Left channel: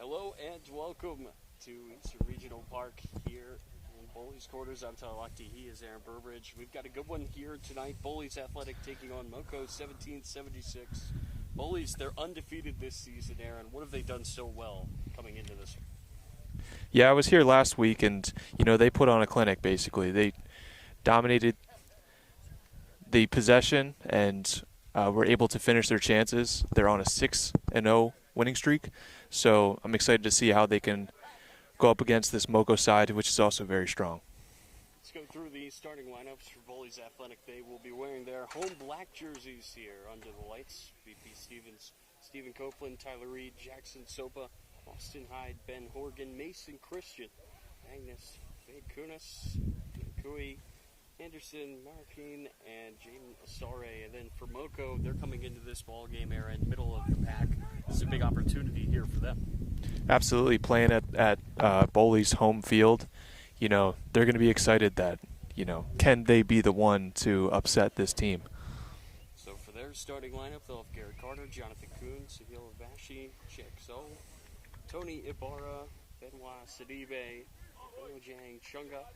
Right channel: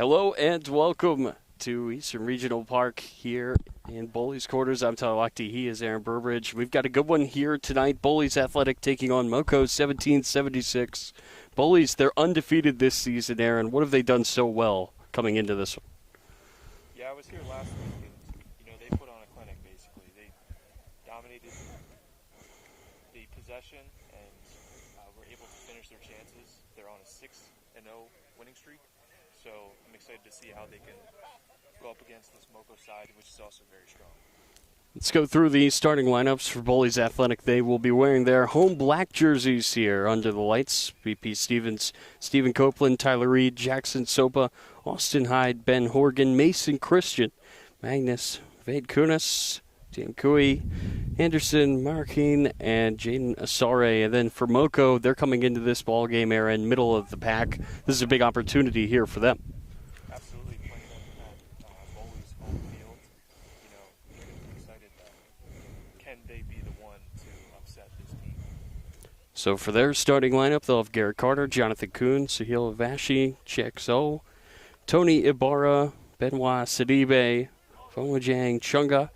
Hello and welcome to Eastern Regional Park here in Bullies quarters. I'm Tyler Lochte. He is Aaron Burbridge. We've got a good one here tonight. Bullies Athletic taking on Moco 17-76. Bullies, they're undefeated this season, Aaron. What have they done so well coming into this one? Yeah, I was here last week, and, they put on a clinic, basically. They dominated the possession and were able to finish their chances. They're on a 6-0 winning streak. So I'm excited to see how they can go up against this Moco side, which is also very strong. Let's go through the starting lineups for Bullies Athletic. They will be wearing their home black jerseys here under the lights. BP Stevens, Stephen Copeland, Tyler Reed, Jackson Sopa, Austin Hyde, Ben Horgan, Mason Christian, Magnus Vade Kunis, Dan Cooey, Anderson, Marquine, and Jaden Asare. And then for Moco, they're coming into this ball game, Aaron, middle of the pack. This is a big opportunity here for them. Absolutely, playing at Bowleys' home field. They're going to be excited that, can they be the one to upset this team? So for their starting lineup, they'll have Garrett Carter, Jonathan Kuhn, Sahil Vashi, Chexo, Tony Ibarra, Benoit Sidibe, Fomajang Chunga,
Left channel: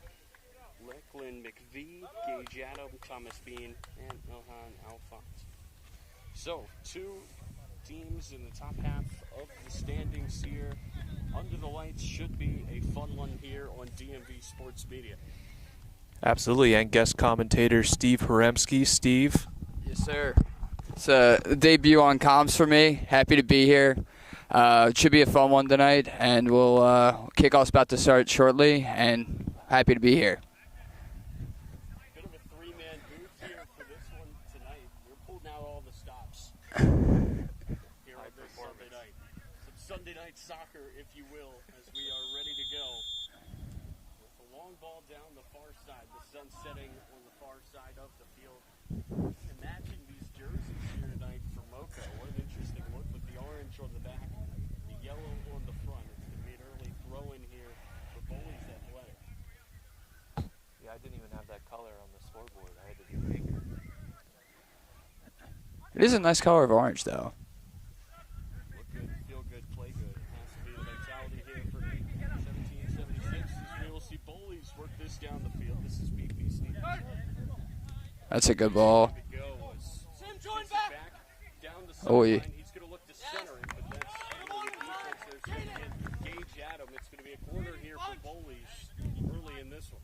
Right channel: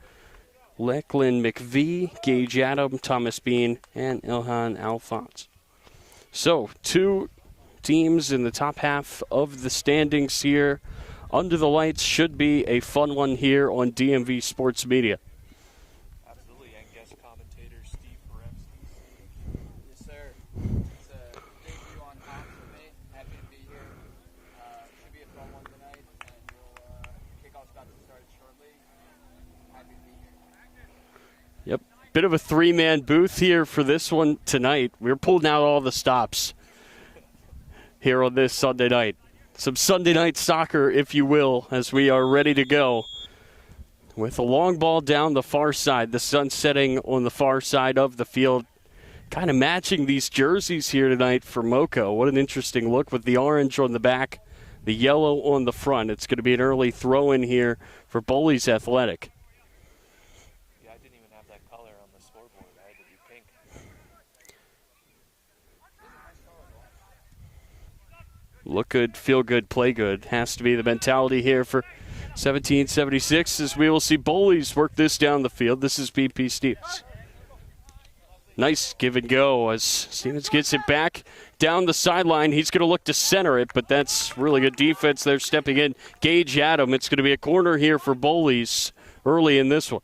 Lachlan McVie, Gage Adam, Thomas Bean, and Ilhan Alphonse. So, two teams in the top half of the standings here. Under the lights should be a fun one here on DMV Sports Media. Absolutely, and guest commentator Steve Haremski. Steve? Yes, sir. It's a debut on comms for me. Happy to be here. It should be a fun one tonight, and kickoff's about to start shortly, and happy to be here. Yep, bit of a three-man booth here for this one tonight. We're pulling out all the stops here on this Sunday night. Some Sunday night soccer, if you will, as we are ready to go. With a long ball down the far side, the sun setting on the far side of the field, kind of matching these jerseys here tonight for Moco. What an interesting look with the orange on the back, the yellow on the front. It's going to be an early throw-in here for Bullies Athletic. Yeah, I didn't even have that color on the scoreboard. I had to do pink. It is a nice color of orange, though. Look good, feel good, play good. Has to be the mentality here for 1776 as we will see Bullies work this down the field. This is BP Stevens. That's a good nice ball. Give and go as Stevens gets it back down the sideline. He's going to look to center it, but that's really good defense. They're stepping in. Gage Adam. It's going to be a corner here for Bullies early in this one.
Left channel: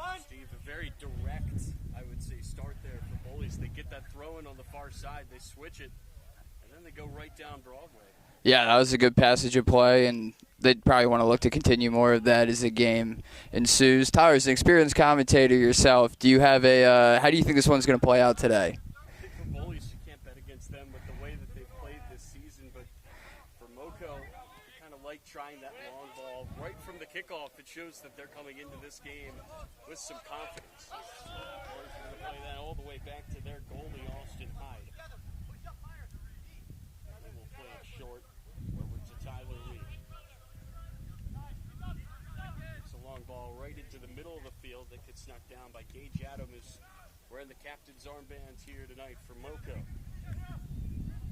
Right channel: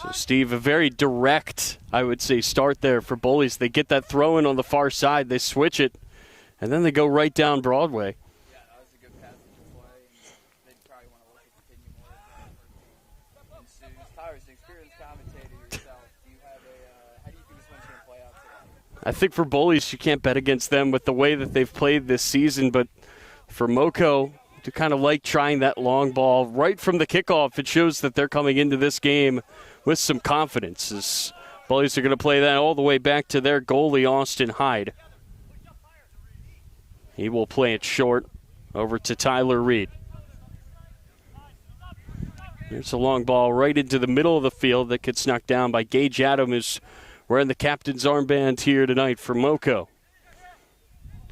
So, Steve, a very direct, I would say, start there for Bullies. They get that throw in on the far side. They switch it, and then they go right down Broadway. Yeah, that was a good passage of play, and they'd probably want to look to continue more of that as the game ensues. Tyler, as an experienced commentator yourself, do you have how do you think this one's going to play out today? I think for Bullies, you can't bet against them with the way that they've played this season, but for Moco to kind of like trying that long ball right from the kickoff, it shows that they're coming into this game with some confidence. As Bullies are going to play that all the way back to their goalie, Austin Hyde. He will play it short over to Tyler Reed. Here's a long ball right into the middle of the field that gets knocked down by Gage Adam, who's wearing the captain's armband here tonight for Moco.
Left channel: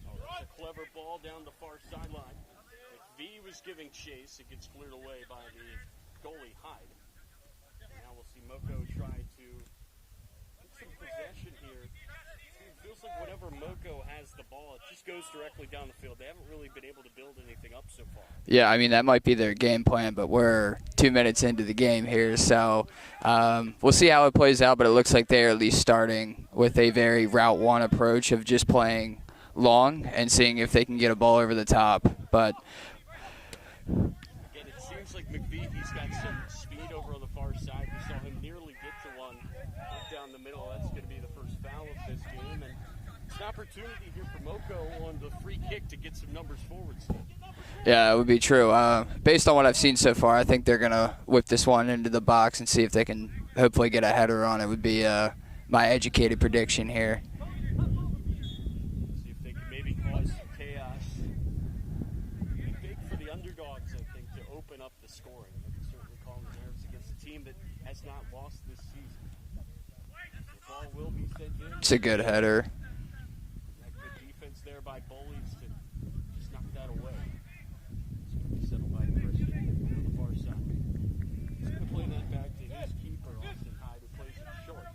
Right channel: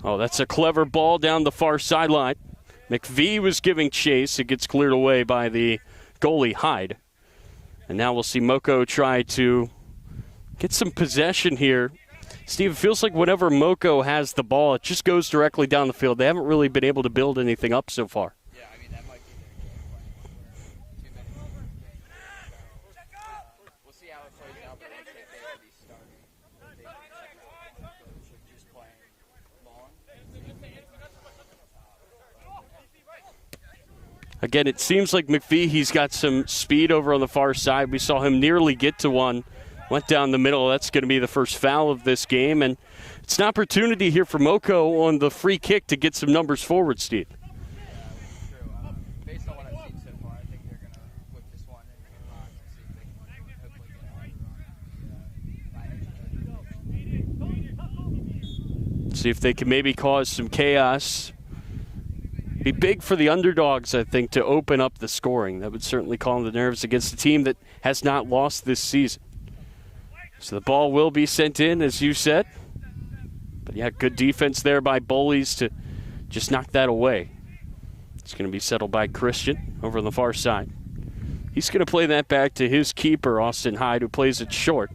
Oh, that's a clever ball down the far sideline. McVie was giving chase. It gets cleared away by the goalie, Hyde. And now we'll see Moco try to get some possession here. Steve, it feels like whenever Moco has the ball, it just goes directly down the field. They haven't really been able to build anything up so far. Yeah, I mean, that might be their game plan, but we're 2 minutes into the game here. So we'll see how it plays out, but it looks like they're at least starting with a very Route 1 approach of just playing long and seeing if they can get a ball over the top. But again, it seems like McVie, he's got some speed over on the far side. We saw him nearly get to one. Went down the middle. That's going to be the first foul of this game. And it's an opportunity here for Moco on the free kick to get some numbers forward, Steve. Yeah, that would be true. Based on what I've seen so far, I think they're going to whip this one into the box and see if they can hopefully get a header on it would be my educated prediction here. See if they can maybe cause some chaos. Be big for the underdogs, I think, to open up the scoring. That would certainly calm the nerves against a team that has not lost this season. So the ball will be sent in, It's as a you good said. header. But yeah, good defense there by Bullies to just knock that away. It's going to be settled by Christian over on the far side. He's going to play that back to his keeper, Austin Hyde, who plays it short.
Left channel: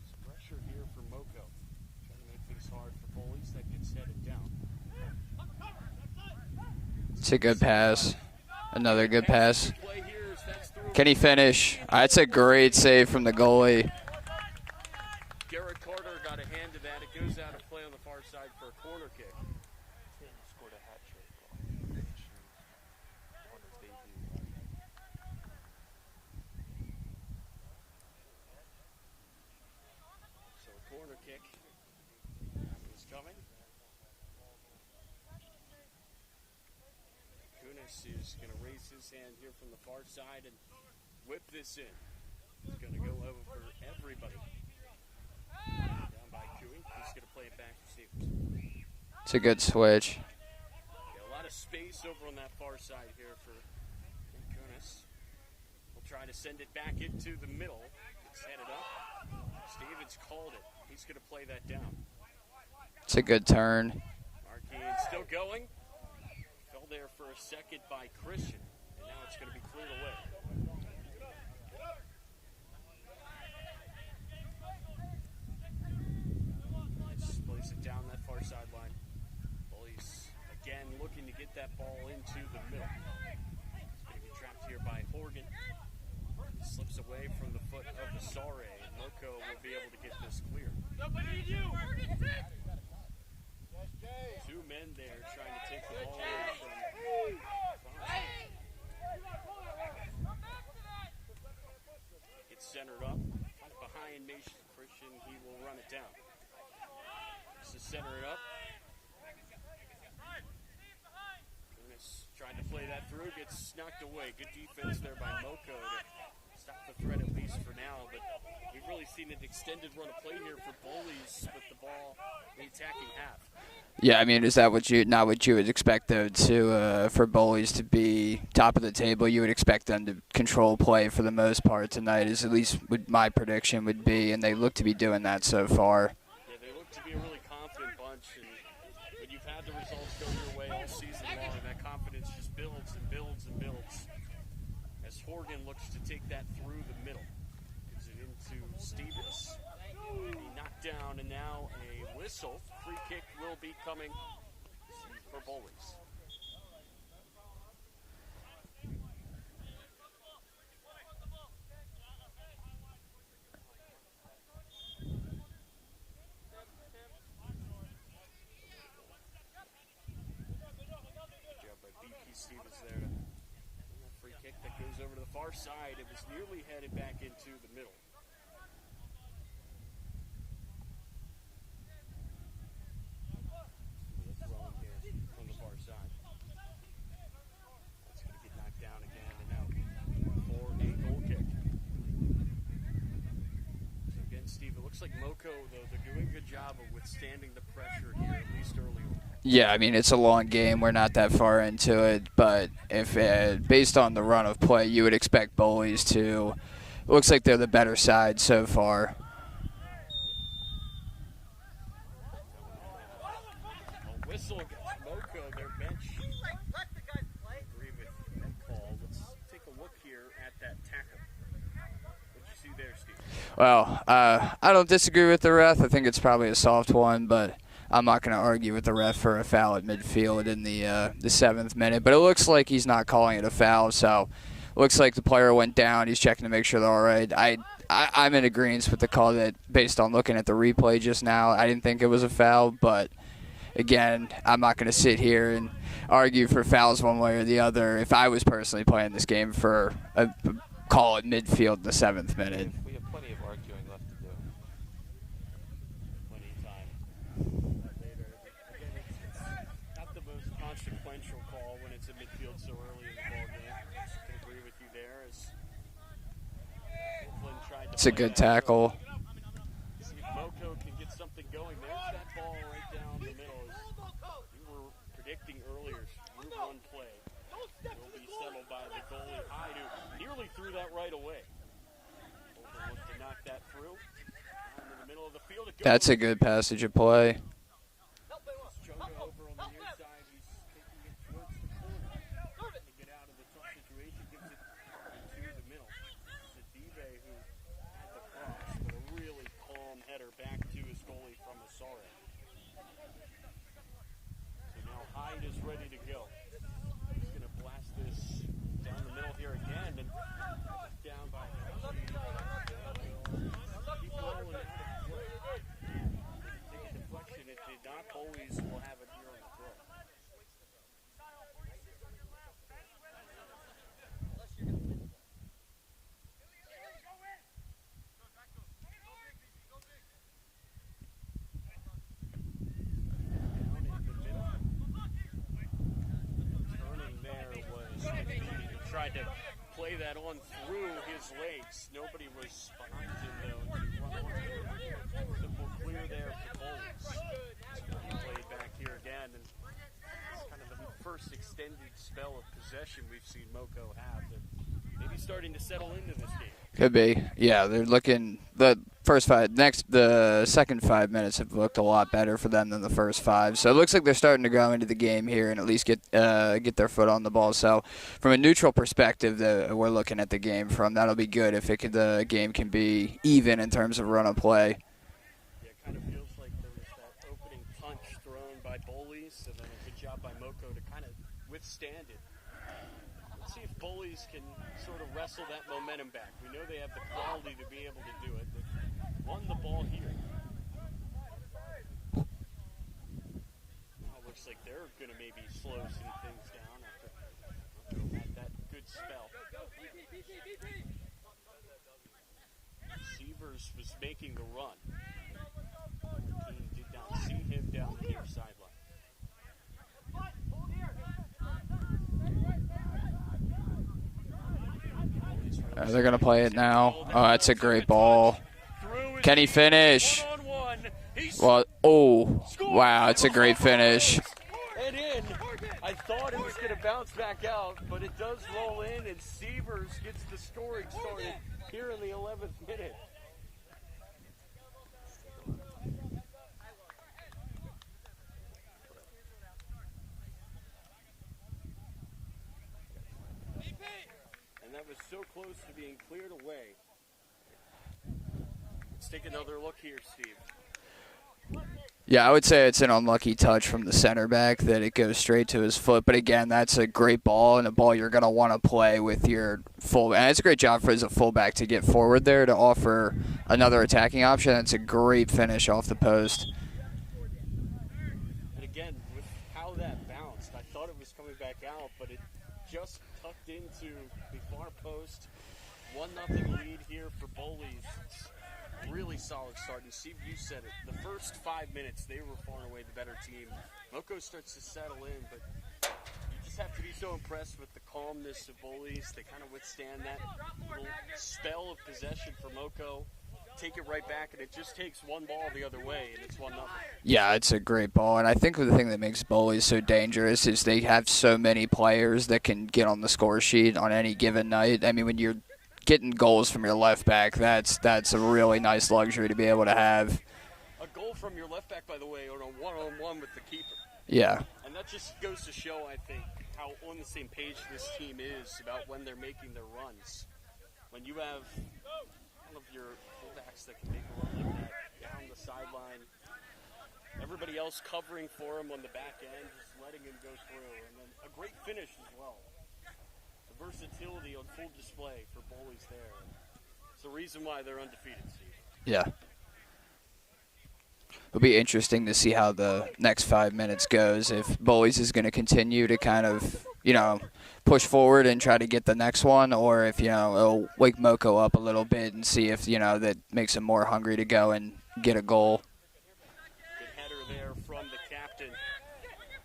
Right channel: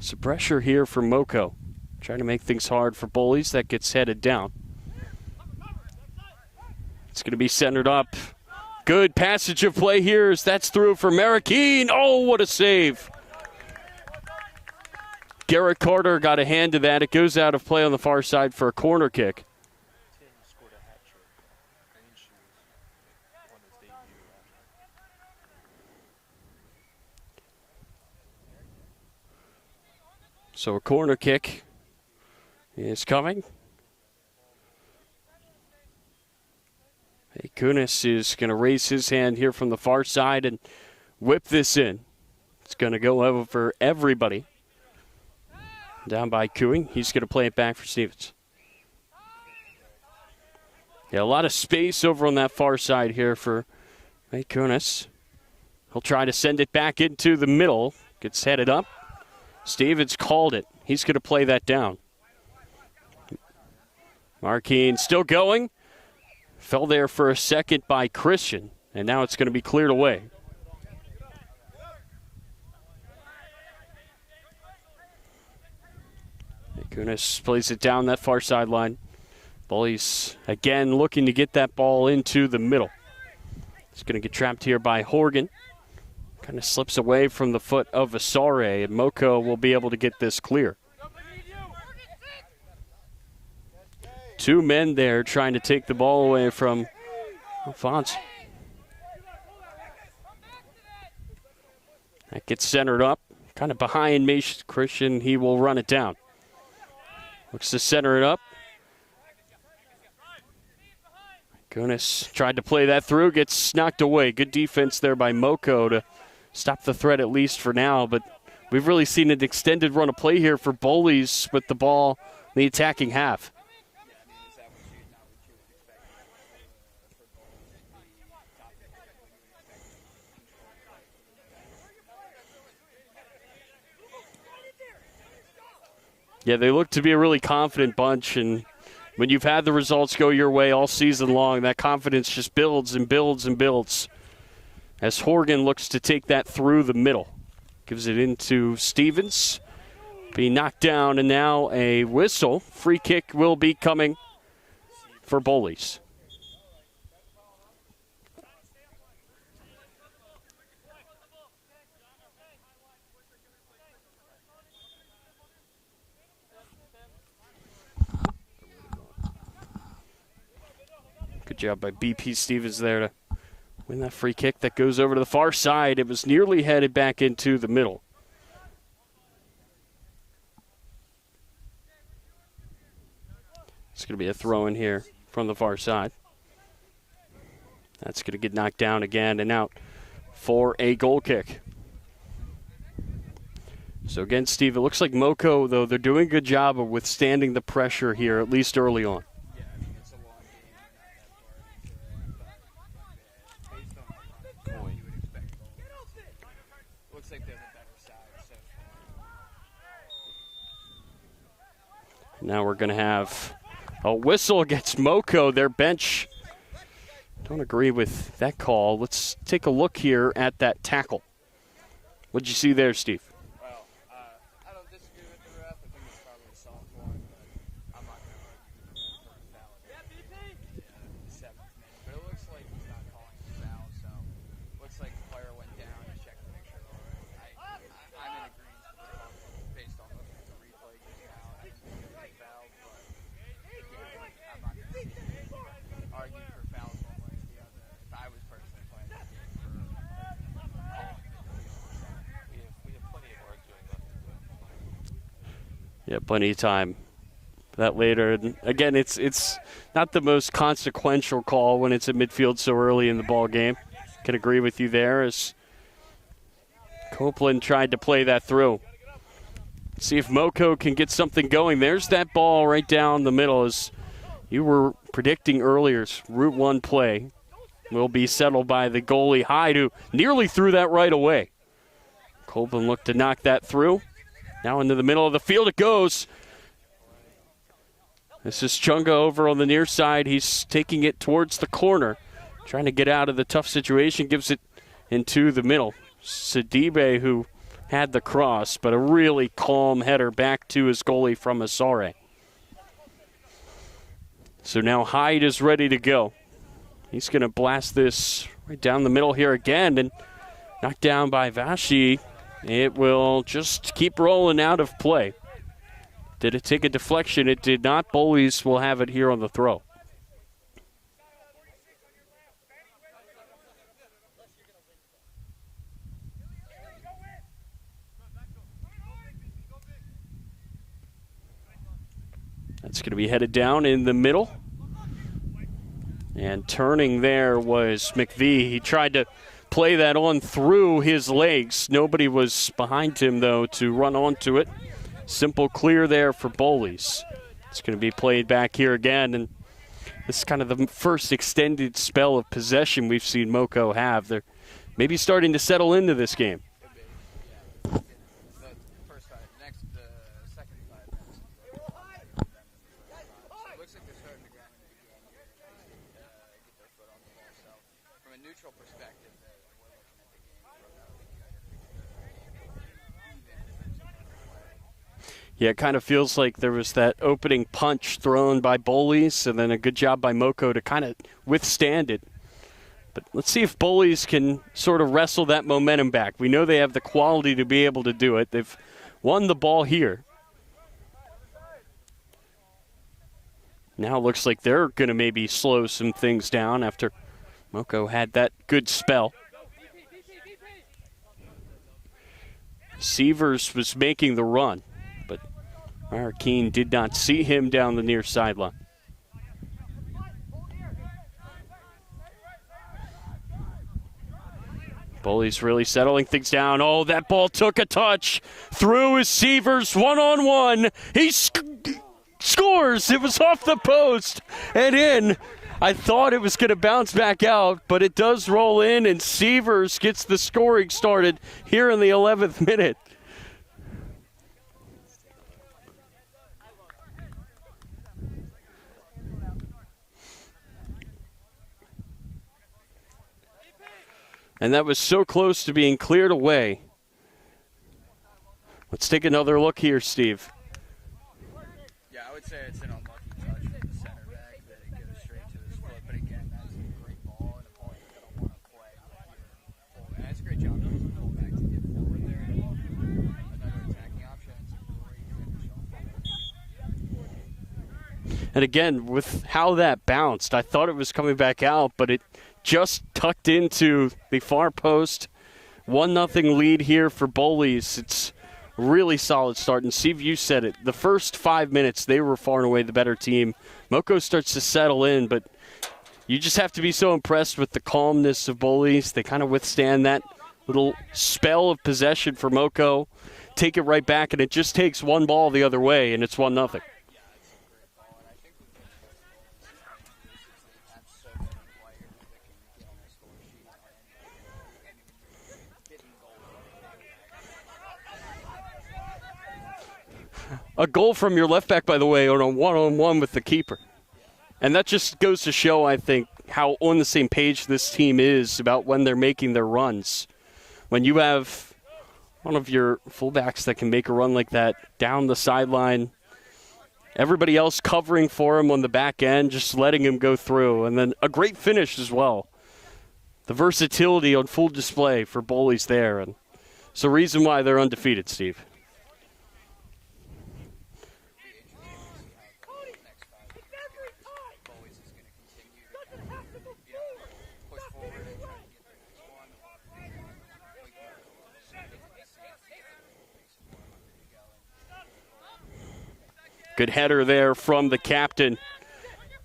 Some pressure here for Moco. Trying to make things hard for Bullies. That gets headed down. It's going to be centered up. Another Good passage of play here as that's through Can for he finish? Marroquin. That's Oh, a what great a save from the goalie. Garrett Carter got a hand to that. It goes out of play on the far side for a corner kick. So a corner kick is coming. Hey, Kunis is going to raise his hand here from the far side and whip this in. It's going to go over everybody. Down by Cooing. He's going to play it back for Stevens. It's a good switch. Yeah, a lot of space over on that far side here for Kunis. He'll try to send it back into the middle. Gets headed up. Stevens called it. He's going to play that down. It's a good turn. Marquine still going. Fell there for a second by Christian, and now it's going to be cleared away. Kunis plays it down that far sideline. Bullies again looking to get that ball into the middle. It's going to get trapped here by Horgan. Kind of slips away from the foot of Asare, and Moco will be able to get this clear. Two men there trying to take the ball away from Alphonse. That gets centered up, kind of behind Mason Christian. He will run it down. Looks to center it up. Kunis tried to play that through, gets knocked away. Good defense there by Moco to stop the threat at least for now, but we've really seen an extended run of play here for Bowleys with the ball in the attacking half. Yeah, I mean, is that not what you would expect, though, for Bowleys to be top of the table? You would expect them to control play for the most part tonight, is at least what my prediction would be, and they look to be doing that so far. Yeah, they look to be a really confident bunch, and when you've had the results go your way all season long, that confidence just builds and builds and builds. As Horgan looks to take that through the middle. Gives it into Stevens. Being knocked down, and now a whistle. Free kick will be coming for Bullies. Good job by BP Stevens there to win that free kick that goes over to the far side. It was nearly headed back into the middle. It's going to be a throw in here from the far side. That's going to get knocked down again and out for a goal kick. So again, Steve, it looks like Moco, though, they're doing a good job of withstanding the pressure here, at least early on. Yeah, I mean, it's a long game. We're not that far into it, but if based on the run of play, you would expect Bowleys to. It looks like they're the better side so far. Now we're going to have a whistle against Moco. Their bench don't agree with that call. Let's take a look here at that tackle. What'd you see there, Steve? Well, I don't disagree with the ref. I think it's probably a soft one, but I'm not going to argue with the ref for a foul at midfield in the 7th minute. But it looks like he's not calling it a foul, so it looks like the player went down. He's checking to make sure they're all right. I'm in agreement with the call that, based on looking at the replay just now, I didn't think it was a foul. But, again, I'm not going to sit here and argue for fouls one way or the other if I was personally playing this game for a call at midfield in the 7th minute. We have plenty of arguing left to do. Yeah, plenty of time. That later. And again, it's not the most consequential call when it's at midfield so early in the ball game. Can agree with you there as Copeland tried to play that through. See if Moco can get something going. There's that ball right down the middle as you were predicting earlier. Route 1 play will be settled by the goalie Hyde, who nearly threw that right away. Copeland looked to knock that through. Now into the middle of the field it goes. That's a good passage of play. This is Chunga over on the near side. He's taking it towards the corner, trying to get out of the tough situation, gives it into the middle. Sidibe, who had the cross, but a really calm header back to his goalie from Asare. So now Hyde is ready to go. He's going to blast this right down the middle here again, and knocked down by Vashi. It will just keep rolling out of play. Did it take a deflection? It did not. Bullies will have it here on the throw. That's going to be headed down in the middle. And turning there was McVie. He tried to play that on through his legs. Nobody was behind him, though, to run onto it. Simple clear there for Bowleys. It's going to be played back here again. And this is kind of the first extended spell of possession we've seen Moco have. They're maybe starting to settle into this game. Could be. Yeah, they're looking the second 5 minutes have looked a lot better for them than the first 5. So it looks like they're starting to grow into the game here and at least get their foot on the ball. So from a neutral perspective that we're looking at the game from, that'll be good if the game can be even in terms of run of play. Yeah, it kind of feels like there was that opening punch thrown by Bowleys and then a good job by Moco to kind of withstand it. But let's see if Bullies can sort of wrestle that momentum back. We know they have the quality to be able to do it. They've won the ball here. Now it looks like they're going to maybe slow some things down after Moco had that good spell. Sievers was making the run, but Marroquin did not see him down the near sideline. Bullies really settling things down. Oh, that ball took a touch. Through is Sievers, one-on-one. He scores. Wow, it was off the post and in. I thought it was going to bounce back out, but it does roll in, and Sievers gets the scoring started here in the 11th minute. And that was so close to being cleared away. Let's take another look here, Steve. Yeah, I would say it's an unlucky touch from the center back that it goes straight to his foot. But again, that's a great ball and a ball you're going to want to play with your fullback. And it's a great job for as a fullback to get forward there to offer another attacking option. It's a great finish off the post. And again, with how that bounced, I thought it was coming back out, but it just tucked into the far post. 1-0 lead here for Bowleys. It's a really solid start. And Steve, you said it. The first 5 minutes, they were far and away the better team. Moco starts to settle in, but you just have to be so impressed with the calmness of Bowleys. They kind of withstand that little spell of possession for Moco, take it right back, and it just takes one ball the other way, and it's 1-0. Yeah, it's a great ball, and I think the thing that makes Bowleys so dangerous is they have so many players that can get on the score sheet on any given night. I mean, when you're getting goals from your left back, that's a really nice luxury to be able to have. A goal from your left back, by the way, on a one-on-one with the keeper. Yeah. And that just goes to show, I think, how on the same page this team is about when they're making their runs. When you have one of your fullbacks that can make a run like that down the sideline, everybody else covering for him on the back end, just letting him go through. And then a great finish as well. The versatility on full display for Bowleys there. And it's the reason why they're undefeated, Steve. Yeah. It'll be interesting to see how the next 5 minutes goes. If Bowleys is going to continue to kind of, push forward and try to get the next one, or if, it'll wake Moco up a little bit and see if, that makes him more hungry to go and get a goal. Good header there from the captain.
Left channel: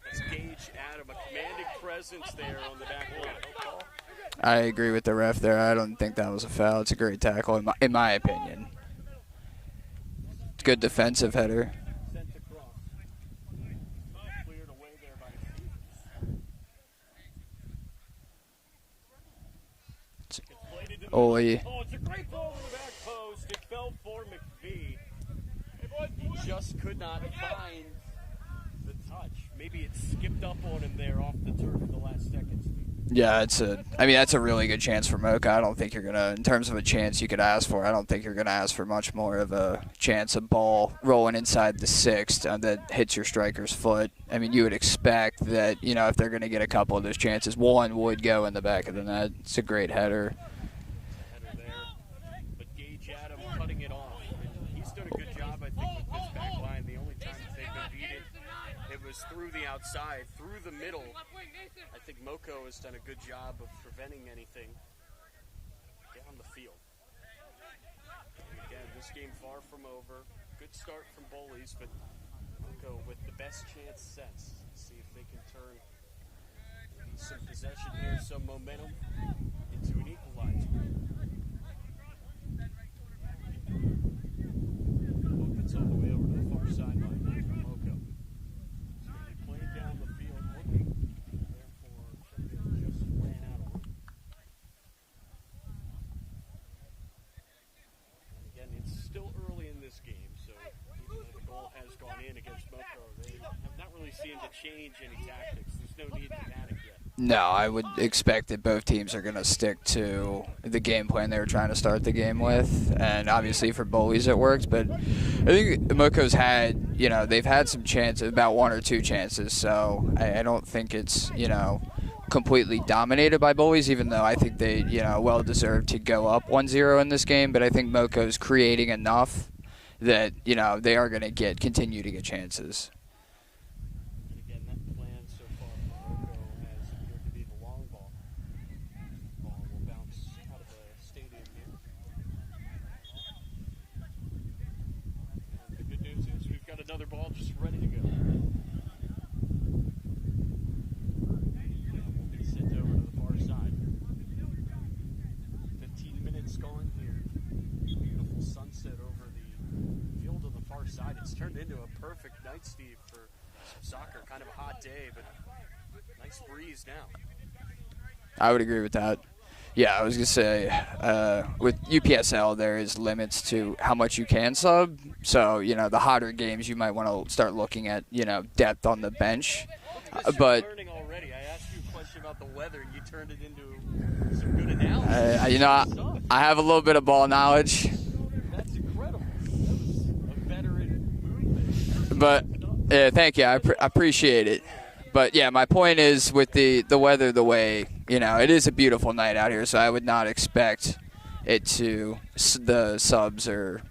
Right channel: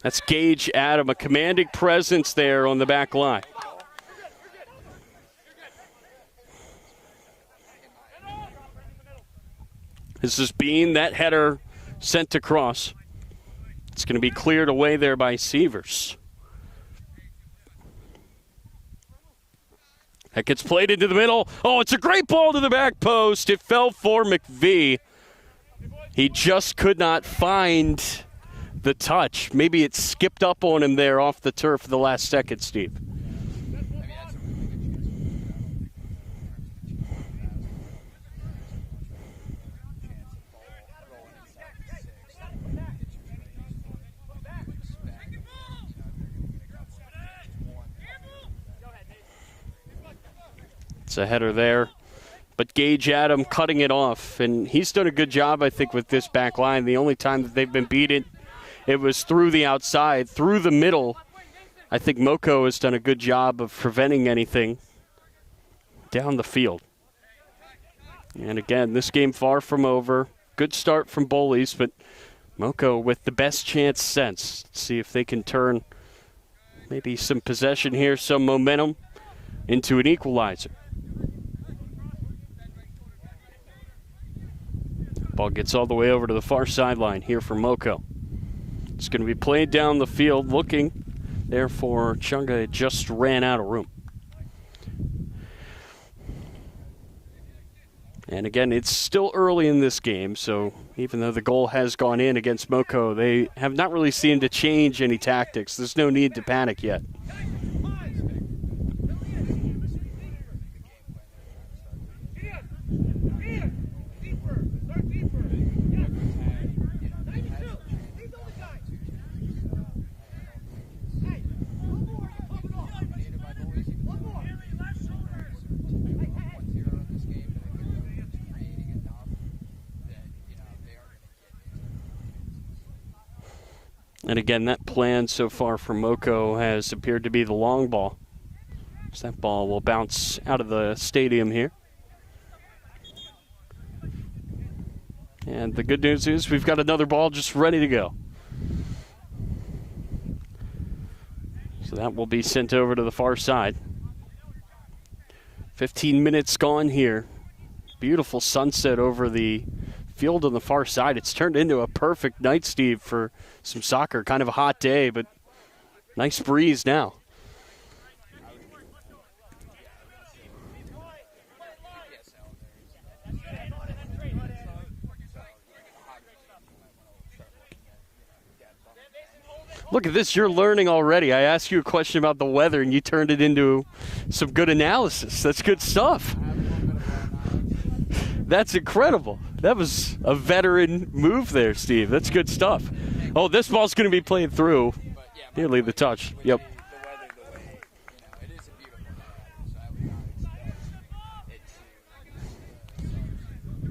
That's Gage Adam, a commanding presence there on the back line. I agree with the ref there. I don't think that was a foul. It's a great tackle, in my opinion. This is Bean, that header sent across. It's going to be cleared away there by Sievers. That gets played into the middle. Oh, it's a great ball to the back post. It fell for McVie. He just could not find the touch. Maybe it skipped up on him there off the turf the last second, Steve. Yeah, that's a really good chance for Moco. I don't think you're going to, in terms of a chance you could ask for, I don't think you're going to ask for much more of a chance of ball rolling inside the sixth that hits your striker's foot. I mean, you would expect that, if they're going to get a couple of those chances, one would go in the back of the net. It's a great header. It's a header there. But Gage Adam cutting it off, and he's done a good job, I think, with this back line. The only time that they've been beaten, it was through the outside, through the middle. I think Moco has done a good job of preventing anything down the field. And again, this game far from over. Good start from Bullies, but Moco with the best chance since. Let's see if they can turn maybe some possession here, some momentum into an equalizer. Ball gets all the way over to the far sideline here for Moco. It's going to be played down the field, looking there for Chunga. It just ran out of room. And again, it's still early in this game, so even though the goal has gone in against Moco, they have not really seemed to change any tactics. There's no need to panic yet. No, I would expect that both teams are going to stick to the game plan they were trying to start the game with. And obviously for Bullies it works, but I think Moco's had, they've had some chances, about one or two chances, so I don't think it's, completely dominated by Bullies, even though I think they, well deserved to go up 1-0 in this game. But I think Moco's creating enough that, they are going to continue to get chances. And again, that plan so far for Moco has appeared to be the long ball. So that ball will bounce out of the stadium here. And the good news is we've got another ball just ready to go. So that will be sent over to the far side. 15 minutes gone here. Beautiful sunset over the field on the far side. It's turned into a perfect night, Steve, for some soccer. Kind of a hot day, but nice breeze now. I would agree with that. Yeah, I was going to say, with UPSL, there is limits to how much you can sub. So, the hotter games, you might want to start looking at, depth on the bench. Look at this. You're learning already. I asked you a question about the weather, and you turned it into some good analysis. That's good stuff. I have a little bit of ball knowledge. That's incredible. That was a veteran move there, Steve. That's good stuff. Yeah, thank you. This ball's going to be played through. But, yeah, my point is with the weather the way, it is a beautiful night out here, so I would not expect it the subs or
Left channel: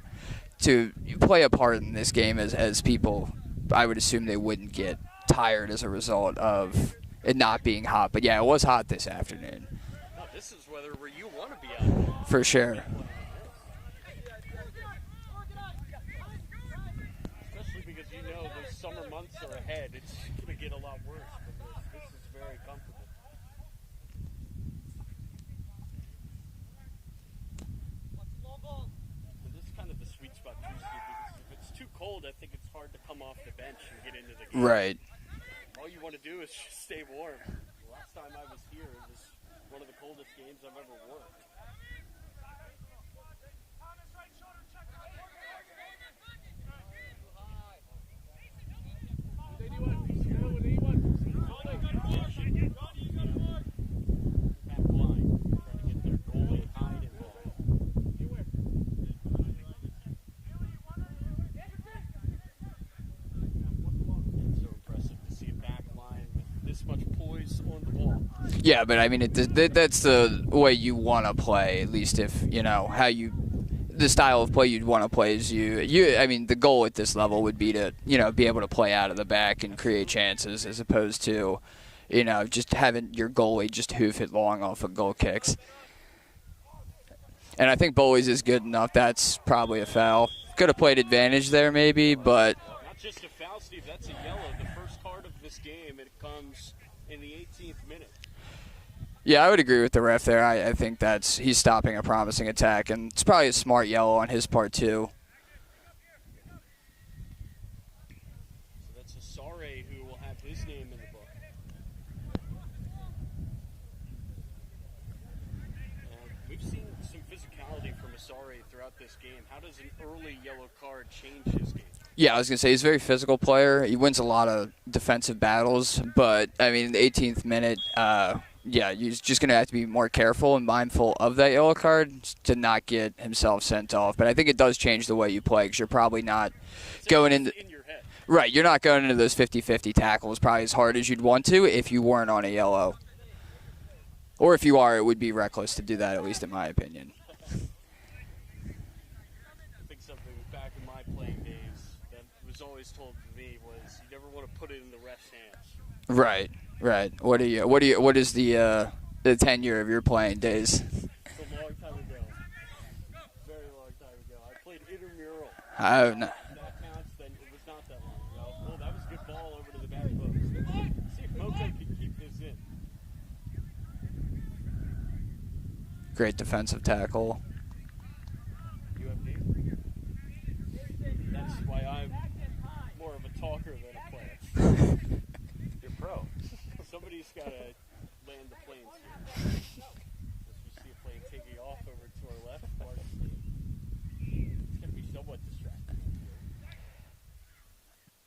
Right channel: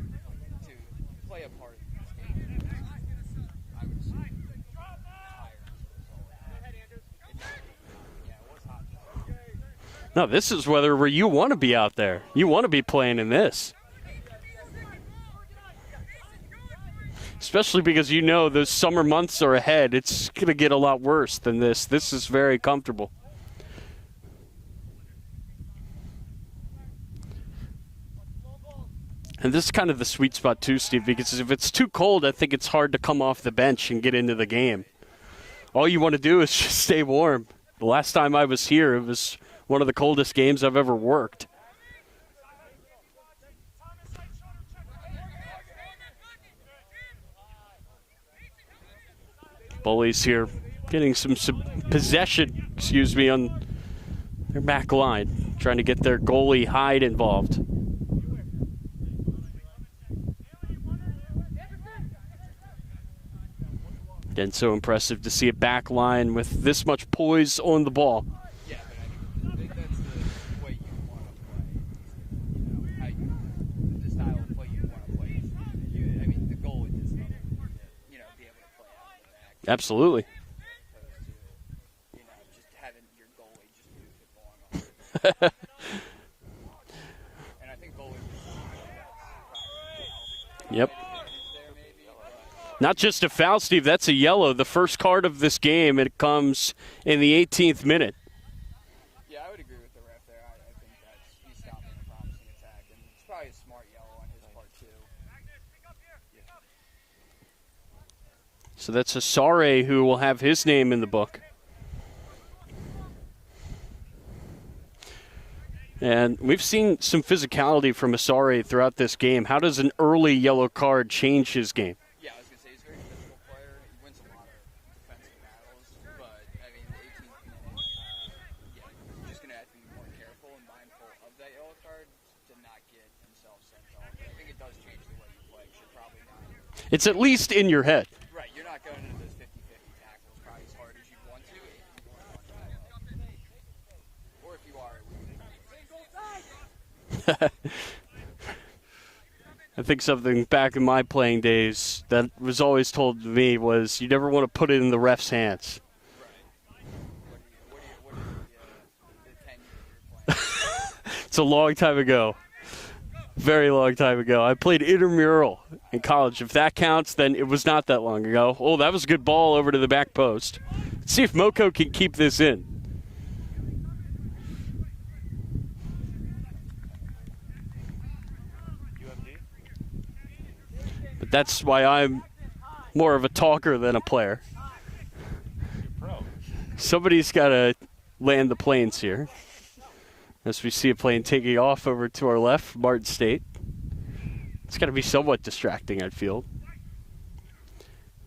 to play a part in this game as people, I would assume they wouldn't get tired as a result of it not being hot. But, yeah, it was hot this afternoon. No, this is weather where you want to be out there. You want to be playing in this. Especially because those summer months are ahead. It's going to get a lot worse than this. This is very comfortable. And this is kind of the sweet spot too, Steve, because if it's too cold, I think it's hard to come off the bench and get into the game. Right. All you want to do is just stay warm. The last time I was here, it was one of the coldest games I've ever worked. Bullies here getting some possession, on their back line, trying to get their goalie Hyde involved. Again, so impressive to see a back line with this much poise on the ball. Yeah, but I mean, that's the way you want to play, at least if, the style of play you'd want to play is I mean, the goal at this level would be to, be able to play out of the back and create chances as opposed to, just having your goalie just hoof it long off of goal kicks. And I think Bowleys is good enough. That's probably a foul. Could have played advantage there maybe, but. Not just a foul, Steve. That's a yellow. The first card of this game, it comes in the 18th minute. Yeah, I would agree with the ref there. I think he's stopping a promising attack, and it's probably a smart yellow on his part too. So that's Asare who will have his name in the book. And we've seen some physicality from Asare throughout this game. How does an early yellow card change his game? Yeah, I was going to say he's a very physical player. He wins a lot of defensive battles, but, I mean, the 18th minute, yeah, he's just going to have to be more careful and mindful of that yellow card to not get himself sent off. But I think it does change the way you play because you're probably not It's at least in your head. Right, you're not going into those 50-50 tackles probably as hard as you'd want to if you weren't on a yellow. Or if you are, it would be reckless to do that, at least in my opinion. I think something back in my playing days that was always told to me was you never want to put it in the ref's hands. Right. What is the tenure of your playing days? It's a long time ago. Very long time ago. I played intramural in college. If that counts, then it was not that long ago. Oh, that was a good ball over to the back post. Let's see if Moco can keep this in. Great defensive tackle. But that's why I'm more of a talker than a player. You're pro. Somebody's got to land the planes here. As we see a plane taking off over to our left from Martin State. It's got to be somewhat distracting, I feel.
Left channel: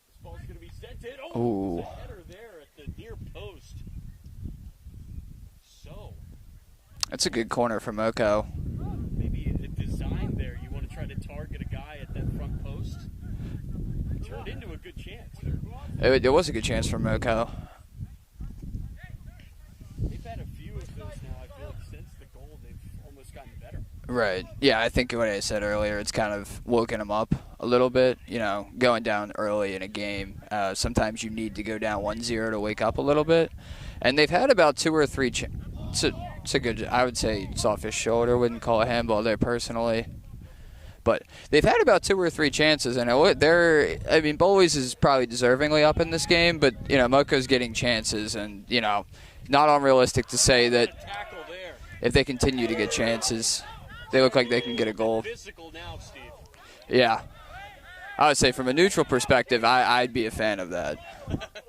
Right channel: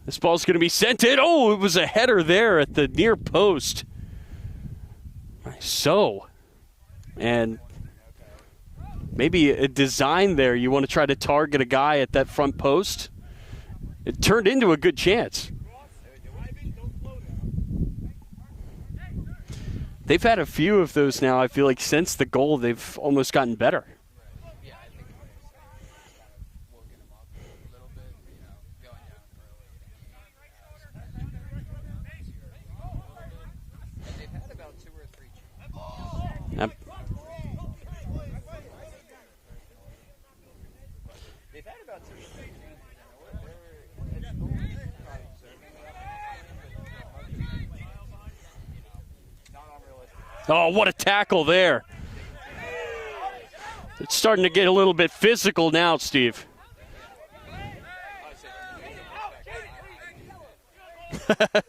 This ball's going to be sent in. Oh, it was a header there at the near post. So. That's a good corner for Moco. Maybe a design there. You want to try to target a guy at that front post. It turned into a good chance. It was a good chance for Moco. They've had a few of those now. I feel like since the goal, they've almost gotten better. Right. Yeah, I think what I said earlier, it's kind of woken them up a little bit. You know, going down early in a game, sometimes you need to go down 1-0 to wake up a little bit. And they've had about 2 or 3 it's a good, I would say it's off his shoulder. Wouldn't call a handball there personally. But they've had about 2 or 3 chances. And I mean, Bullies is probably deservingly up in this game. But, you know, Moco's getting chances. And, you know, not unrealistic to say that. Oh, what a tackle there. If they continue to get chances. It's starting to get a little bit physical now, Steve. Yeah. I would say from a neutral perspective, I'd be a fan of that.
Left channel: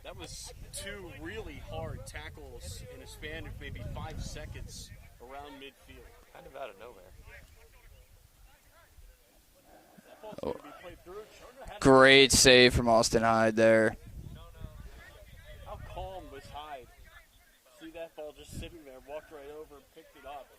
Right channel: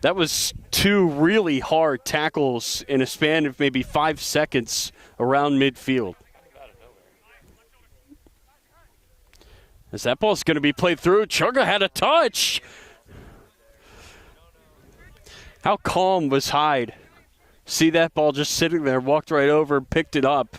That was 2 really hard tackles in a span of maybe 5 seconds around midfield. As that ball's going to be played through, Chugga had a touch. Great save from Austin Hyde there. How calm was Hyde? See that ball just sitting there, walked right over, picked it up.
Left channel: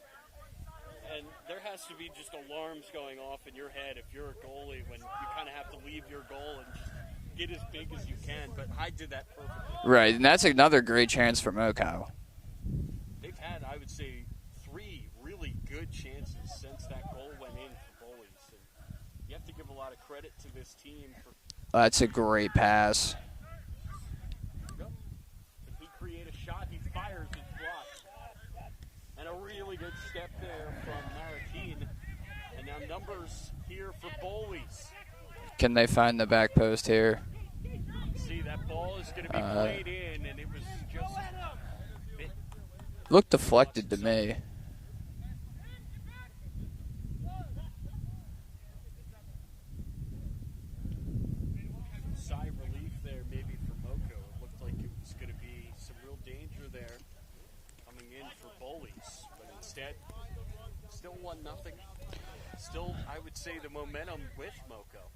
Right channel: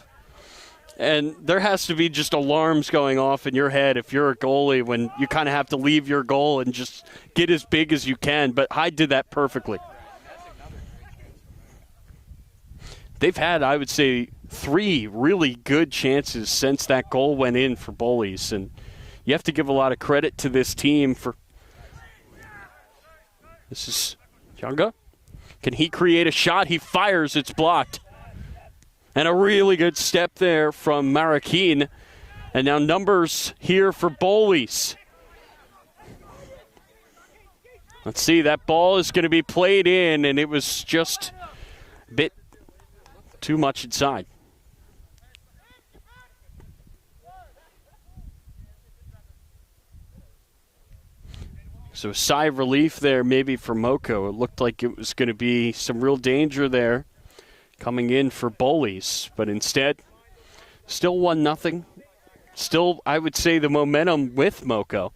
And there has to be just alarms going off in your head if you're a goalie when you kind of have to leave your goal and just get as big as you can. But Hyde did that perfectly. Right, and that's another great chance for Moco. They've had, I would say, 3 really good chances since that goal went in for Bullies. And you have to give a lot of credit to this team for. That's a great pass. This is Chugga. Can he create a shot? He fires. It's blocked. And a really good step there from Marroquin. And now numbers here for Bowleys. Can they find the back post here? Let's see. That ball is going to be played in, and it was just a bit too much inside. So a sigh of relief there maybe for Moco. It looked like it was going to be some real danger there coming in for Bowleys. But instead, still 1-0. Still, I would say, the momentum with Moco.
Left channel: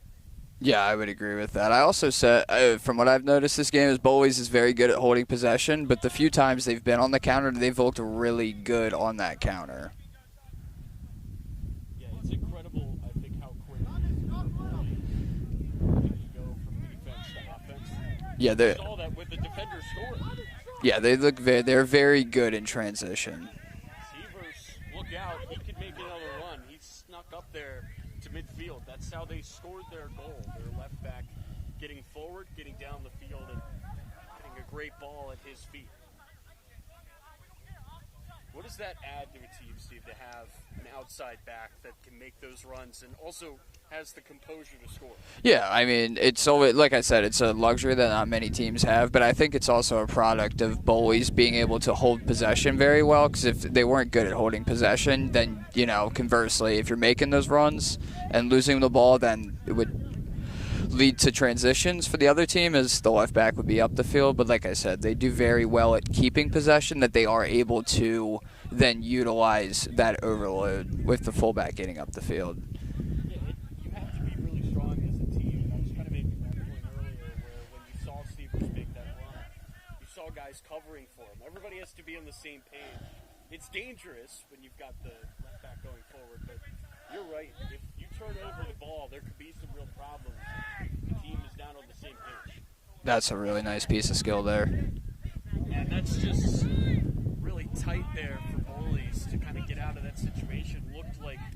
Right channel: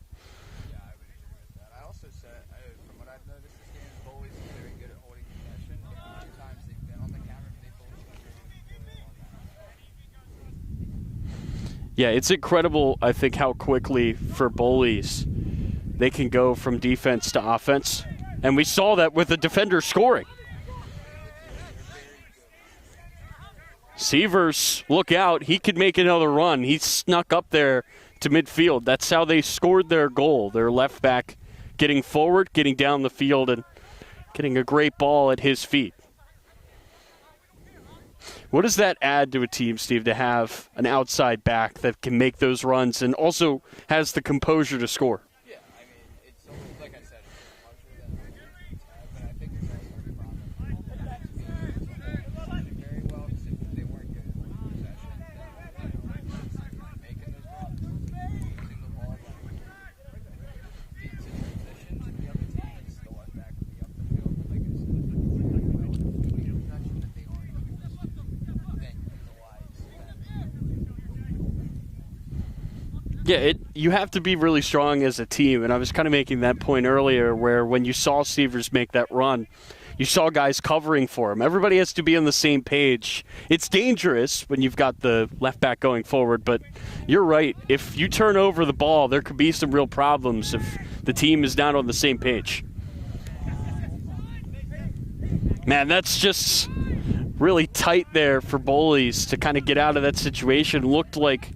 Yeah, I would agree with that. I also said, from what I've noticed this game, is Bowleys is very good at holding possession, but the few times they've been on the counter, they've looked really good on that counter. Yeah, it's incredible, I think, how quickly for Bowleys they can go from defense to offense. Yeah, and we saw that with the defender scoring. Yeah, they're very good in transition. Severs, look out. He could make another run. He snuck up there to midfield. That's how they scored their goal. Their left back getting forward, getting down the field, and getting a great ball at his feet. What does that add to a team, Steve, to have an outside back that can make those runs and also has the composure to score? Yeah, I mean, it's always, like I said, it's a luxury that not many teams have, but I think it's also a product of Bowleys being able to hold possession very well, because if they weren't good at holding possession, then, you know, conversely, if you're making those runs and losing the ball, then it would lead to transitions for the other team as the left back would be up the field. But like I said, they do very well at keeping possession, that they are able to then utilize that overload with the fullback getting up the field. Yeah, you have to be really strong as a team, and I was kind of making that point earlier where when you saw Sievers make that run, you saw guys covering for him. Everybody has to be on the same page. It's dangerous when you've got the left back going forward, but you're right. If you turn over the ball, there could be some real problems if the team is not on the same page. That's a really nice piece of skill there. Man, that's just really tight there for Bowleys to kind of get out of that situation. Looked like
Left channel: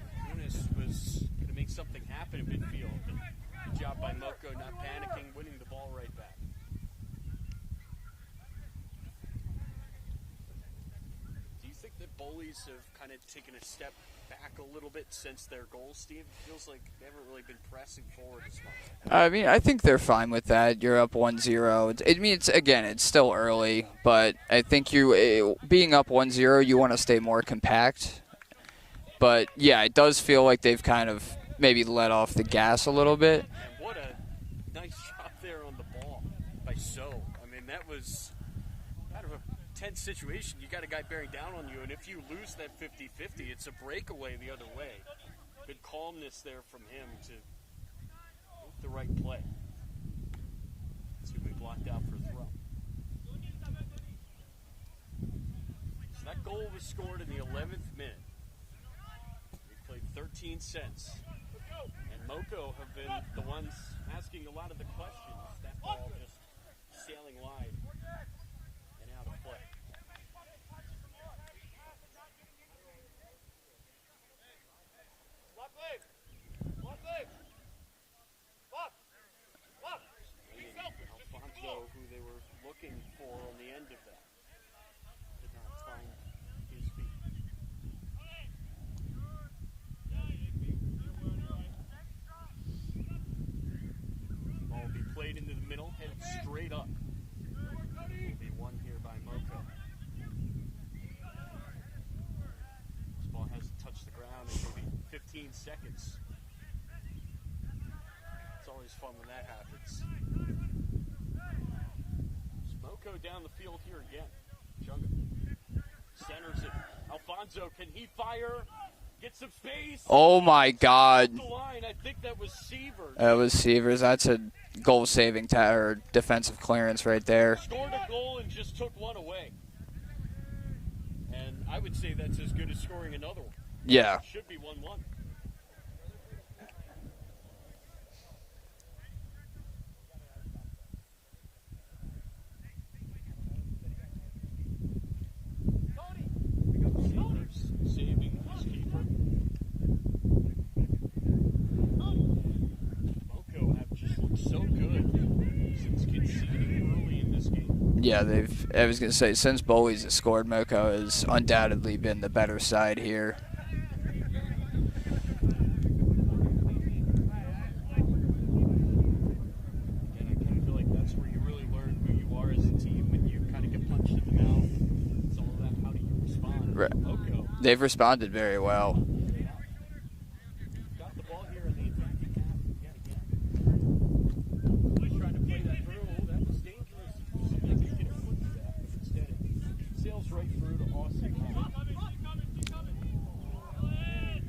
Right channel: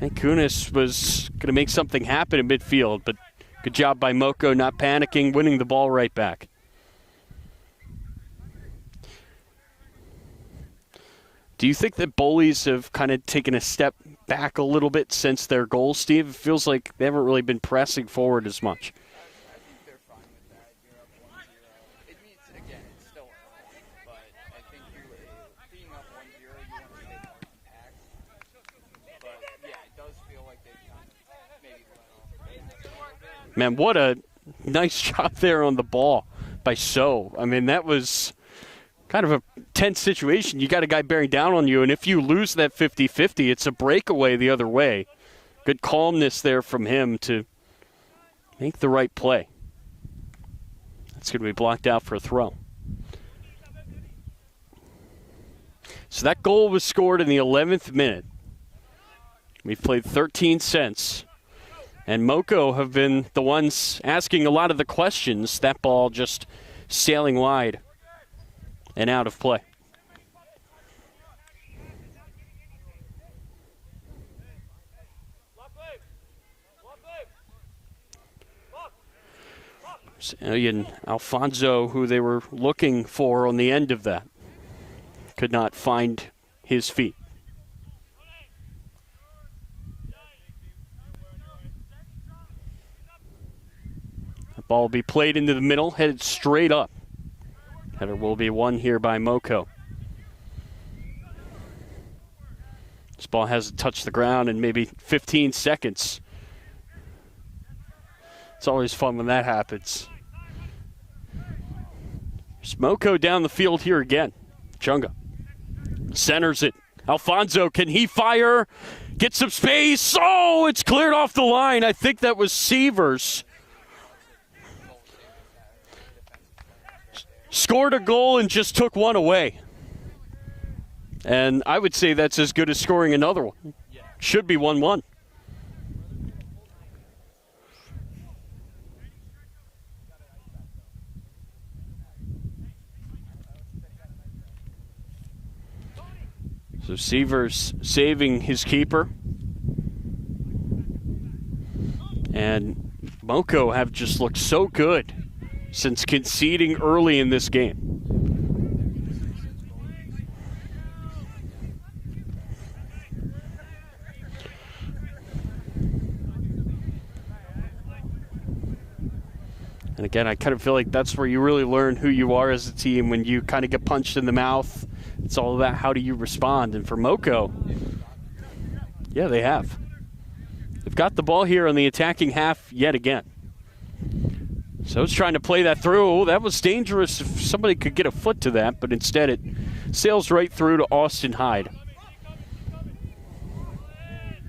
Kunis was going to make something happen in midfield, but good job by Moco not panicking, winning the ball right back. Do you think that Bowleys have kind of taken a step back a little bit since their goal, Steve? It feels like they haven't really been pressing forward as much. I mean, I think they're fine with that. You're up 1-0. It's still early, but I think being up 1-0, you want to stay more compact. But, yeah, it does feel like they've kind of maybe let off the gas a little bit. Man, what a nice job there on the ball by So. I mean, that was kind of a tense situation. You got a guy bearing down on you, and if you lose that 50-50, it's a breakaway the other way. Good calmness there from him to make the right play. That's going to be blocked out for a throw. So that goal was scored in the 11th minute. We've played 13 cents. And Moco have been the ones asking a lot of the questions. That ball just sailing wide and out of play. And Alfonso, who they were looking for on the end of that, could not find his feet. The ball will be played into the middle, headed straight up. Header will be won here by Moco. This ball hasn't touched the ground in maybe 15 seconds. It's always fun when that happens. There's Moco down the field here again. Chunga centers it. Alfonso, can he fire? Get some space. Oh my it's God. cleared off the line. I think that was Sievers. That was Sievers. That's a goal-saving or defensive clearance right there. Scored a goal and just took one away. And I would say that's as good as scoring another one. Yeah. Should be 1-1. So Sievers saving his keeper. And Moco have just looked so good since conceding early in this game. Yeah, I was going to say, since Bullies has scored, Moco has undoubtedly been the better side here. And again, I kind of feel like that's where you really learn who you are as a team when you kind of get punched in the mouth. It's all about how do you respond. And for Moco, they've responded very well. Yeah, they have. They've got the ball here on the attacking half yet again. So it's trying to play that through. Oh, that was dangerous if somebody could get a foot to that, but instead it sails right through to Austin Hyde.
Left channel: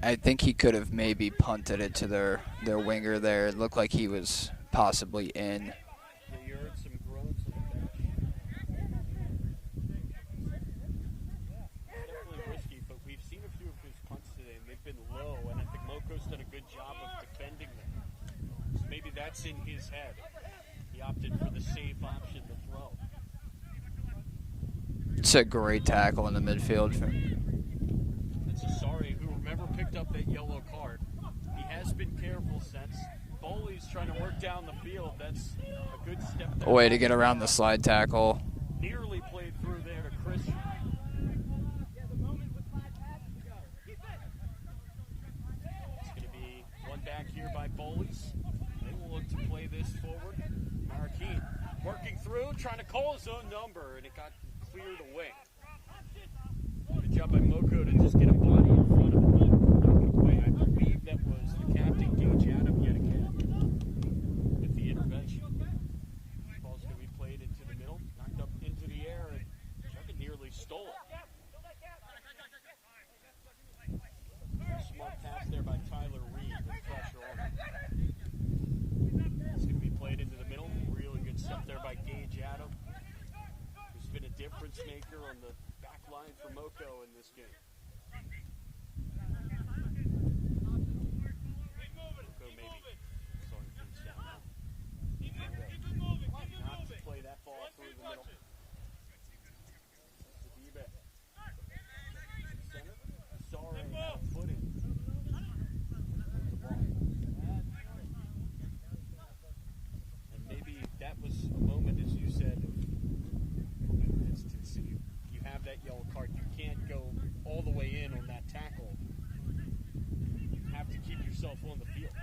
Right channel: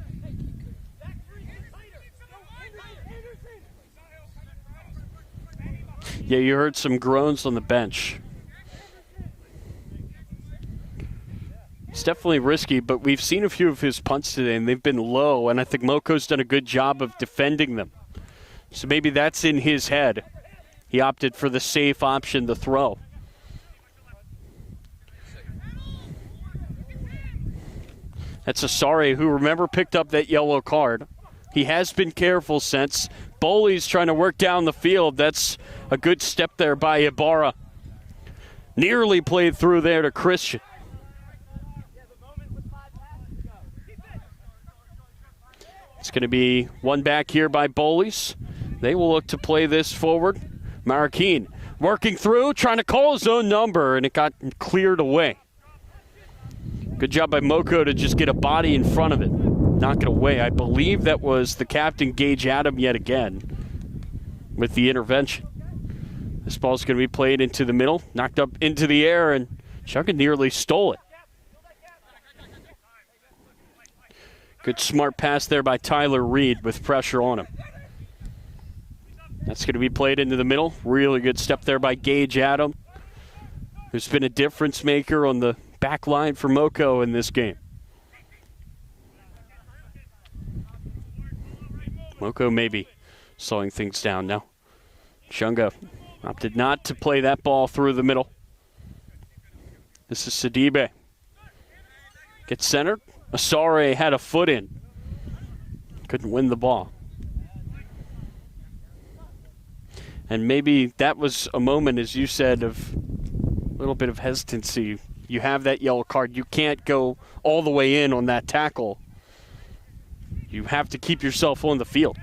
I think he could have maybe punted it to their winger there. It looked like he was possibly in. Yeah, you heard some groans on the bench. It's definitely risky, but we've seen a few of his punts today, and they've been low, and I think Moco's done a good job of defending them. So maybe that's in his head. He opted for the safe option, the throw. It's a great tackle in the midfield. That's Asare, who, remember, picked up that yellow card. He has been careful since. Bowleys trying to work down the field. That's a good step there by Way to get around the Ibarra. slide tackle. Nearly played through there to Christian. It's going to be one back here by Bowleys. They will look to play this forward. Marroquin working through, trying to call his own number, and it got cleared away. Good job by Moco to just get a body in front of it. Knock it away. I believe that was the captain, Gage Adam, yet again with the intervention. This ball's going to be played into the middle, knocked up into the air, and Chunga nearly stole it. Good smart pass there by Tyler Reed with pressure on him. That's going to be played into the middle. Really good step there by Gage Adam, who's been a difference maker on the back line for Moco in this game. Moco maybe slowing things down now. Shunga opted not to play that ball through the middle. This is Sidibe. Gets centered. Asare had a foot in. Couldn't win the ball. And maybe that was a moment, as you said, of a little bit of hesitancy. You have that yellow card. You can't go all the way in on that tackle. You have to keep yourself on the field.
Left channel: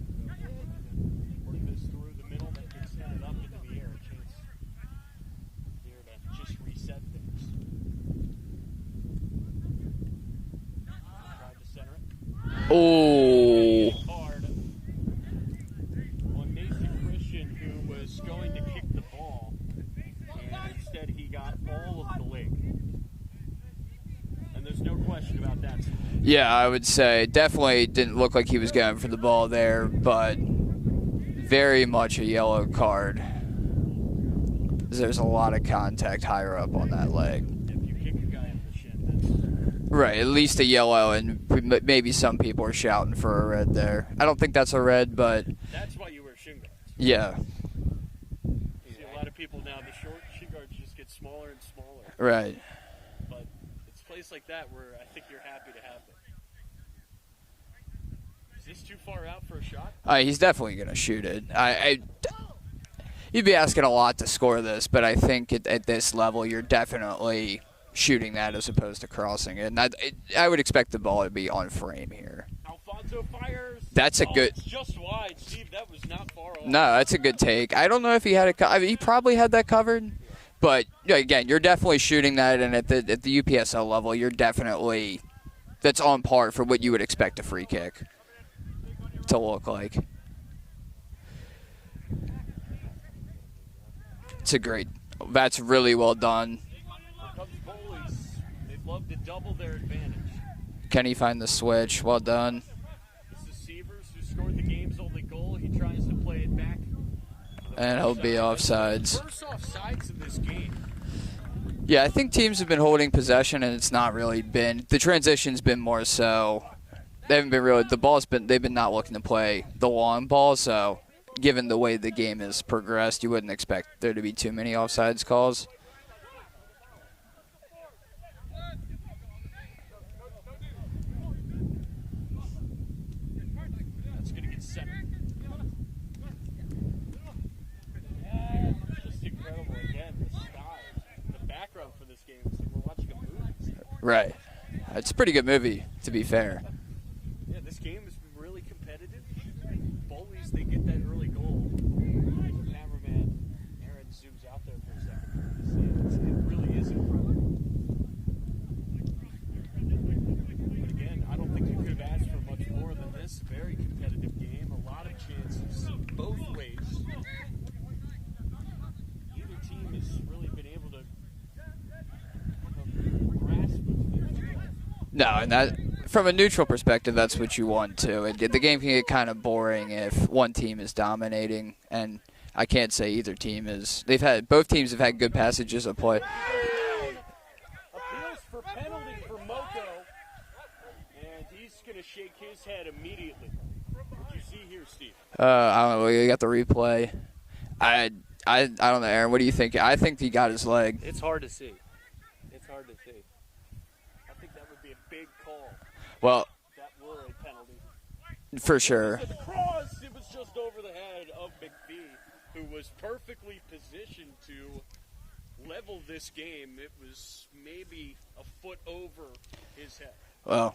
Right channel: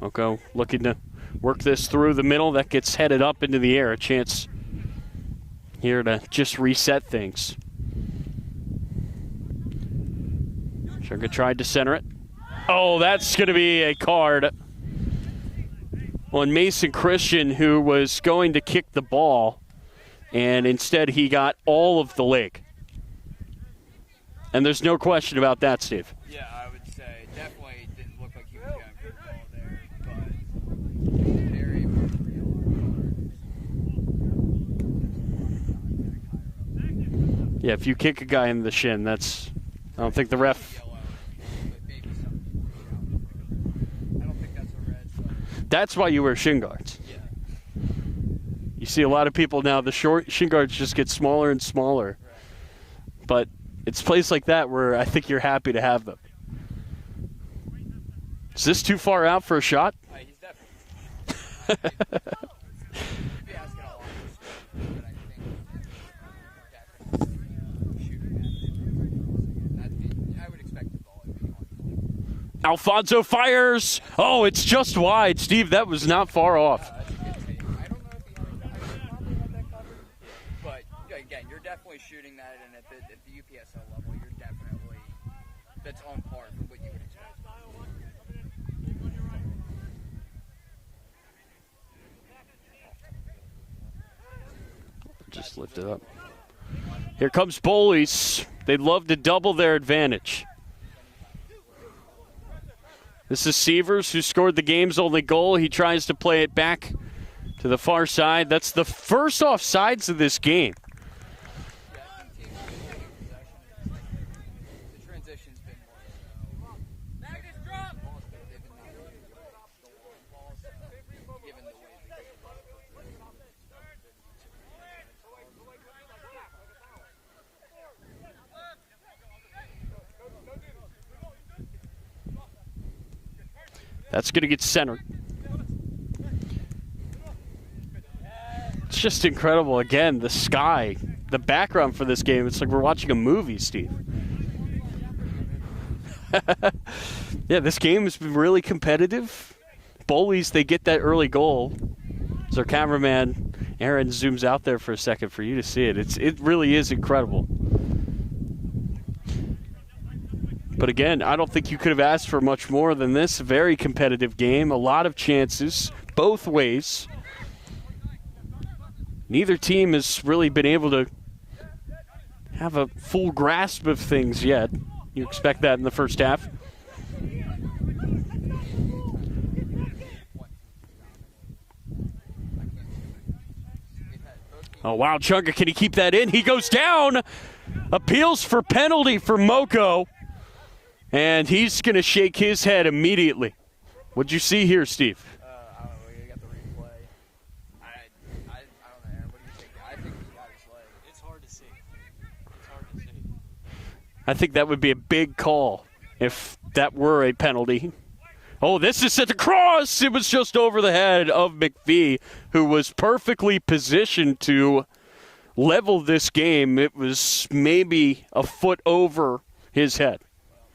Moco looking to work this through the middle. That gets headed up into the air. A chance here to just reset things. Sugar tried to center it. Oh, that's going to be a card on Mason Christian, who was going to kick the ball, and instead he got all of the leg. And there's no question about that, Steve. Yeah, I would say definitely didn't look like he was going for the ball there, but very much a yellow card. There's a lot of contact higher up on that leg. Yeah, if you kick a guy in the shin, that's right. At least a yellow, and maybe some people are shouting for a red there. I don't think that's a red, but that's why you wear shin guards. Yeah. You see a lot of people now, the short shin guards just get smaller and smaller. Right. But it's places like that where I think you're happy to have them. Is this too far out for a shot? He's definitely going to shoot it. You'd be asking a lot to score this, but I think at this level you're definitely shooting that as opposed to crossing it. And I would expect the ball to be on frame here. Alfonso fires. It's just wide. Steve, that was not far off. No, that's a good take. I don't know if he had it. I mean, he probably had that covered. But, again, you're definitely shooting that, and at the UPSL level, you're definitely – that's on par for what you would expect a free kick to look like. It's a great – that's really well done. Here comes Bowleys. They'd love to double their advantage. Can he find the switch? Well done. This is Sievers, who scored the game's only goal. He tries to play it back to the far side. That's the first offsides of this game. Yeah, I think teams have been holding possession, and it's not really been – the transition's been more so – they haven't been really – the ball's been – they've been not looking to play the long ball, so – given the way the game has progressed, you wouldn't expect there to be too many offsides calls. That's going to get centered. It's just incredible. Again, the sky, the background for this game, it's like we're watching a movie, Steve. Right. It's a pretty good movie, to be fair. Yeah, this game has been really competitive. Bullies, they get that early goal. So our cameraman, Aaron, zooms out there for a second for you to see it. It really is incredible. But again, I don't think you could have asked for much more than this. Very competitive game, a lot of chances, both ways. Neither team has really been able to have a full grasp of things yet. You expect that in the first half. From a neutral perspective, that's what you want to. The game can get kind of boring if one team is dominating, and I can't say either team is. Both teams have had good Chunga, can he keep that in? He goes down. Appeals for penalty for Moco, and he's going to shake his head immediately. What'd you see here, Steve? I don't know. We got the replay. I don't know, Aaron. What do you think? I think he got his leg. It's hard to see. I think that would be a big call if that were a penalty. This is at the cross. It was just over the head of McVie, who was perfectly positioned to level this game. It was maybe a foot over his head. Well,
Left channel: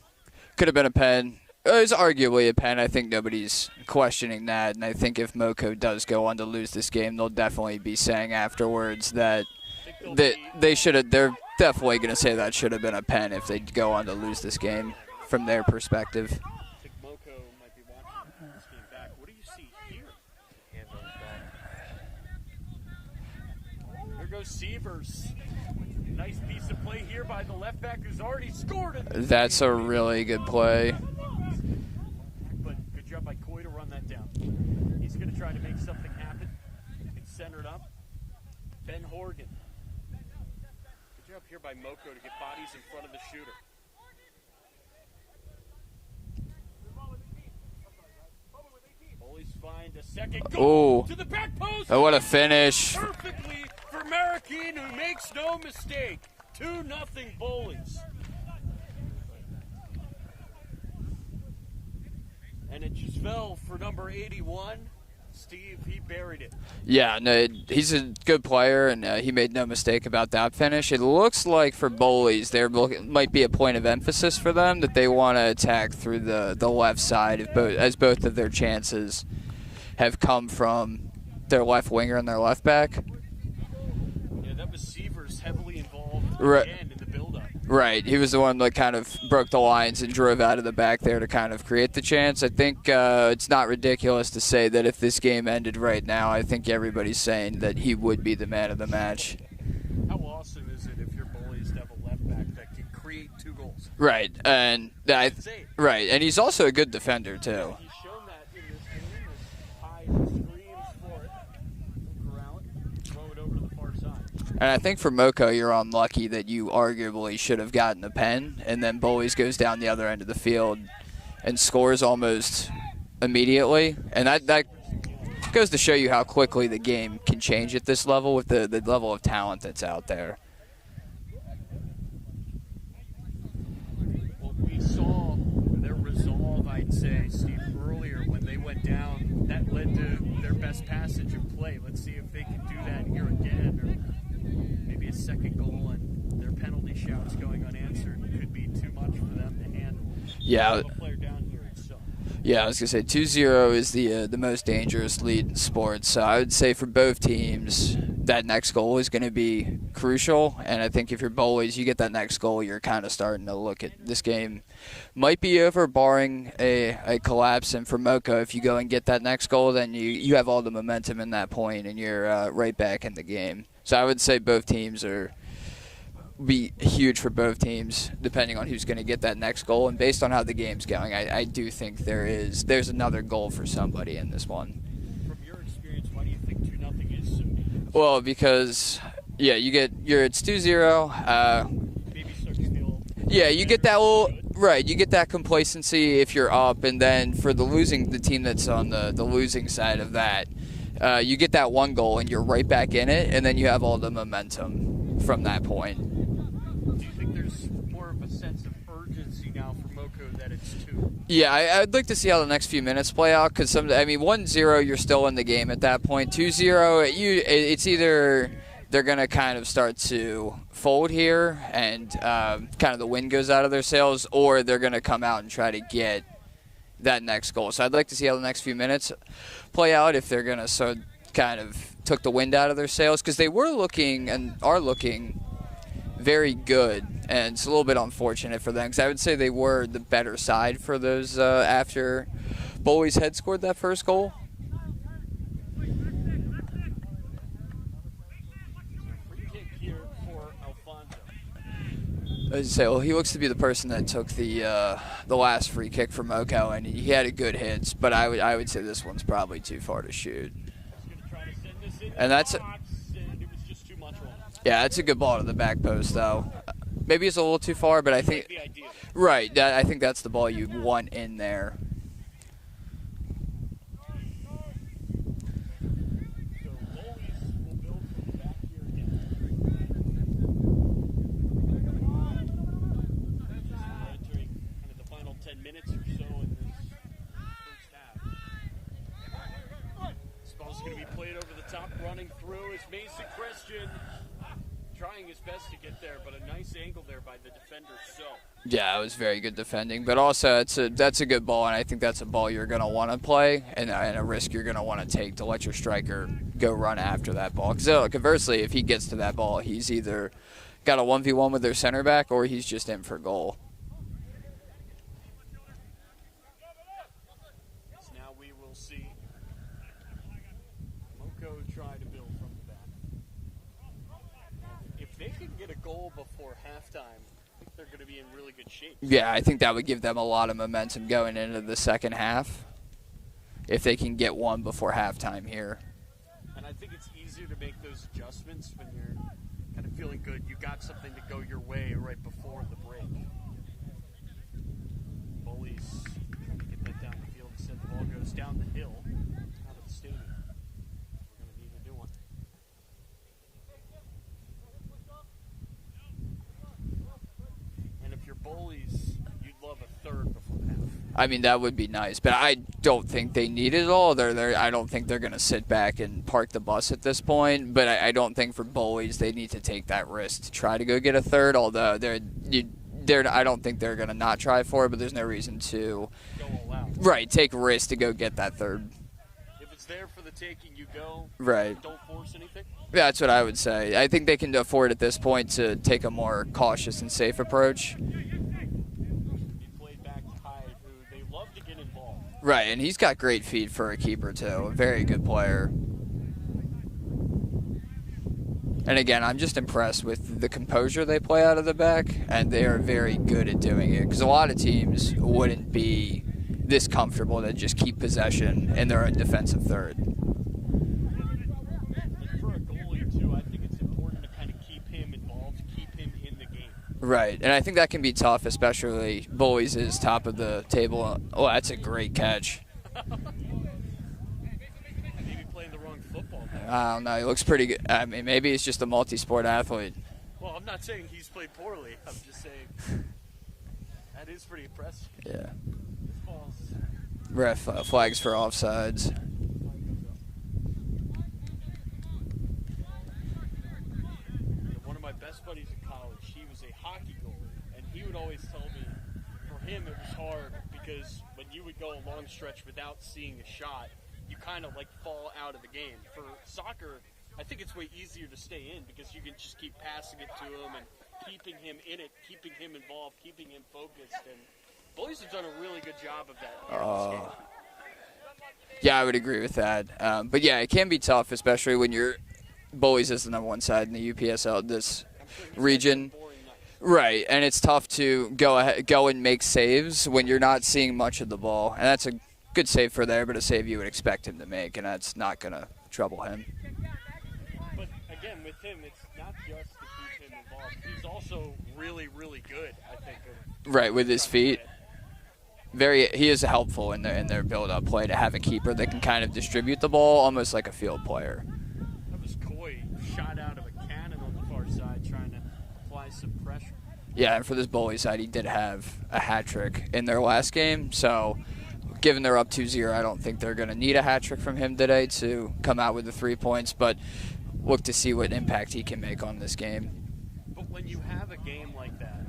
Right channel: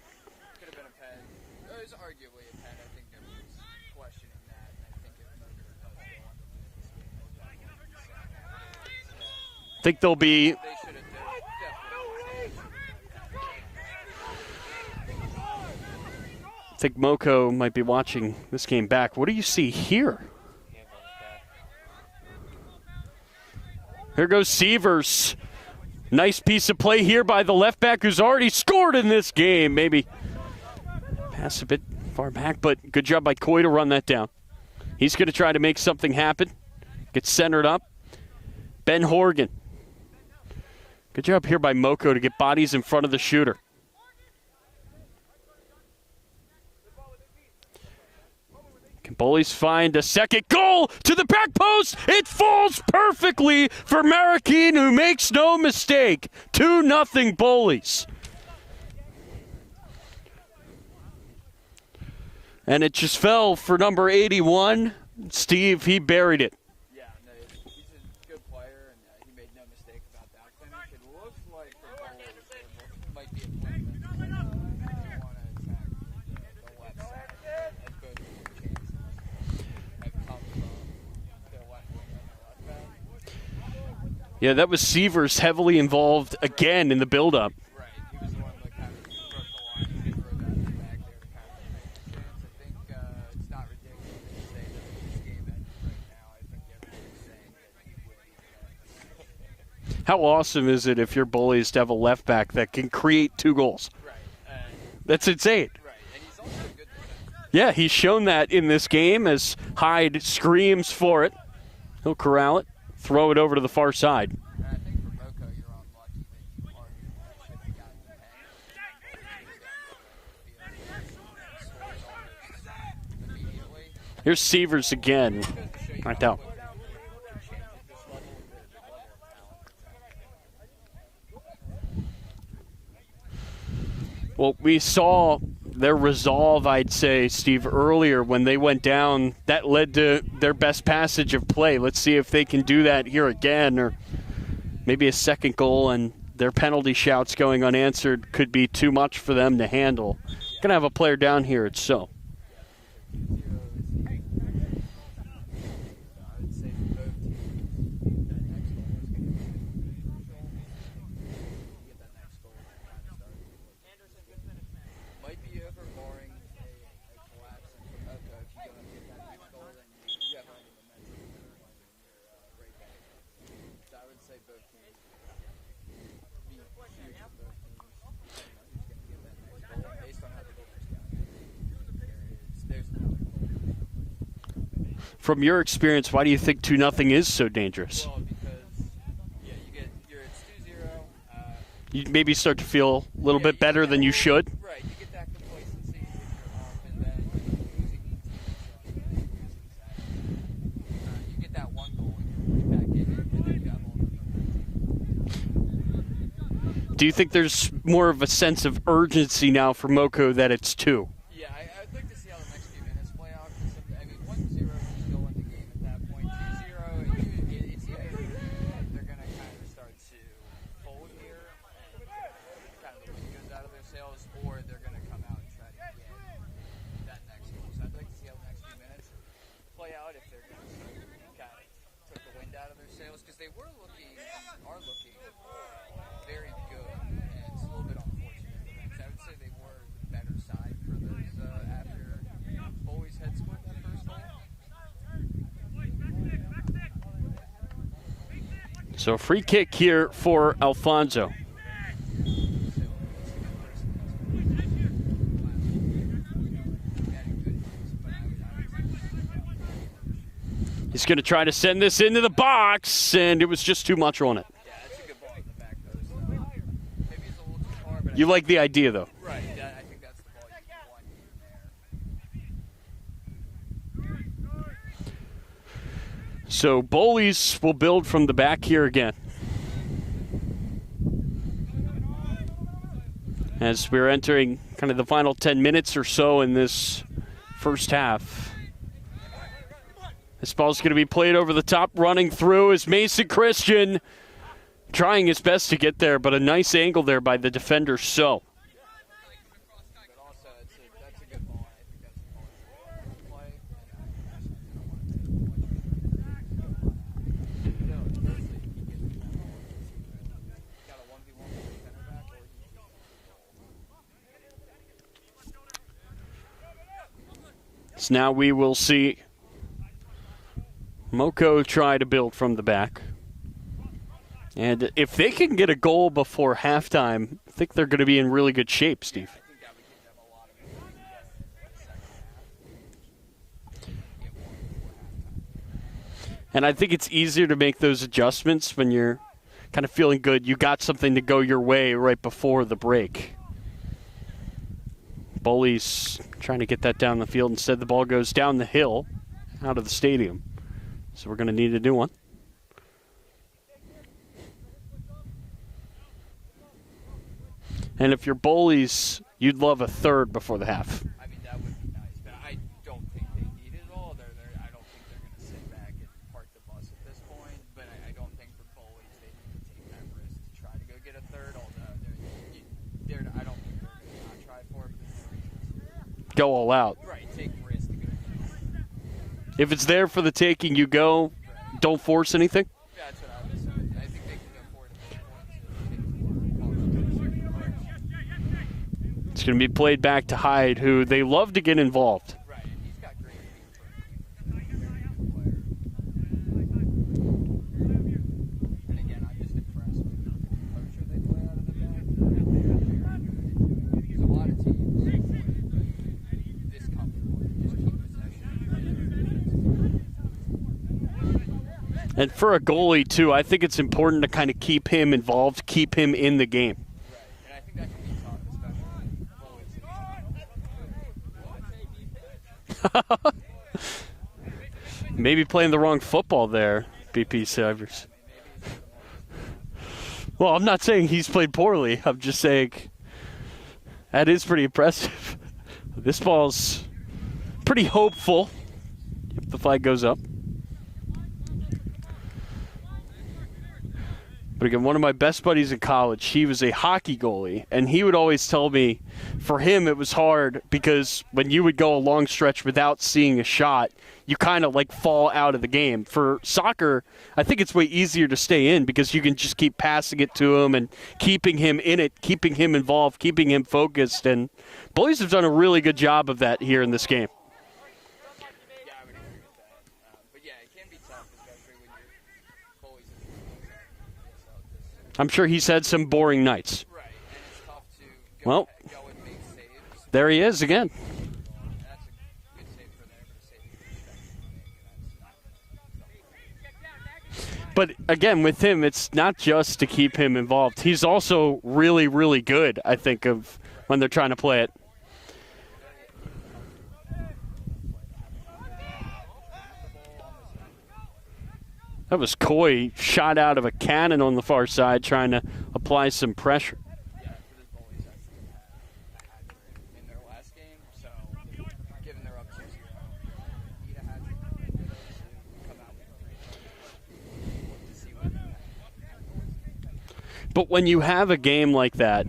could have been a pen. It was arguably a pen. I think nobody's questioning that. And I think if Moco does go on to lose this game, they'll definitely be saying afterwards that think they should have. They're definitely going to say that should have been a pen if they go on to lose this game from their perspective. I think Moco might be watching this game back. What do you see here? Here goes Sievers. Nice piece of play here by the left back who's already scored in this That's game. a Maybe really good play. pass a bit far back, but good job by Coy to run that down. He's going to try to make something happen. Gets centered up. Ben Horgan. Good job here by Moco to get bodies in front of the shooter. Can Bullies find a second goal to the back post? What a It finish. falls perfectly for Marroquin, who makes no mistake. 2-0 Bullies. And it just fell for number 81. Steve, he buried it. Yeah, no, he's a good player, and he made no mistake about that finish. It looks like for Bowleys, there might be a point of emphasis for them that they want to attack through the left side, as both of their chances have come from their left winger and their left back. Yeah, that was Sievers heavily involved again in the build-up. Right. He was the one that kind of broke the lines and drove out of the back there to kind of create the chance. I think it's not ridiculous to say that if this game ended right now, I think everybody's saying that he would be the man of the match. How awesome is it if you're Bullies to have a left back that can create 2 goals? Right. And that's insane. Right. And he's also a good defender, too. Yeah, he's shown that in this game as Hyde screams for it. He'll corral it. Throw it over to the far side. And I think for Moco, you're unlucky that you arguably should have gotten a pen, and then Bullies goes down the other end of the field and scores almost immediately. And that Sievers again. goes to show you how quickly the game can change at this level with the level of talent that's out there. Well, we saw their resolve, I'd say, Steve, earlier when they went down. That led to their best passage of play. Let's see if they can do that here again, or maybe a second goal, and their penalty shouts going unanswered could be too much for them to handle. Yeah. Gonna have a player down here, it's so. Yeah, I was going to say 2-0 is the most dangerous lead in sports. So I would say for both teams, that next goal is going to be crucial. And I think if you're Bowleys, you get that next goal, you're kind of starting to look at this game might be over barring a collapse. And for Moco, if you go and get that next goal, then you have all the momentum in that point, and you're right back in the game. So I would say both teams be huge for both teams, depending on who's going to get that next goal. And based on how the game's going, I do think there's another goal for somebody in this one. From your experience, why do you think 2-0 is so dangerous? Well, because it's 2-0. You maybe start to feel a little bit better than you should. Right, you get that complacency if you're up, and then for the team that's on the losing side of that, you get that one goal and you're right back in it, and then you have all the momentum from that point. Do you think there's more of a sense of urgency now for Moco that it's 2? Yeah, I'd like to see how the next few minutes play out, because 1-0, you're still in the game at that point. 2-0, it's either they're going to kind of start to fold here and kind of the wind goes out of their sails, or they're going to come out and try to get that next goal. So I'd like to see how the next few minutes play out, if they're going to kind of took the wind out of their sails, because they were looking and are looking very good, and it's a little bit unfortunate for them, because I would say they were the better side for those after Bowleys had scored that first goal. So a free kick here for Alfonso. I'd say, well, he looks to be the person that took the last free kick from Moco, and he had a good hit, but I would say this one's probably too far to shoot. He's going to try to send this into the box, and it was just too much on it. Yeah, it's a good ball to the back post, though. Maybe it's a little too far, but I think like the idea, though. Right. I think that's the ball you want in there. So Bowleys will build from the back here again. As we're entering kind of the final 10 minutes or so in this first half. This ball's going to be played over the top. Running through is Mason Christian, trying his best to get there, but a nice angle there by the defender. So yeah, it was very good defending, but also that's a good ball, and I think that's a ball you're going to want to play, and a risk you're going to want to take to let your striker go run after that ball. Because conversely, if he gets to that ball, he's either got a 1v1 with their center back, or he's just in for goal. So now we will see Moco try to build from the back. And if they can get a goal before halftime, I think they're going to be in really good shape. Yeah, I think that would give them a lot of momentum going into the second half if they can get one before halftime here. And I think it's easier to make those adjustments when you're kind of feeling good. You got something to go your way right before the break. Bullies trying to get that down the field. Instead, the ball goes down the hill out of the stadium. So we're going to need a new one. And if you're Bowleys, you'd love a third before the half. I mean, that would be nice, but I don't think they need it all. I don't think they're going to sit back and park the bus at this point, but I don't think for Bowleys they need to take that risk to try to go get a third, although I don't think they're going to not try for it, but there's no reason to go all out. Right, take risks to go get that third. If it's there for the taking, you go. Right. Don't force anything. Yeah, that's what I would say. I think they can afford at this point to take a more cautious and safe approach. It's going to be played back to Hyde, who they love to get involved. Right, and he's got great feet for a keeper, too. A very good player. And again, I'm just impressed with the composure they play out of the back, and they are very good at doing it. Because a lot of teams wouldn't be this comfortable to just keep possession in their own defensive third. And for a goalie, too, I think it's important to kind of keep him involved, keep him in the game. Right, and I think that can be tough, especially Bullies is top of the table. Oh, that's a great catch. Maybe playing the wrong football there. I don't know. He looks pretty good. I mean, maybe he's just a multi-sport athlete. Well, I'm not saying he's played poorly. I'm just saying that is pretty impressive. Yeah. This ball's pretty flags hopeful. For offsides. The flag goes up. But again, one of my best buddies in college, he was a hockey goalie, and he would always tell me for him it was hard because when you would go a long stretch without seeing a shot, you kind of like fall out of the game. For soccer, I think it's way easier to stay in because you can just keep passing it to him and keeping him in it, keeping him involved, keeping him focused. And Bullies have done a really good job of that here in this game. Yeah, I would agree with that. But yeah, it can be tough, especially when you're Bullies is the number one side in the UPSL. I'm sure he's had some boring nights. Right, and it's tough to go and make saves when you're not seeing much of the ball. And that's a good save for there, but a save you would expect him to make, and that's not going to trouble him. But again, with him, it's not just to keep him involved. He's also really, really good, I think, when they're trying to play it. He is helpful in their build-up play to have a keeper that can kind of distribute the ball almost like a field player. That was Coy, shot out of a cannon on the far side, trying to apply some pressure. Yeah, and for this Bullies side, he did have a hat trick in their last game. So, given they're up 2-0, I don't think they're going to need a hat trick from him today to come out with the 3 points. But look to see what impact he can make on this game. But when you have a game like that,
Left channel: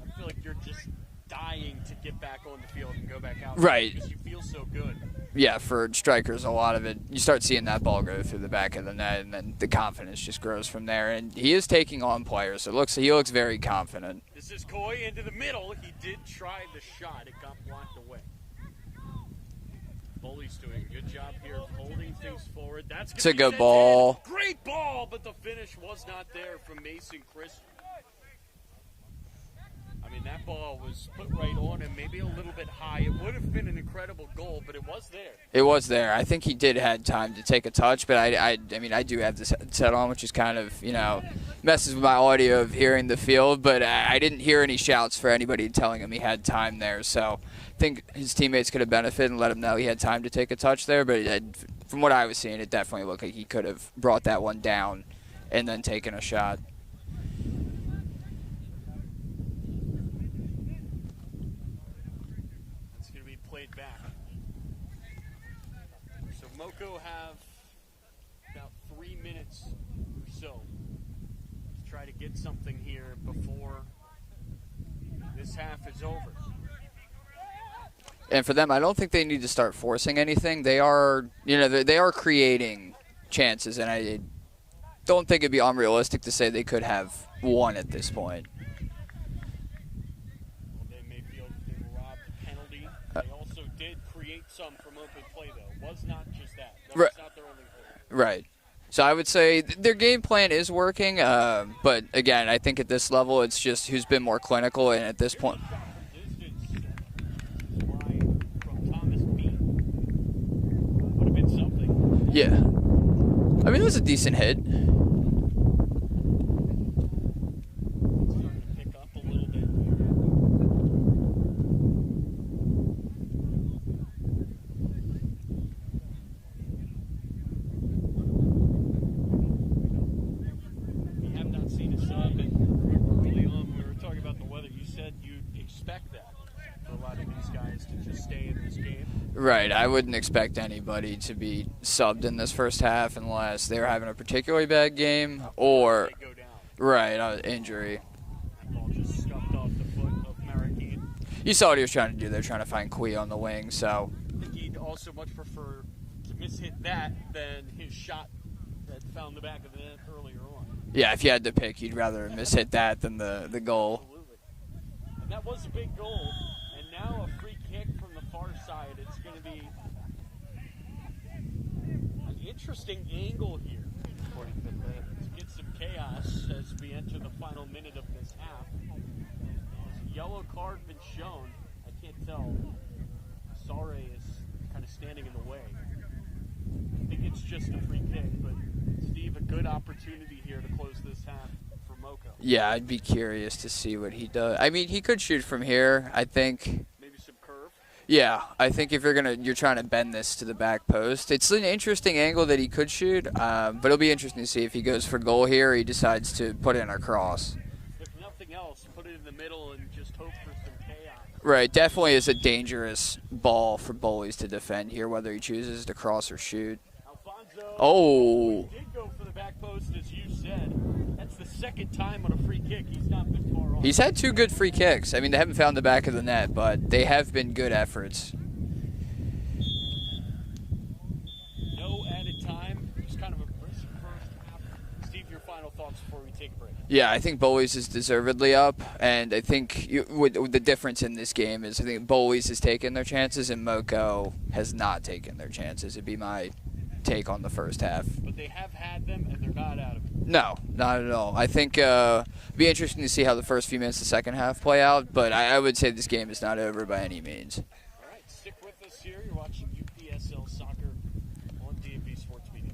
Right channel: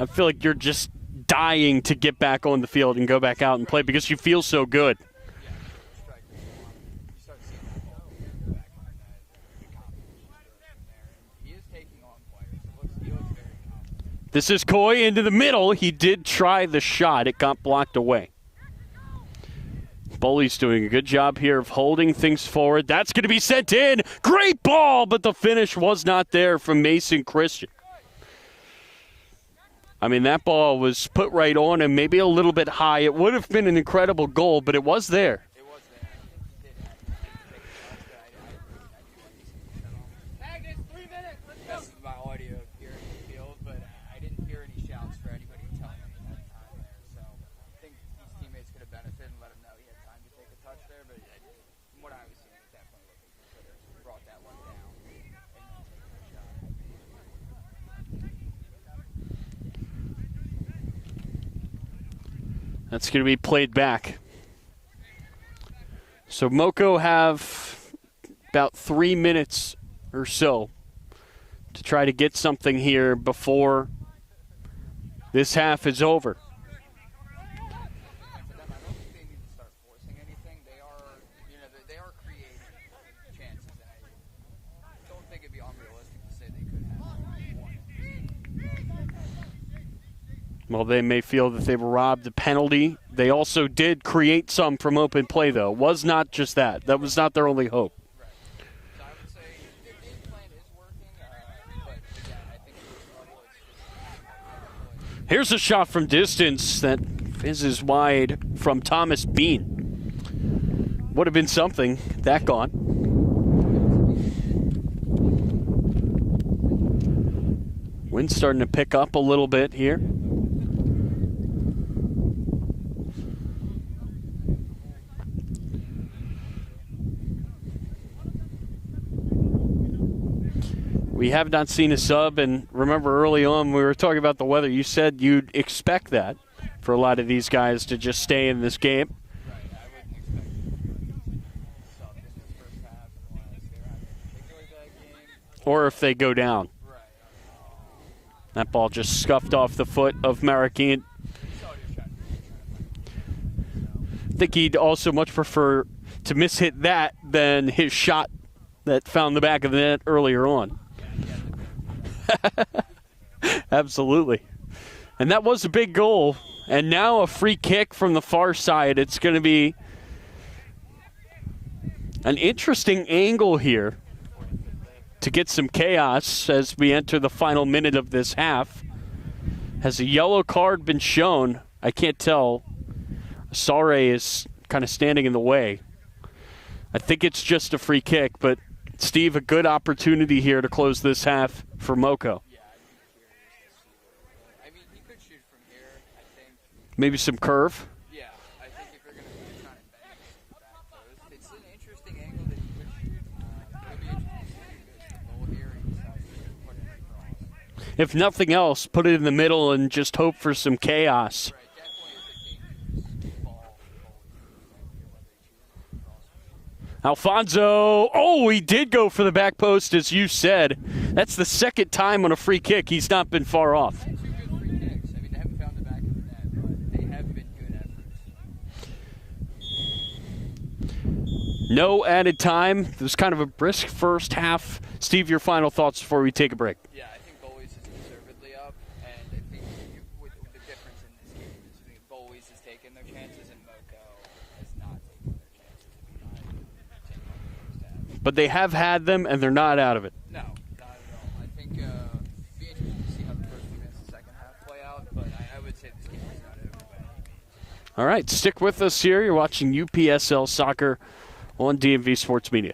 I feel like you're just dying to get back on the field and go back out and play because you feel so good. Yeah, for strikers, a lot of it, you start seeing that ball go through the back of the net, and then the confidence just grows from there. And he is taking on players. So he looks very confident. This is Coy into the middle. He did try the shot. It got blocked away. Bullies doing a good job here of holding things forward. That's going to be sent in. Great ball, but the finish was not there from Mason Christian. I mean, that ball was put right on him, maybe a little bit high. It would have been an incredible goal, but it was there. It was there. I think he did have time to take a touch, but I mean, I do have this set on, which is kind of, messes with my audio of hearing the field, but I didn't hear any shouts for anybody telling him he had time there. So I think his teammates could have benefited and let him know he had time to take a touch there, but from what I was seeing, it definitely looked like he could have brought that one down and then taken a shot. That's going to be played back. So Moco have about 3 minutes or so to try to get something here before this half is over. And for them, I don't think they need to start forcing anything. They are, they are creating chances, and I don't think it'd be unrealistic to say they could have one at this point. Well, they may feel that they were robbed a penalty. They also did create some from open play, though. It was not just that. That was not their only hope. Right. So I would say their game plan is working, but again, I think at this level, it's just who's been more clinical. And at this Here's point, a shot from distance that fizzes wide from Thomas Bean. Would have been something. That gone. I mean, it was a decent hit. Wind's starting to pick up a little bit here. We have not seen a sub, and remember early on we were talking about the weather. You said you'd expect that for a lot of these guys to just stay in this game. Right. I wouldn't expect anybody to be subbed in this first half unless they're having a particularly bad game Or if they go down. Right, injury. That ball just scuffed off the foot of Marroquin. You saw what he was trying to do. They're trying to find Kui on the wing, so. I think he'd also much prefer to mishit that than his shot that found the back of the net earlier on. Yeah, if you had to pick, you'd rather mishit that than the goal. Absolutely. And that was a big goal. And now a free kick from the far side. It's going to be an interesting angle here to get some chaos as we enter the final minute of this half. Has a yellow card been shown? I can't tell. Sare is kind of standing in the way. I think it's just a free kick, but Steve, a good opportunity here to close this half for Moco. Yeah, I'd be curious to see what he does. I mean, he could shoot from here, I think. Maybe some curve. Yeah, I think if you're trying to bend this to the back post, it's an interesting angle that he could shoot, but it'll be interesting to see if he goes for goal here or he decides to put in a cross. If nothing else, put it in the middle and just hope for some chaos. Right, definitely is a dangerous ball for Bullies to defend here, whether he chooses to cross or shoot. Alfonso. Oh, he did go for the back post, as you said. That's the second time on a free kick. He's not been far off. He's had 2 good free kicks. I mean, they haven't found the back of the net, but they have been good efforts. No added time. It was kind of a brisk first half. Steve, your final thoughts before we take a break. Yeah, I think Bowleys is deservedly up, and I think with the difference in this game is I think Bowleys has taken their chances and Moco has not taken their chances. It'd be my take on the first half. But they have had them, and they're not out of it. No, not at all. I think it'd be interesting to see how the first few minutes of the second half play out, but I would say this game is not over by any means. All right, stick with us here. You're watching UPSL Soccer on DMV Sports Media.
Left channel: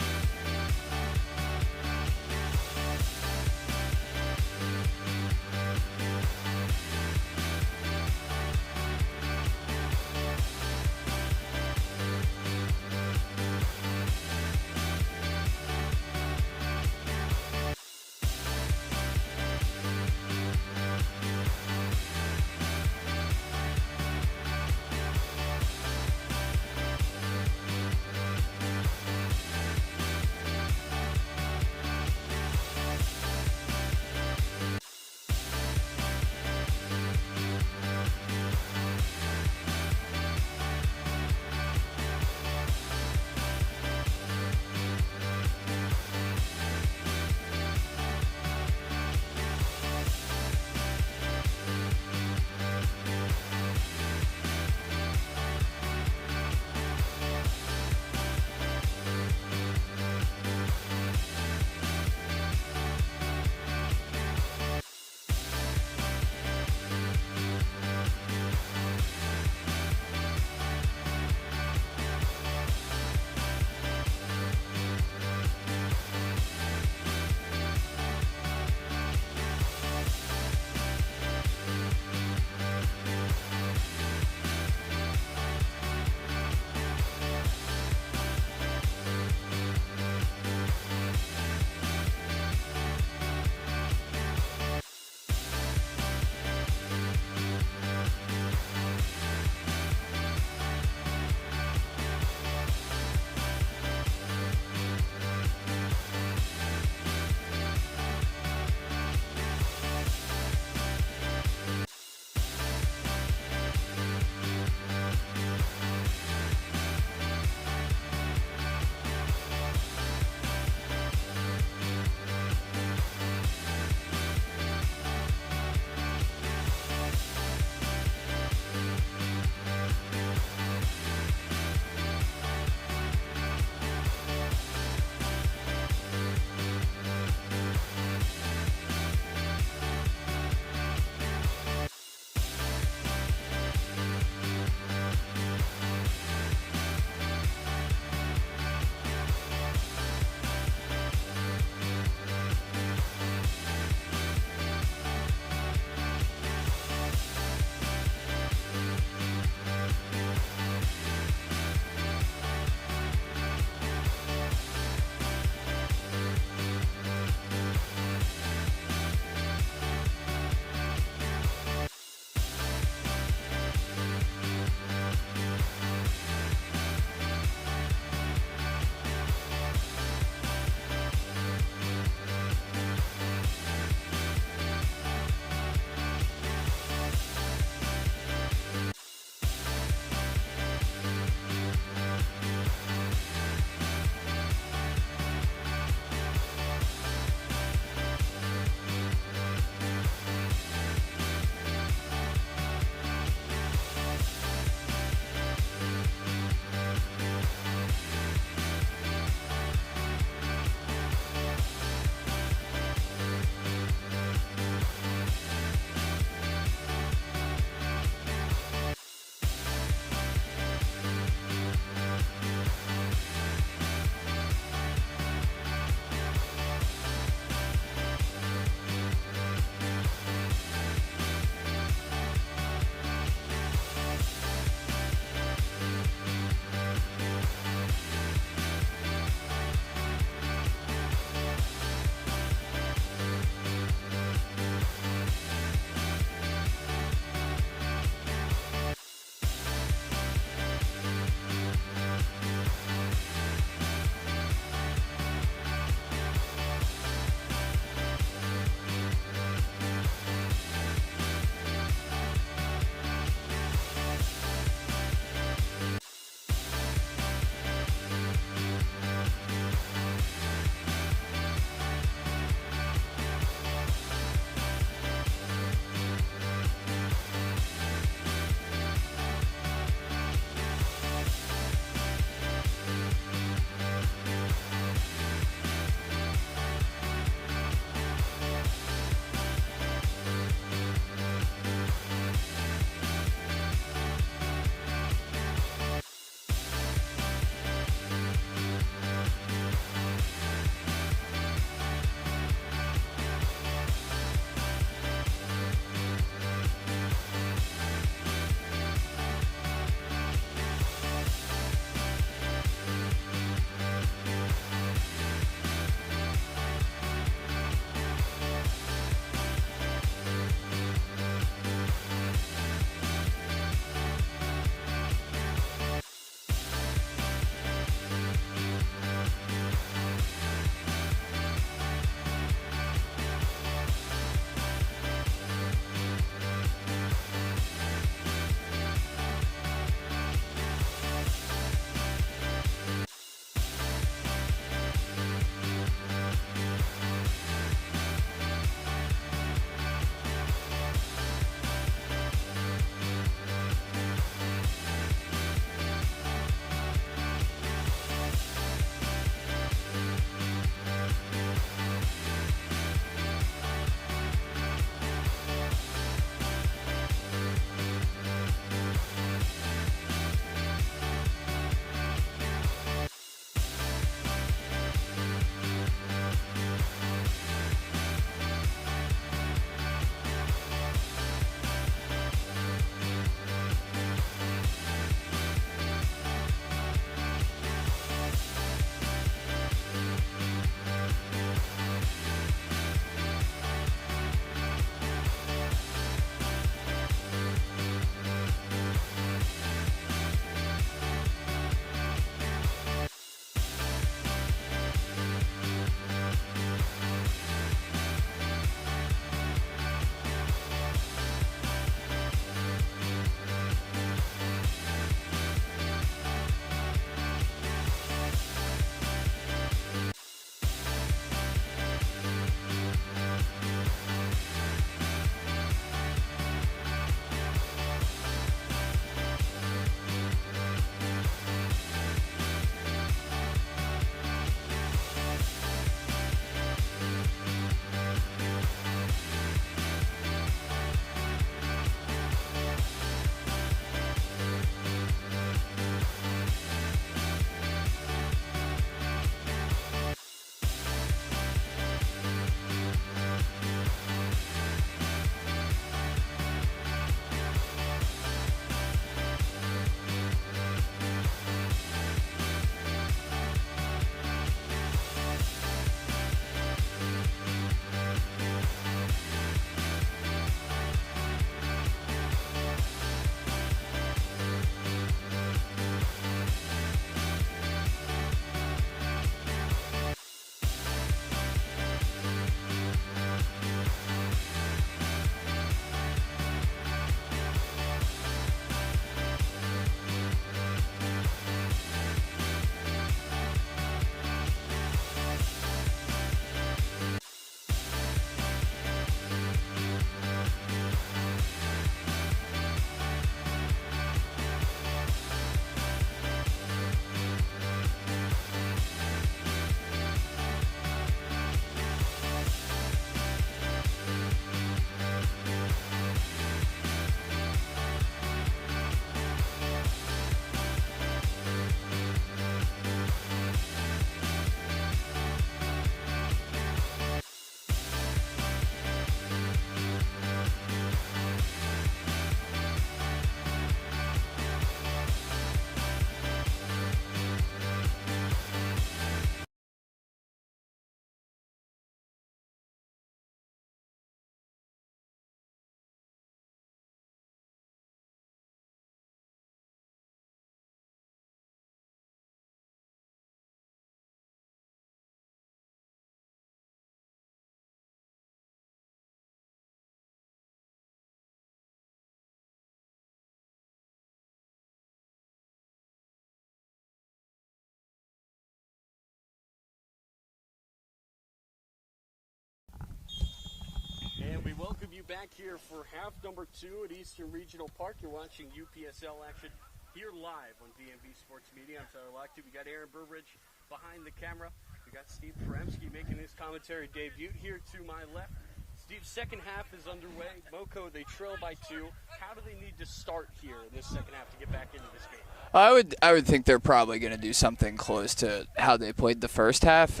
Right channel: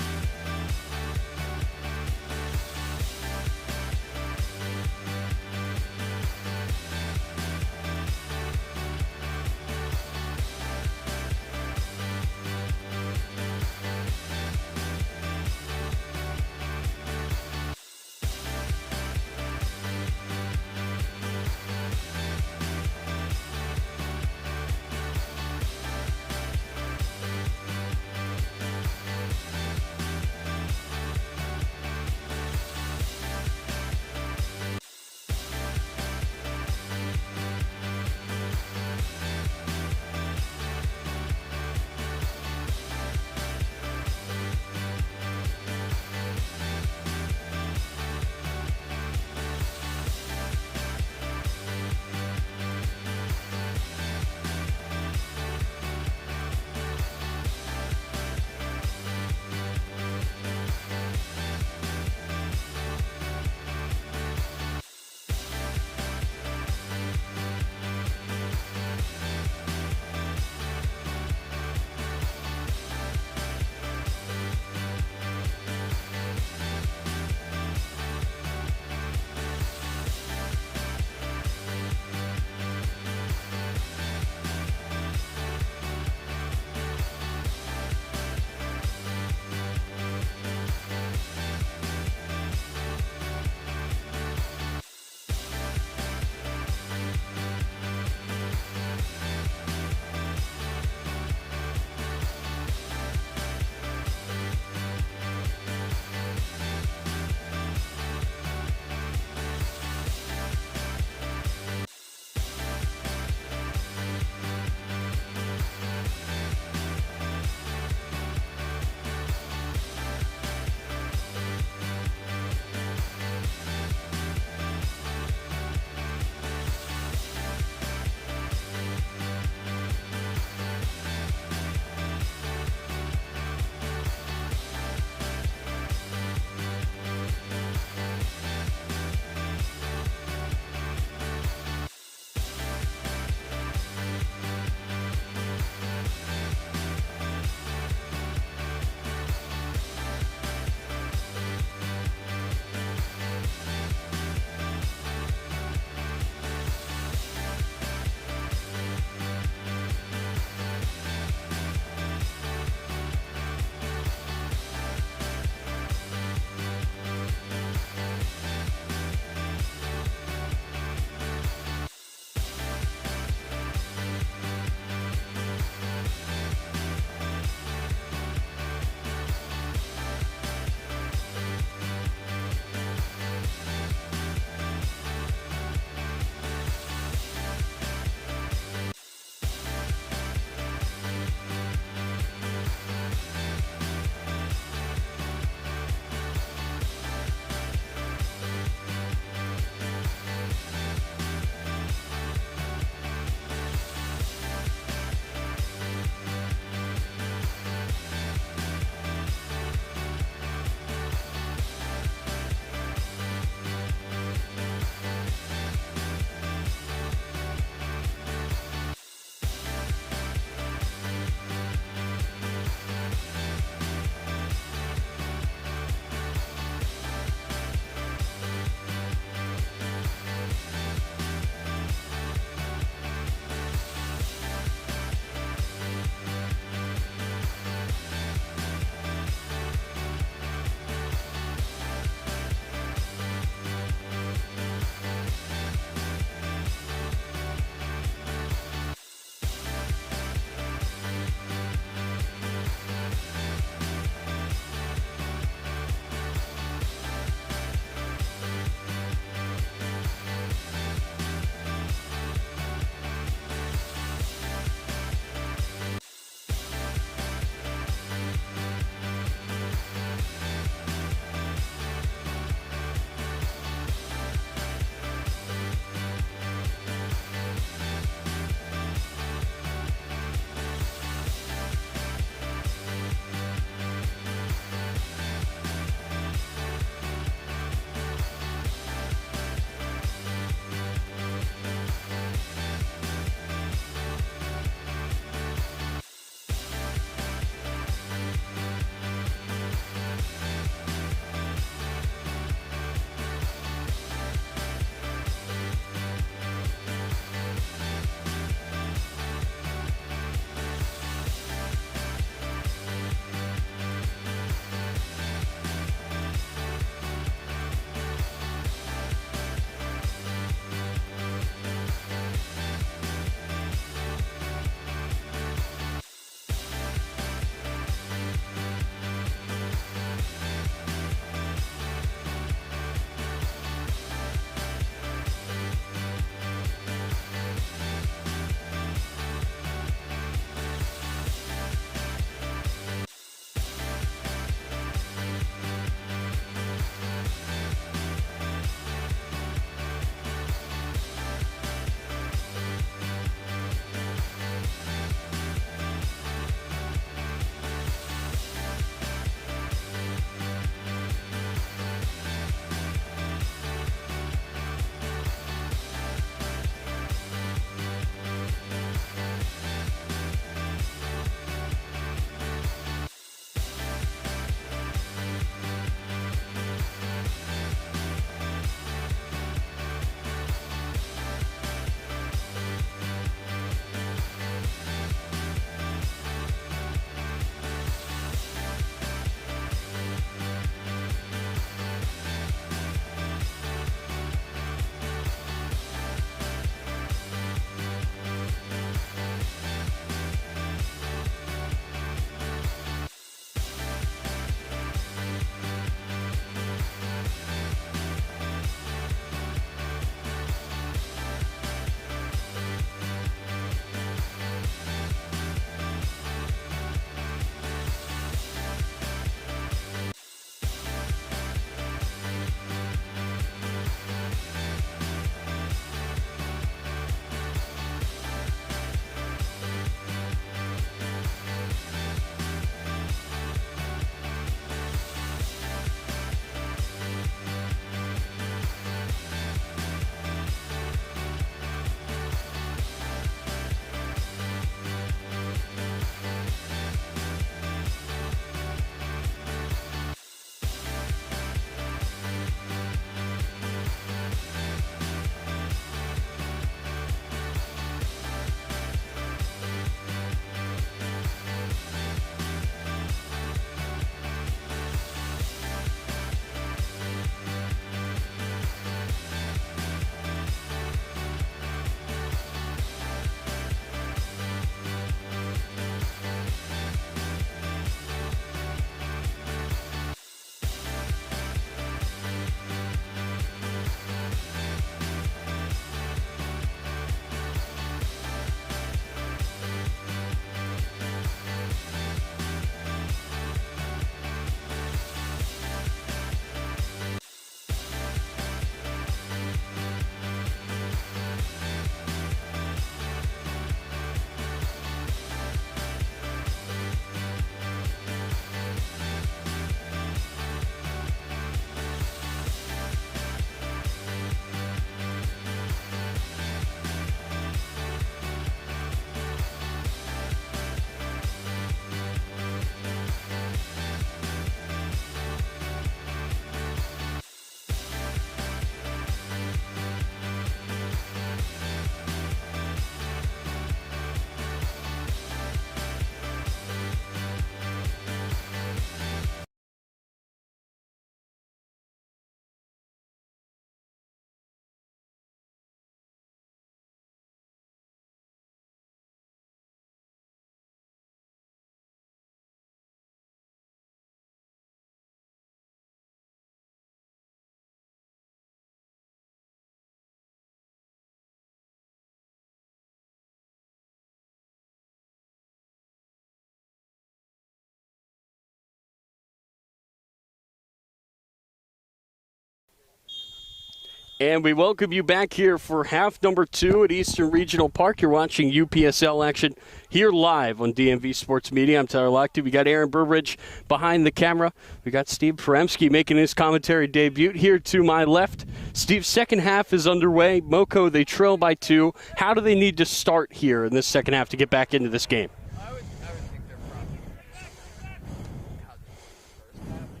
And we welcome you back here for half number 2 at Eastern Regional Park. You're watching UPSL action here live on DMV Sports Media. I'm Tyler Lochte. We got Aaron Burbridge behind the camera. We got Steve Peremski making his commentary debut here to my left. Steve's second half is underway. Moco, they trail by 2. How do they need to start here in this second half to get back into this game? I would think they're probably going to do something close to how they played the first half.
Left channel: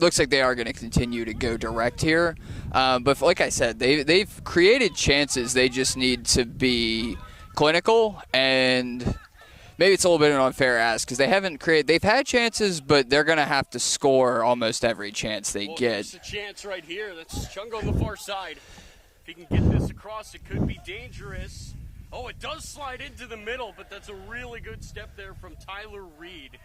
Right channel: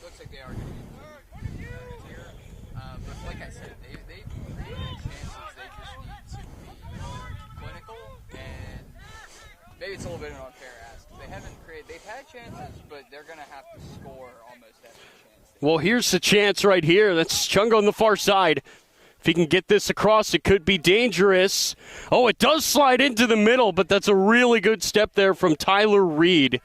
Looks like they are going to continue to go direct here. But like I said, they've created chances. They just need to be clinical, and maybe it's a little bit of an unfair ask because they haven't created. They've had chances, but they're going to have to score almost every chance they get. Well, here's the chance right here. That's Chunga on the far side. If he can get this across, it could be dangerous. Oh, it does slide into the middle, but that's a really good step there from Tyler Reed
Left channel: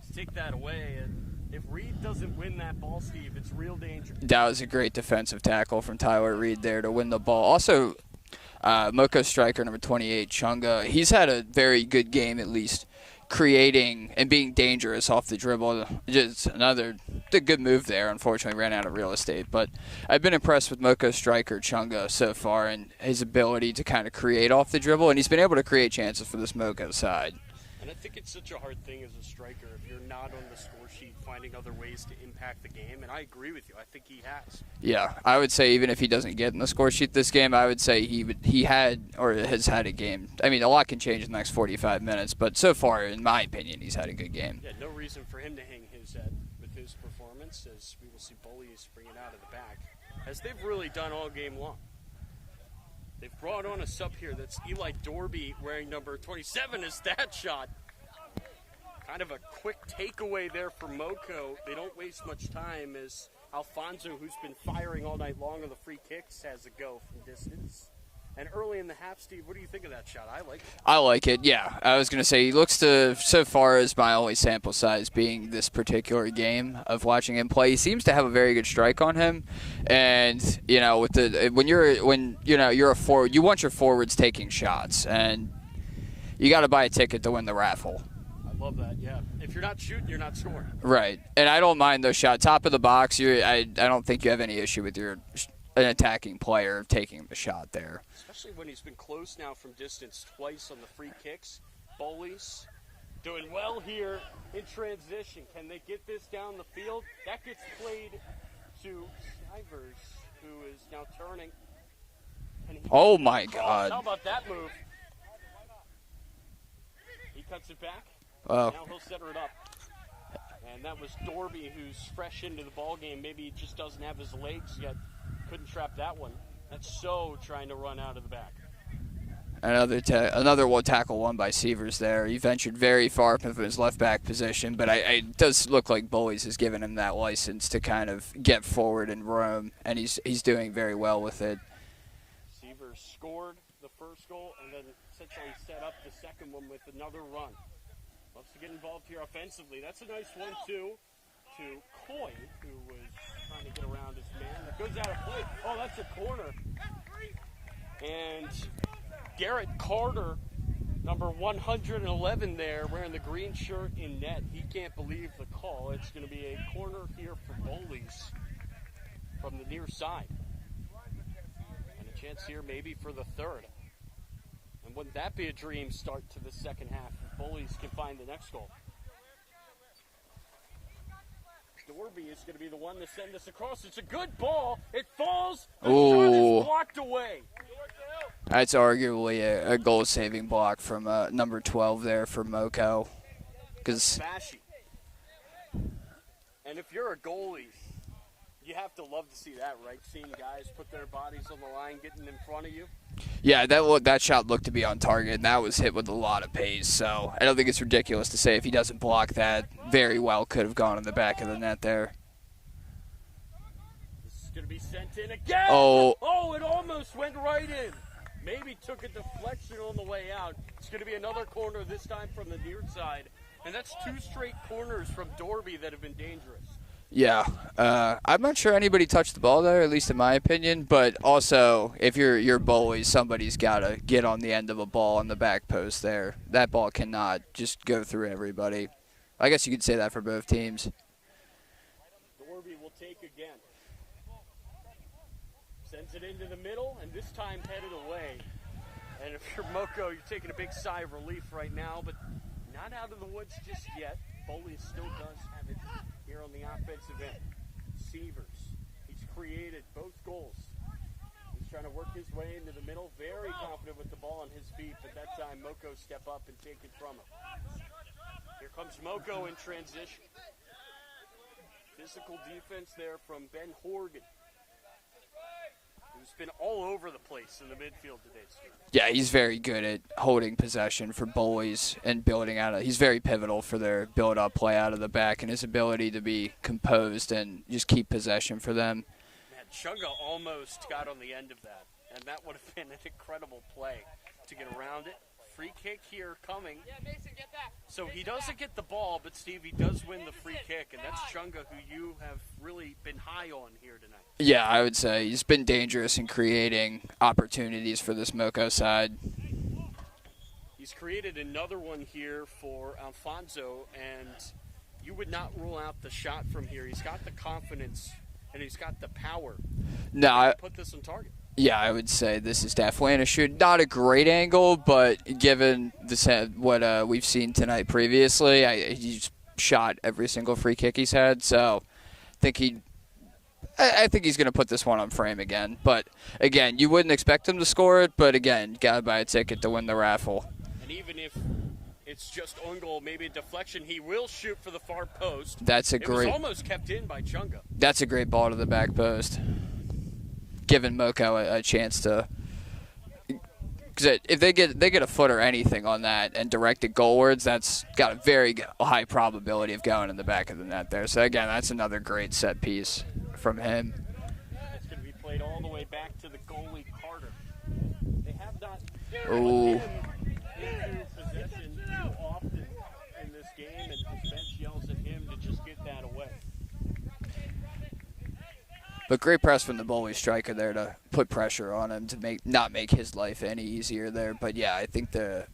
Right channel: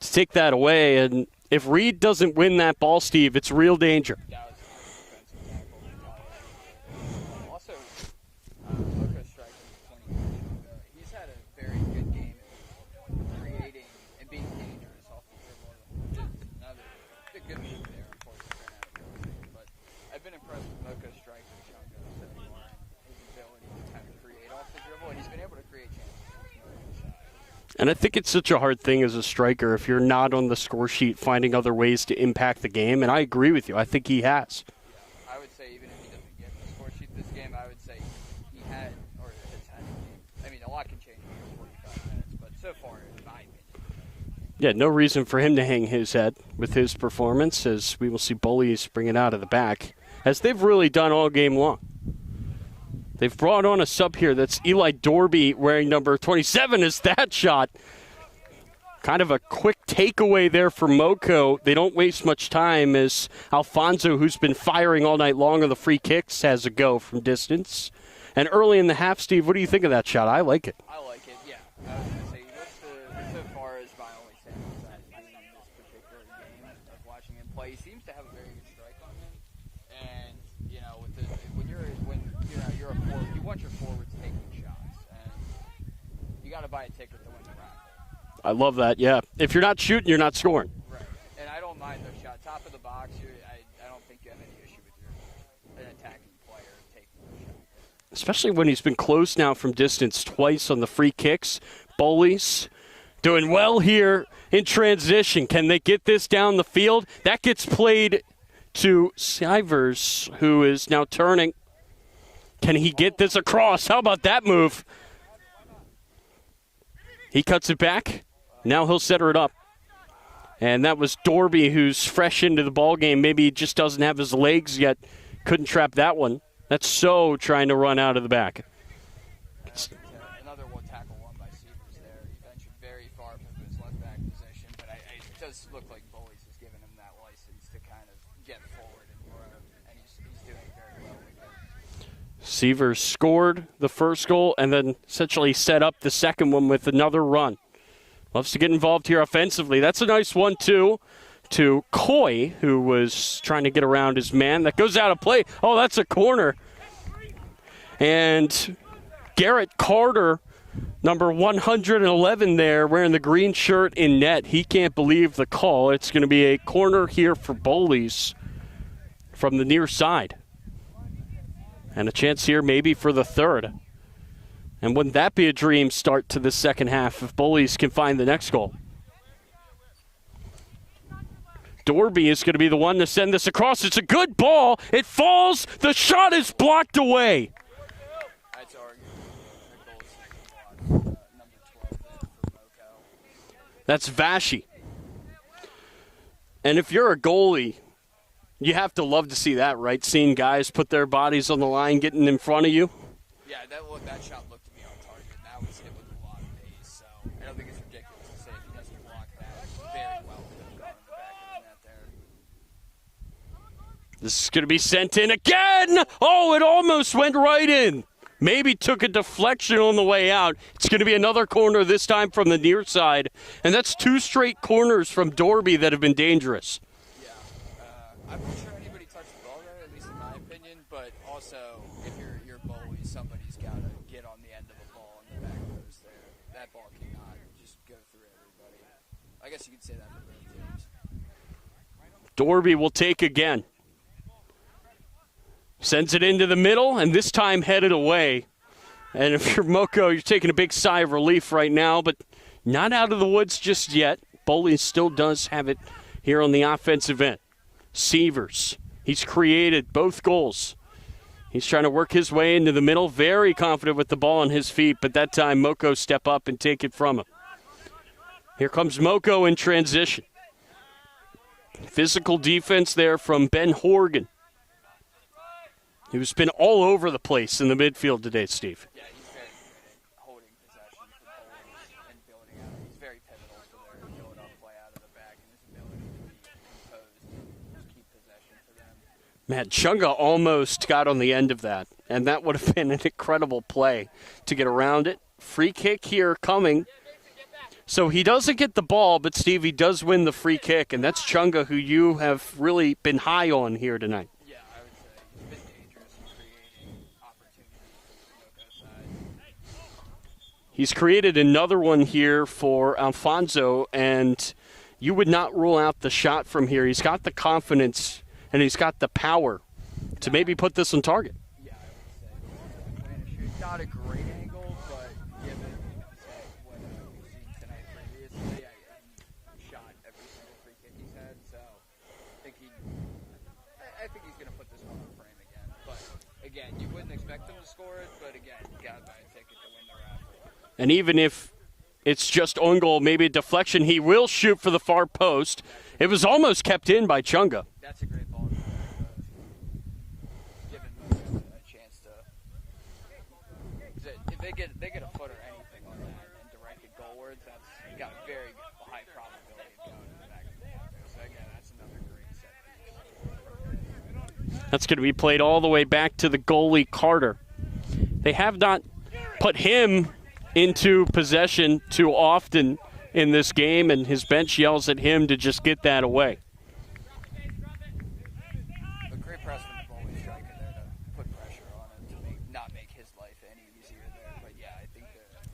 to take that away. And if Reed doesn't win that ball, Steve, it's real danger. That was a great defensive tackle from Tyler Reed there to win the ball. Also, Moco striker number 28, Chunga, he's had a very good game at least, creating and being dangerous off the dribble. Just another good move there. Unfortunately, ran out of real estate. But I've been impressed with Moco striker Chunga so far and his ability to kind of create off the dribble, and he's been able to create chances for this Moco side. And I think it's such a hard thing as a striker if you're not on the score sheet finding other ways to impact the game, and I agree with you. I think he has. Yeah, I would say even if he doesn't get in the score sheet this game, I would say he had or has had a game. I mean, a lot can change in the next 45 minutes, but so far, in my opinion, he's had a good game. Yeah, no reason for him to hang his head with his performance, as we will see Bullies bring it out of the back, as they've really done all game long. They've brought on a sub here. That's Eli Dorby wearing number 27 is that shot. Kind of a quick takeaway there for Moco. They don't waste much time as Alfonso, who's been firing all night long on the free kicks, has a go from distance. And early in the half, Steve, what do you think of that shot? I like it. I like it, yeah. I was going to say, he looks to, so far as my only sample size being this particular game of watching him play, he seems to have a very good strike on him. And, you know, with the when you're a forward, you want your forwards taking shots, and you got to buy a ticket to win the raffle. I love that, yeah. If you're not shooting, you're not scoring. Right. And I don't mind those shots. Top of the box, I don't think you have any issue with an attacking player taking the shot there. Especially when he's been close now from distance twice on the free kicks. Bowleys doing well here in transition. Can they get this down the field? That gets played to Sivers, who is now turning. Can he get this across? God. How about that move? He cuts it back. Wow. Now he'll set it up. And that was Dorby, who's fresh into the ball game. Maybe he just doesn't have his legs yet. Couldn't trap that one. That's so trying to run out of the back. Another one tackle won by Sievers there. He ventured very far from his left back position, but it does look like Bullies has given him that license to kind of get forward and roam, and he's doing very well with it. Sievers scored the first goal and then essentially set up the second one with another run. Loves to get involved here offensively. That's a nice 1-2 to Coy, who was trying to get around his man. That goes out of play. Oh, that's a corner. And Garrett Carter, number 111 there, wearing the green shirt in net. He can't believe the call. It's going to be a corner here for Bowleys from the near side. And a chance here maybe for the third. And wouldn't that be a dream start to the second half if Bullies can find the next goal? Dorby is going to be the one to send this across. It's a good ball. It falls. The shot is blocked away. That's arguably a goal-saving block from number 12 there for Moco. That's Vashi. And if you're a goalie, you have to love to see that, right? Seeing guys put their bodies on the line, getting in front of you. Yeah, that shot looked to be on target, and that was hit with a lot of pace. So I don't think it's ridiculous to say if he doesn't block that, very well could have gone in the back of the net there. This is going to be sent in again. Oh, it almost went right in. Maybe took a deflection on the way out. It's going to be another corner, this time from the near side. And that's 2 straight corners from Dorby that have been dangerous. Yeah. I'm not sure anybody touched the ball there, at least in my opinion. But also, if you're Bowleys, somebody's got to get on the end of a ball on the back post there. That ball cannot just go through everybody. I guess you could say that for both teams. Dorby will take again. Sends it into the middle, and this time headed away. And if you're Moco, you're taking a big sigh of relief right now, but not out of the woods just yet. Bowleys still does have it here on the offensive end. Sievers, he's created both goals. He's trying to work his way into the middle, very confident with the ball on his feet, but that time Moco step up and take it from him. Here comes Moco in transition. Physical defense there from Ben Horgan, who's been all over the place in the midfield today, Steve. Yeah, he's very good at holding possession for Bullies and building out. He's very pivotal for their build-up play out of the back and his ability to be composed and just keep possession for them. Man, Chunga almost got on the end of that, and that would have been an incredible play to get around it. Free kick here coming. So he doesn't get the ball, but Steve, he does win the free kick, and that's Chunga, who you have really been high on here tonight. Yeah, I would say he's been dangerous in creating opportunities for this Moco side. He's created another one here for Alfonso, and you would not rule out the shot from here. He's got the confidence, and he's got the power to maybe put this on target. Yeah, I would say this is definitely a shoot. Not a great angle, but given what we've seen tonight previously, he's shot every single free kick he's had. So I think he's going to put this one on frame again. But, again, you wouldn't expect him to score it, but, again, got to buy a ticket to win the raffle. And even if it's just on goal, maybe a deflection, he will shoot for the far post. It was almost kept in by Chunga. That's a great ball to the back post. Giving Moco a chance to, because if they get a foot or anything on that and direct it goalwards, that's got a very high probability of going in the back of the net there. So again, that's another great set piece from him. That's going to be played all the way back to the goalie Carter. They have not put him into possession too often in this game, and his bench yells at him to just get that away. But great press from the Bowleys striker there to put pressure on him to not make his life any easier there. But yeah, I think the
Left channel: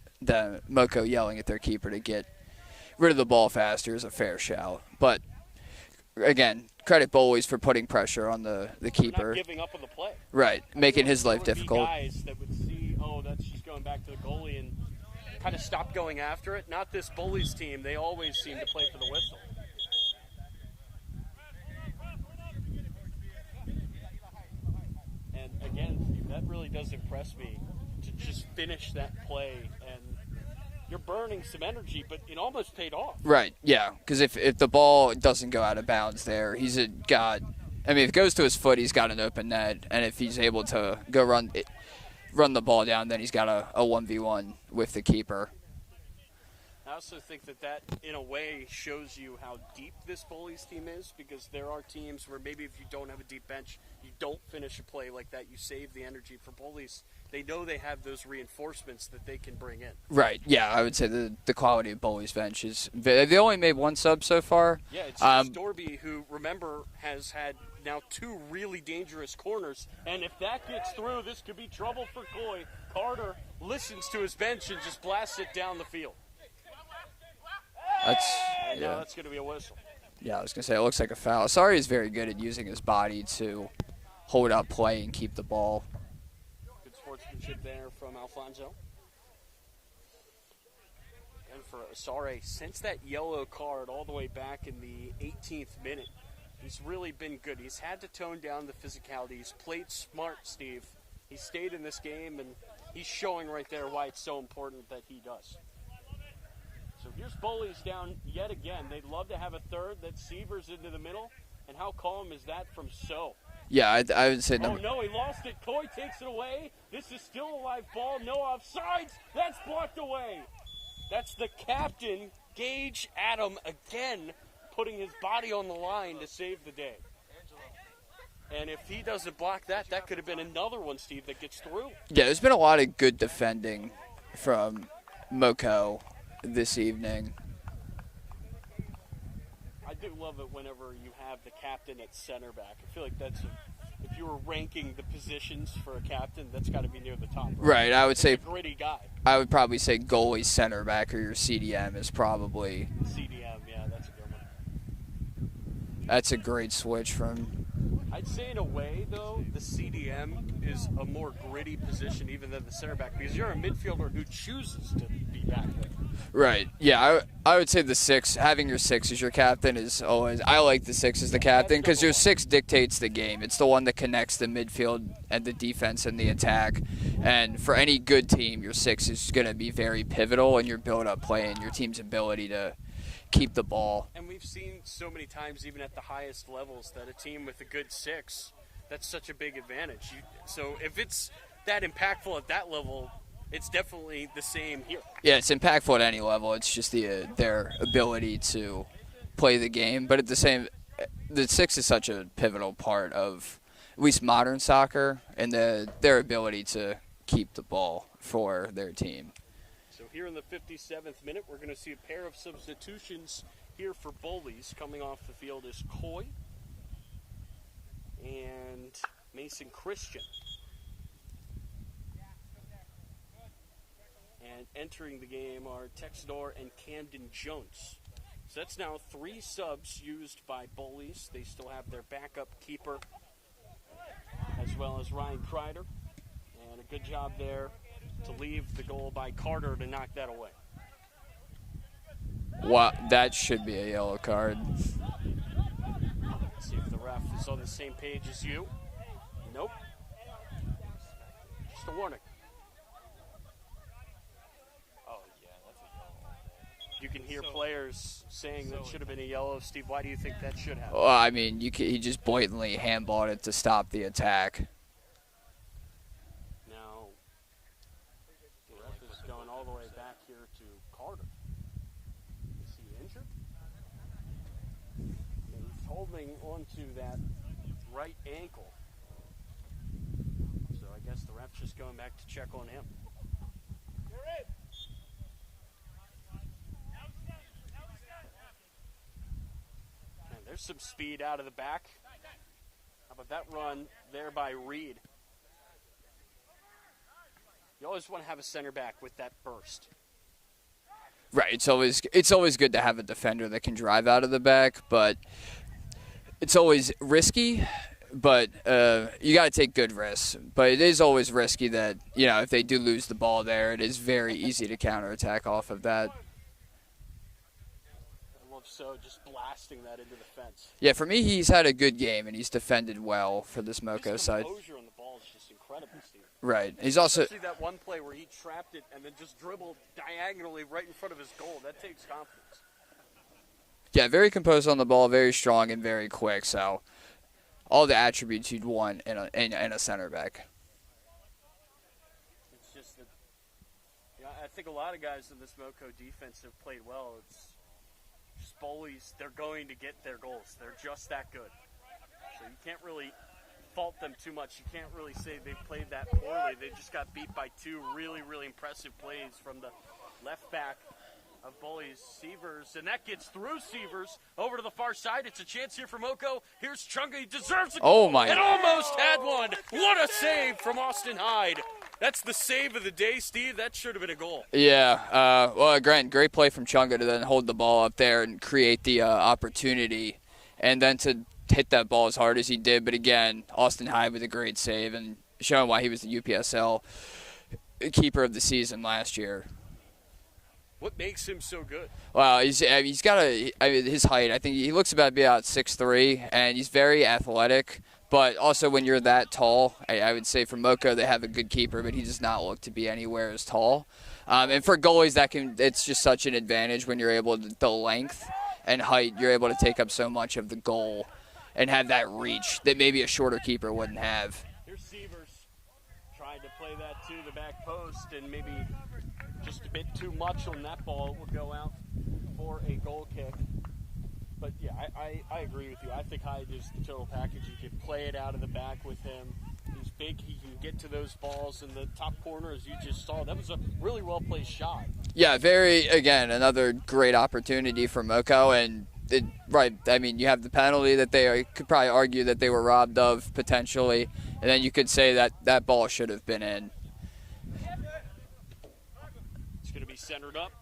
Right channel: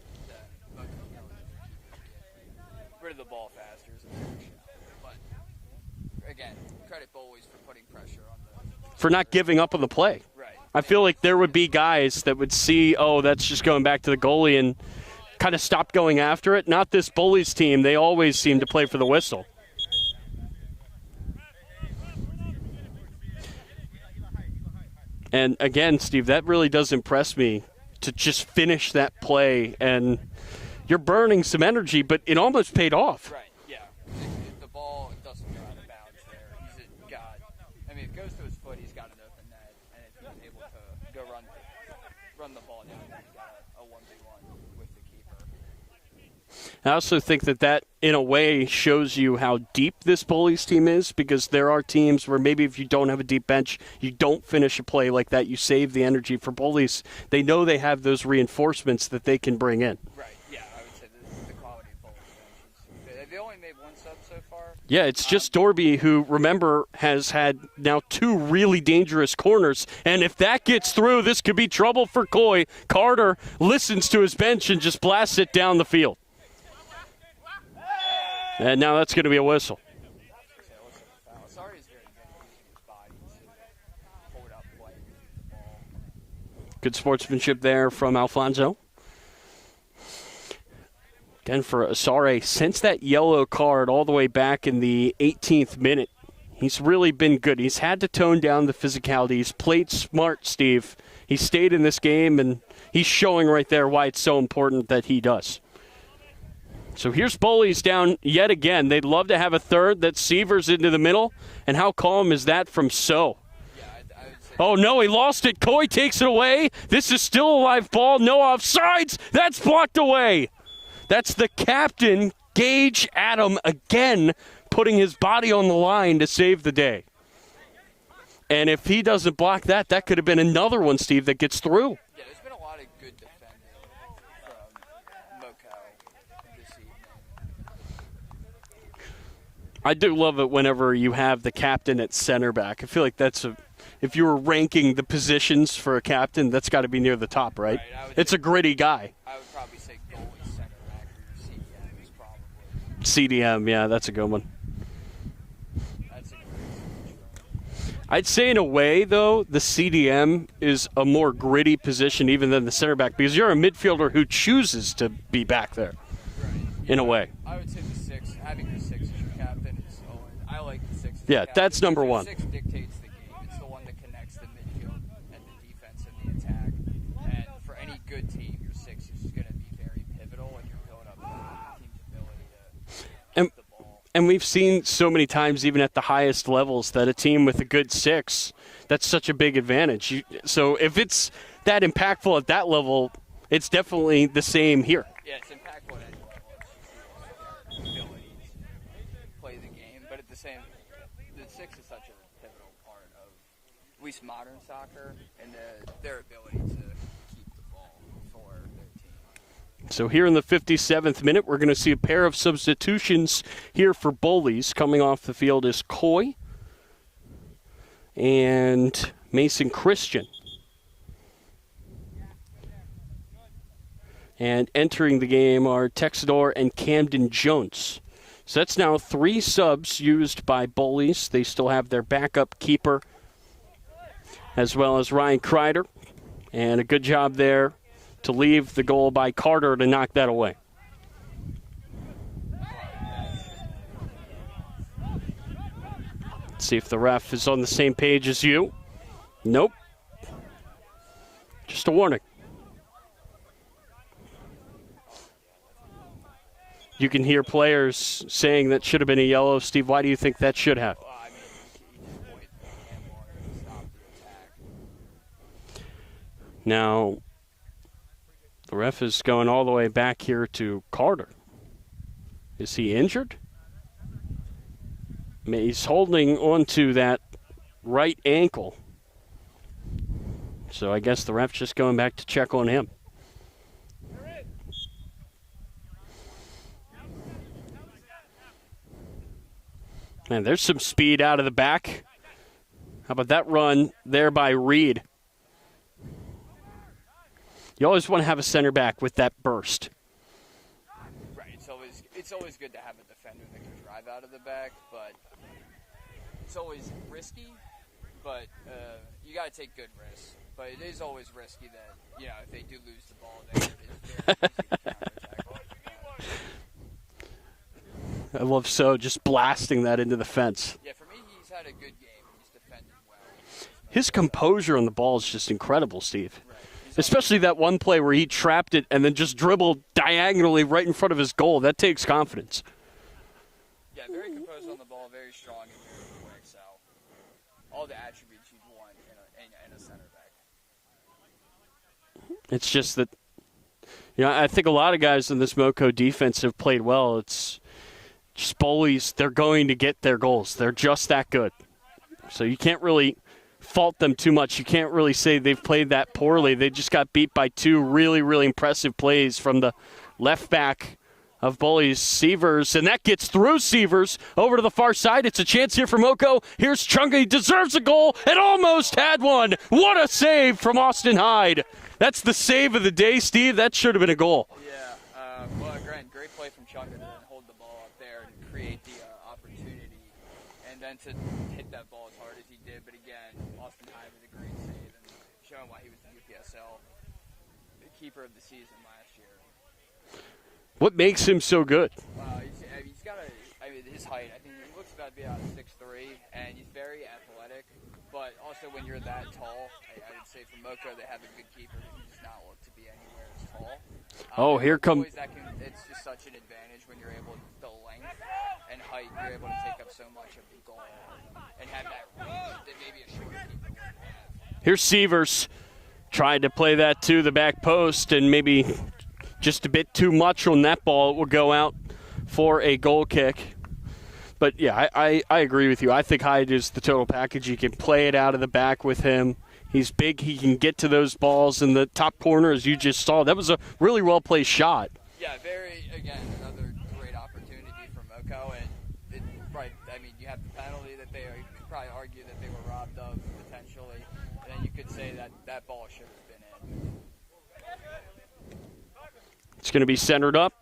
Moco yelling at their keeper to get rid of the ball faster is a fair shout. But again, credit Bowleys for putting pressure on the keeper. For not giving up on the play. Right. I feel like there would be guys that would see, oh, that's just going back to the goalie and kind of stop going after it. Not this Bullies team. They always seem to play for the whistle. And again, Steve, that really does impress me to just finish that play. And you're burning some energy, but it almost paid off. Right, yeah. Because if the ball doesn't go out of bounds there, if it goes to his foot, he's got an open net. And if he's able to go run the ball down, then he's got a 1v1 with the keeper. I also think that in a way, shows you how deep this Bullies team is, because there are teams where maybe if you don't have a deep bench, you don't finish a play like that. You save the energy. For Bullies, they know they have those reinforcements that they can bring in. Right, yeah, I would say the quality of Bullies' bench is – they only made one sub so far. Yeah, it's just Dorby, who, remember, has had now 2 really dangerous corners. And if that gets through, this could be trouble for Coy. Carter listens to his bench and just blasts it down the field. And now that's going to be a whistle. Yeah, I was going to say, it looks like a foul. Asari is very good at using his body to hold up play and keep the ball. Good sportsmanship there from Alfonso. Again, for Asari, since that yellow card all the way back in the 18th minute, he's really been good. He's had to tone down the physicality. He's played smart, Steve. He stayed in this game, and he's showing right there why it's so important that he does. So here's Bowleys down yet again. They'd love to have a third. That Sievers into the middle. And how calm is that from So? Yeah, I would say. Oh, no, he lost it. Coy takes it away. This is still a live ball. No offsides. That's blocked away. That's the captain, Gage Adam, again putting his body on the line to save the day. And if he doesn't block that, that could have been another one, Steve, that gets through. Yeah, there's been a lot of good defending from Moco this evening. I do love it whenever you have the captain at center back. I feel like if you were ranking the positions for a captain, that's got to be near the top, right? Right, I would say. It's a gritty guy. I would probably say goalie center back, or your CDM is probably. CDM, yeah, that's a good one. That's a great switch from I'd say in a way, though, the CDM is a more gritty position even than the center back because you're a midfielder who chooses to be back there. Right. Yeah. In a way. I would say the 6, having your 6 as your captain is always. I like the 6 as the captain that's because number your one. 6 dictates the game. It's the one that connects the midfield and the defense and the attack. And for any good team, your 6 is going to be very pivotal in your build-up play and your team's ability to keep the ball. And we've seen so many times, even at the highest levels, that a team with a good 6, that's such a big advantage. So if it's that impactful at that level, it's definitely the same here. Yeah, it's impactful at any level. It's just their ability to play the game. But at the 6 is such a pivotal part of at least modern soccer and their ability to keep the ball for their team. So here in the 57th minute, we're going to see a pair of substitutions here for Bullies. Coming off the field is Coy and Mason Christian. And entering the game are Texador and Camden Jones. So that's now 3 subs used by Bullies. They still have their backup keeper as well as Ryan Kreider. And a good job there to leave the goal by Carter to knock that away. Wow, that should be a yellow card. Let's see if the ref is on the same page as you. Nope. Just a warning. You can hear players saying that should have been a yellow. Steve, why do you think that should have? Well, I mean, he just blatantly handballed it to stop the attack. Now, the ref is going all the way back here to Carter. Is he injured? I mean, he's holding onto that right ankle. So I guess the ref's just going back to check on him. Man, there's some speed out of the back. How about that run there by Reed? You always want to have a center back with that burst. Right. It's always good to have a defender that can drive out of the back, but it's always risky. But you got to take good risks. But it is always risky that, if they do lose the ball there, it is very easy to counterattack off of that. I love just blasting that into the fence. Yeah, for me, he's had a good game, and he's defended well for this Moco His composure on the ball is just incredible, Steve. Right. Especially that one play where he trapped it and then just dribbled diagonally right in front of his goal. That takes confidence. Yeah, very composed on the ball, very strong, and very quick. So all the attributes you'd want in a center back. It's just that, I think a lot of guys in this Moco defense have played well. It's just Bullies, they're going to get their goals. They're just that good. So you can't really fault them too much. You can't really say they've played that poorly. They just got beat by 2 really, really impressive plays from the left back of Bullies, Sievers, and that gets through Sievers over to the far side. It's a chance here for Moco. Here's Chunga. He deserves a goal and almost had one. What a save from Austin Hyde. That's the save of the day, Steve. That should have been a goal. Yeah. Well, great play from Chunga to then hold the ball up there and create the opportunity, and then to hit that ball as hard as he did. But again, Austin Hyde with a great save and showing why he was the UPSL keeper of the season last year. What makes him so good? Well, he's got his height. I think he looks about to be about 6'3", and he's very athletic. But also when you're that tall, I would say for Moco they have a good keeper, but he does not look to be anywhere as tall. And for goalies, it's just such an advantage when you're able to, the length and height, you're able to take up so much of the goal and have that reach that maybe a shorter keeper wouldn't have. Here's Sievers. Tried to play that to the back post, and maybe just a bit too much on that ball. It will go out for a goal kick. But, yeah, I agree with you. I think Hyde is the total package. You can play it out of the back with him. He's big. He can get to those balls in the top corner, as you just saw. That was a really well-placed shot. Yeah, another great opportunity for Moco. And, you have the penalty that they could probably argue that they were robbed of potentially. And then you could say that ball should have been in. It's going to be centered up.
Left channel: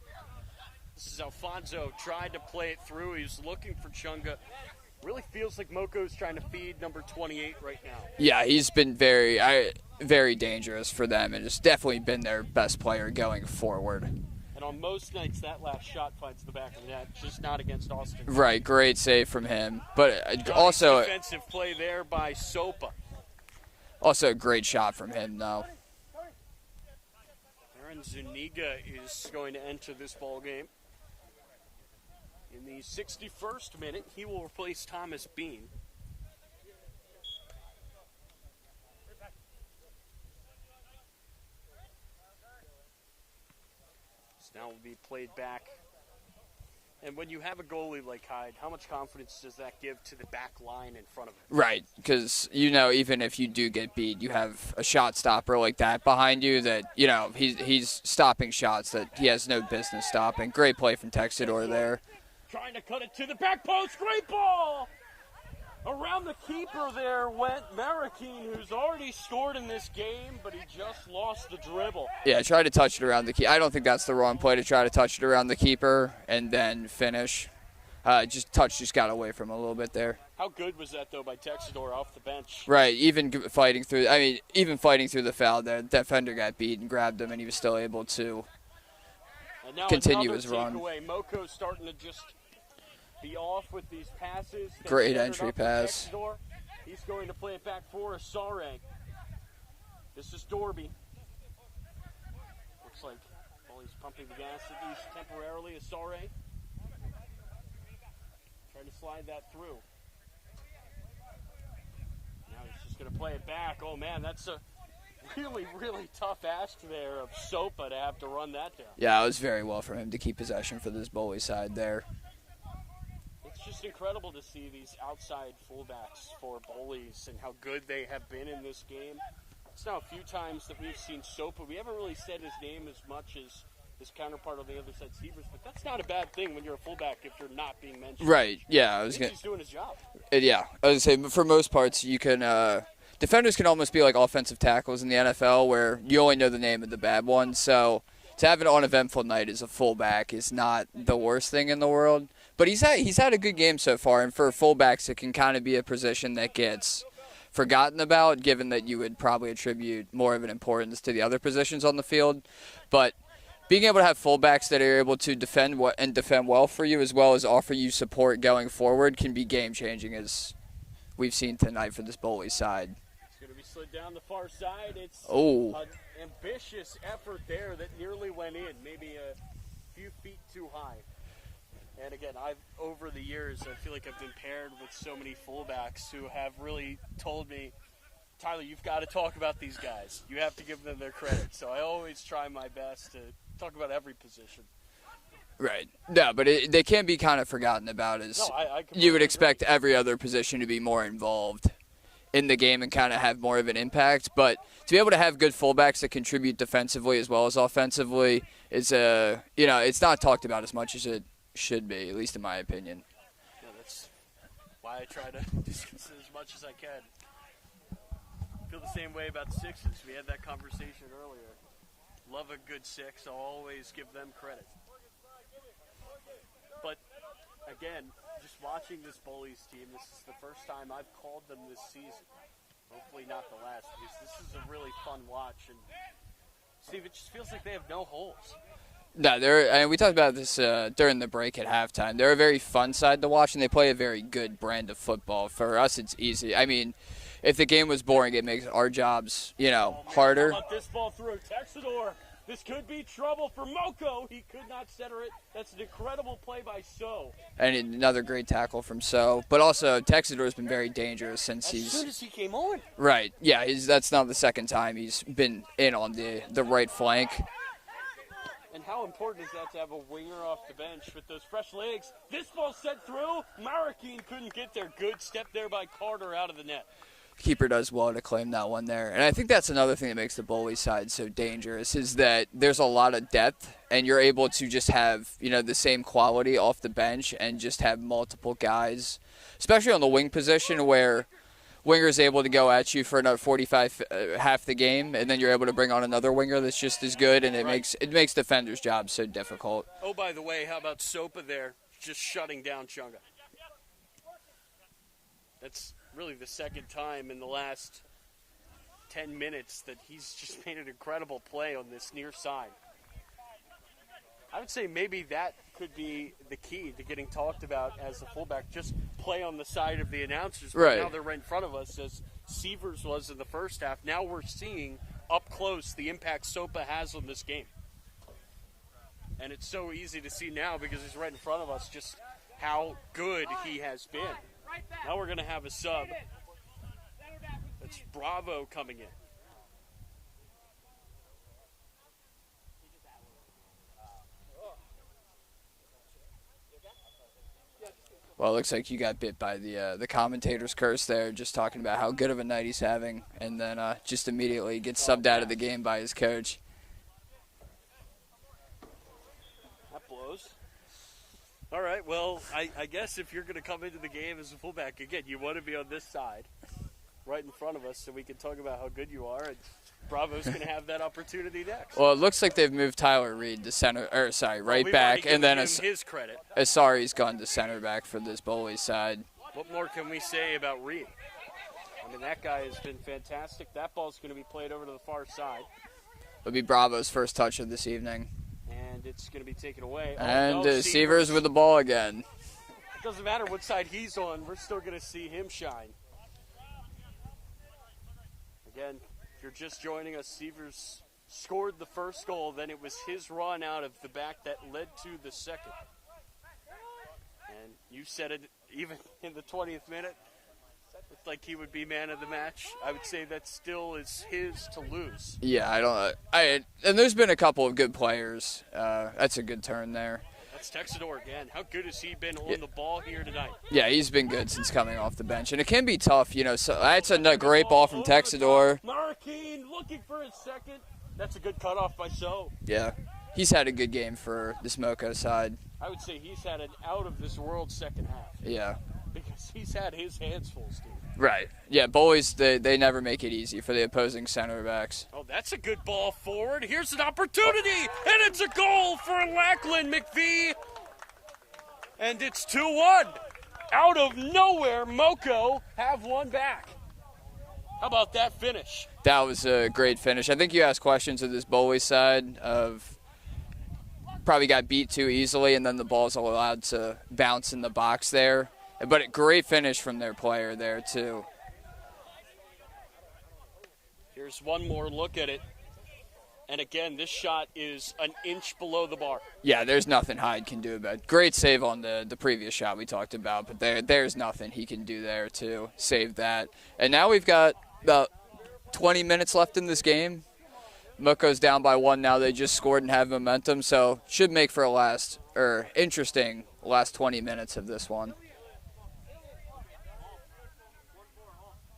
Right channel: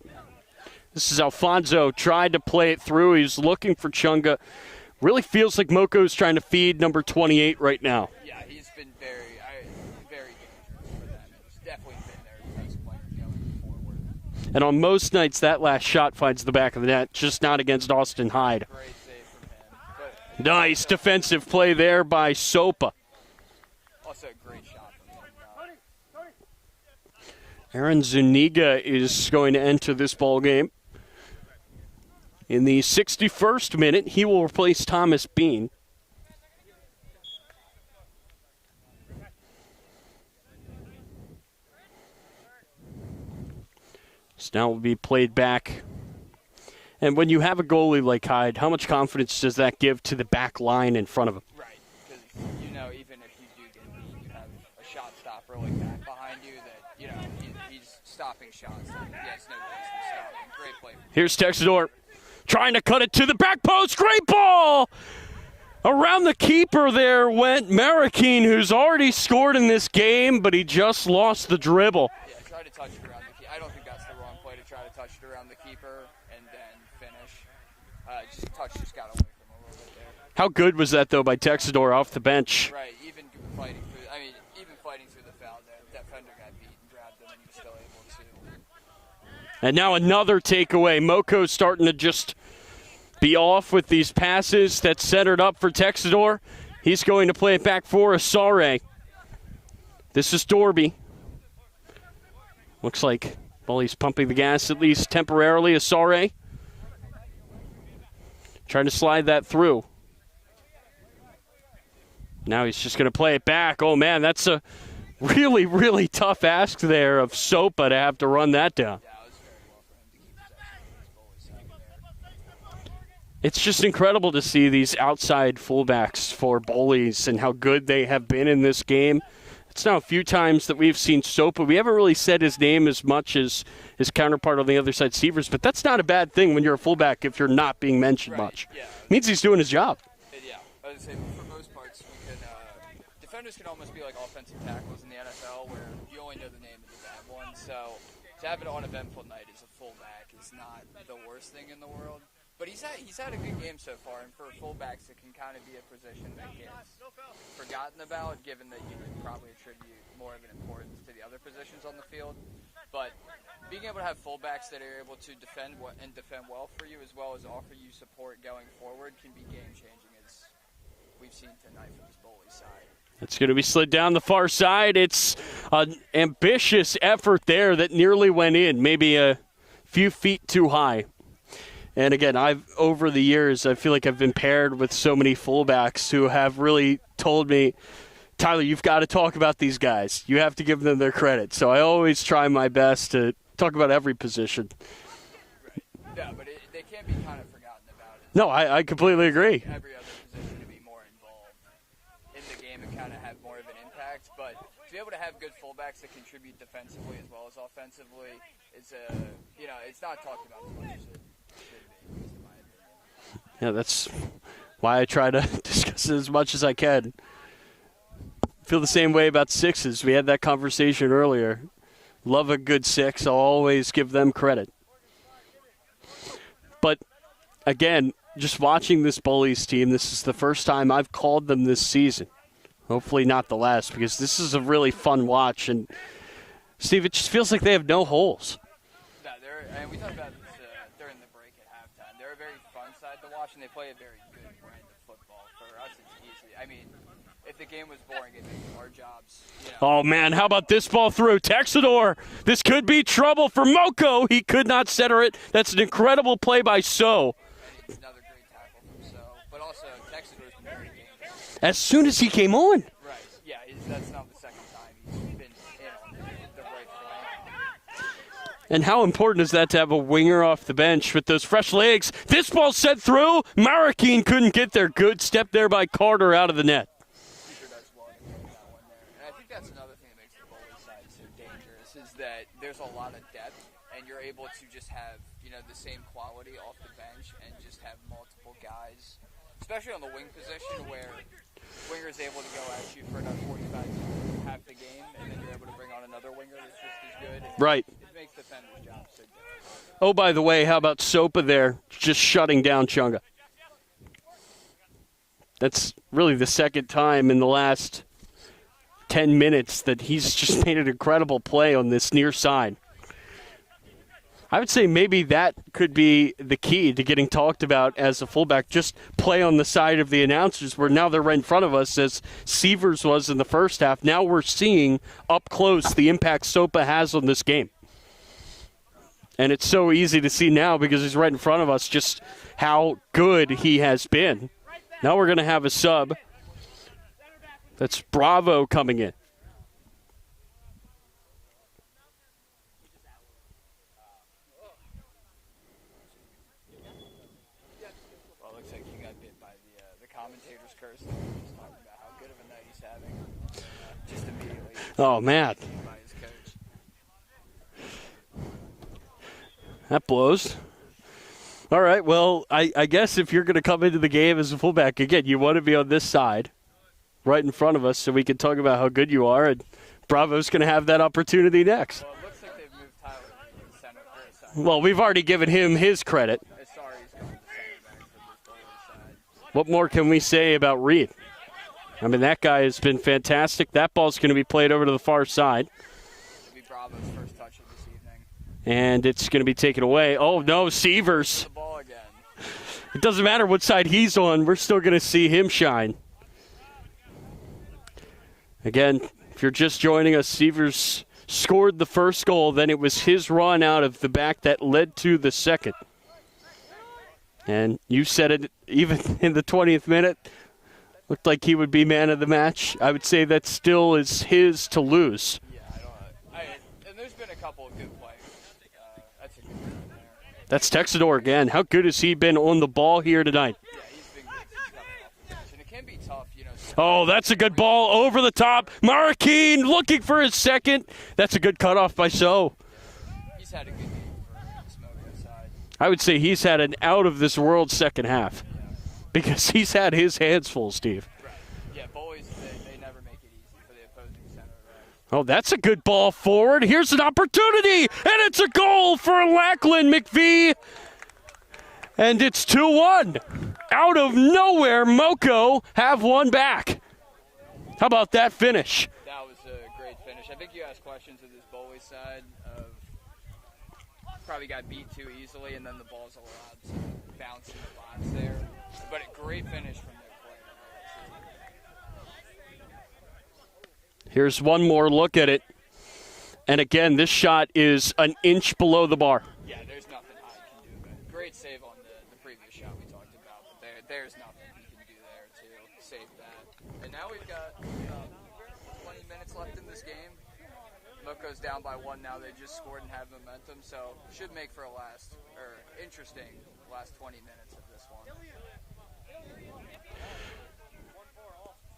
This is Alfonso, tried to play it through. He's looking for Chunga. Really feels like Moco's trying to feed number 28 right now. Yeah, he's been very dangerous for them, and has definitely been their best player going forward. And on most nights, that last shot finds the back of the net, just not against Austin Hyde. Right, great save from him. But nice also, defensive play there by Sopa. Also a great shot from him, though. Aaron Zuniga is going to enter this ball game. In the 61st minute, he will replace Thomas Bean. So now will be played back. And when you have a goalie like Hyde, how much confidence does that give to the back line in front of him? Right, because, even if you do get beat, you have a shot stopper like that behind you that, he's stopping shots that he has no business stopping. Great play from Texador. Here's Texador trying to cut it to the back post. Great ball! Around the keeper there went Marroquin, who's already scored in this game, but he just lost the dribble. Yeah, try to touch it around the keeper. I don't think that's the wrong play to try to touch it around the keeper and then finish. Just got away from him a little bit there. How good was that, though, by Texador off the bench? Right, even fighting through the foul there. The defender got beat and grabbed him, and he was still able to. And now another takeaway. Moco's starting to just be off with these passes that set it up for Texador. He's going to play it back for Asare. This is Dorby. Looks like Bullies pumping the gas at least temporarily. Asare trying to slide that through. Now he's just going to play it back. Oh, man, that's a really, really tough ask there of Sopa to have to run that down. Yeah, it was very well for him to keep possession for this Bully side there. It's just incredible to see these outside fullbacks for Bullies and how good they have been in this game. It's now a few times that we've seen Sopa. We haven't really said his name as much as his counterpart on the other side, Severs, but that's not a bad thing when you're a fullback if you're not being mentioned much. Yeah, it means he's doing his job. Yeah, I was going to say, for most parts, you can defenders can almost be like offensive tackles in the NFL where you only know the name of the bad one. So to have an uneventful night as a fullback is not the worst thing in the world. But he's had a good game so far, and for fullbacks, it can kind of be a position that gets forgotten about, given that you would probably attribute more of an importance to the other positions on the field. But being able to have fullbacks that are able to defend well for you, as well as offer you support going forward, can be game-changing, as we've seen tonight for this Bowleys side. It's going to be slid down the far side. It's an ambitious effort there that nearly went in, maybe a few feet too high. And again, over the years, I feel like I've been paired with so many fullbacks who have really told me, Tyler, you've got to talk about these guys. You have to give them their credit. So I always try my best to talk about every position. Right. No, but they can be kind of forgotten about. I completely agree. You would expect agree. every other position to be more involved in the game and kind of have more of an impact. But to be able to have good fullbacks that contribute defensively as well as offensively is it's not talked about as much as it should be, at least in my opinion. Yeah, that's why I try to discuss it as much as I can. Feel the same way about sixes. We had that conversation earlier. Love a good six. I'll always give them credit. But, again, just watching this Bullies team, this is the first time I've called them this season. Hopefully not the last, because this is a really fun watch. And, Steve, it just feels like they have no holes. No, we talked about this during the break at halftime. They're a very fun side to watch, and they play a very good brand of football. For us, it's easy. I mean, if the game was boring, it makes our jobs, Oh, man, harder. How about this ball through? Texador, this could be trouble for Moco. He could not center it. That's an incredible play by So. And another great tackle from So. But also, Texador's been very dangerous since as soon as he came on. Right. Yeah, that's not the second time he's been in on the right flank. And how important is that to have a winger off the bench with those fresh legs? This ball set through. Marroquin couldn't get there. Good step there by Carter out of the net. Keeper does well to claim that one there. And I think that's another thing that makes the Bully side so dangerous is that there's a lot of depth, and you're able to just have, the same quality off the bench and just have multiple guys, especially on the wing position where winger's able to go at you for another 45 half the game, and then you're able to bring on another winger that's just as good, and it makes defenders' jobs so difficult. Oh, by the way, how about Sopa there just shutting down Chunga? that's really the second time in the last 10 minutes that he's just made an incredible play on this near side. I would say maybe that could be the key to getting talked about as a fullback. Just play on the side of the announcers, where now they're right in front of us, as Severs was in the first half. Now we're seeing up close the impact Sopa has on this game. And it's so easy to see now because he's right in front of us just how good he has been. Now we're going to have a sub. That's Bravo coming in. Well, it looks like you got bit by the commentator's curse there, just talking about how good of a night he's having, and then just immediately gets subbed out of the game by his coach. That blows. All right, well, I guess if you're going to come into the game as a fullback, again, you want to be on this side, right in front of us, so we can talk about how good you are, and Bravo's going to have that opportunity next. Well, it looks like they've moved Tyler Reed to center, well, we've already given him his credit. Asari's gone to center back for this Bullies side. What more can we say about Reed? I mean, that guy has been fantastic. That ball's going to be played over to the far side. It'll be Bravo's first touch of this evening. And it's going to be taken away. Oh, no, Severs with the ball again. It doesn't matter what side he's on. We're still going to see him shine. Again, if you're just joining us, Severs scored the first goal. Then it was his run out of the back that led to the second. And you said it even in the 20th minute. Looked like he would be man of the match. I would say that still is his to lose. Yeah, and there's been a couple of good players. That's a good turn there. That's Texador again. How good has he been on the ball here tonight? Yeah, he's been good since coming off the bench. And it can be tough, you know. So that's a good ball over the top. Marroquin looking for his second. That's a good cutoff by So. Yeah, he's had a good game for this Moco side. I would say he's had an out-of-this-world second half. Yeah. Because he's had his hands full, Steve. Right. Yeah, Bullies, they never make it easy for the opposing center backs. Oh, that's a good ball forward. Here's an opportunity, and it's a goal for Lackland McVie. And it's 2-1. Out of nowhere, Moco have one back. How about that finish? That was a great finish. I think you asked questions of this Bowleys side of probably got beat too easily, and then the ball's allowed to bounce in the box there. But a great finish from their player there, too. Here's one more look at it. And again, this shot is an inch below the bar. Yeah, there's nothing Hyde can do about it. Great save on the previous shot we talked about, but there's nothing he can do there to save that. And now we've got about 20 minutes left in this game. Moco's down by 1 now. They just scored and have momentum, so should make for a interesting last 20 minutes of this one.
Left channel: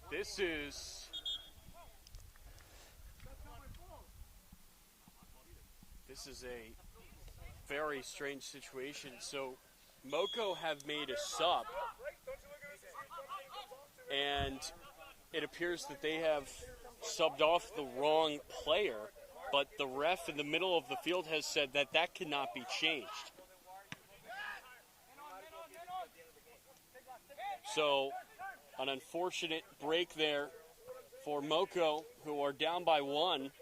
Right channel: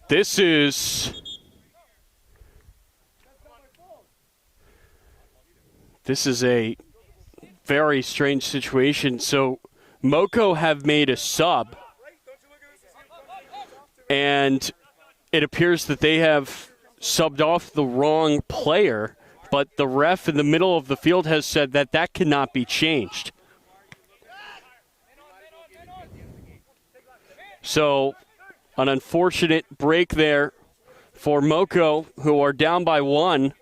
This is a very strange situation. So Moco have made a sub, and it appears that they have subbed off the wrong player, but the ref in the middle of the field has said that that cannot be changed. So an unfortunate break there for Moco, who are down by 1.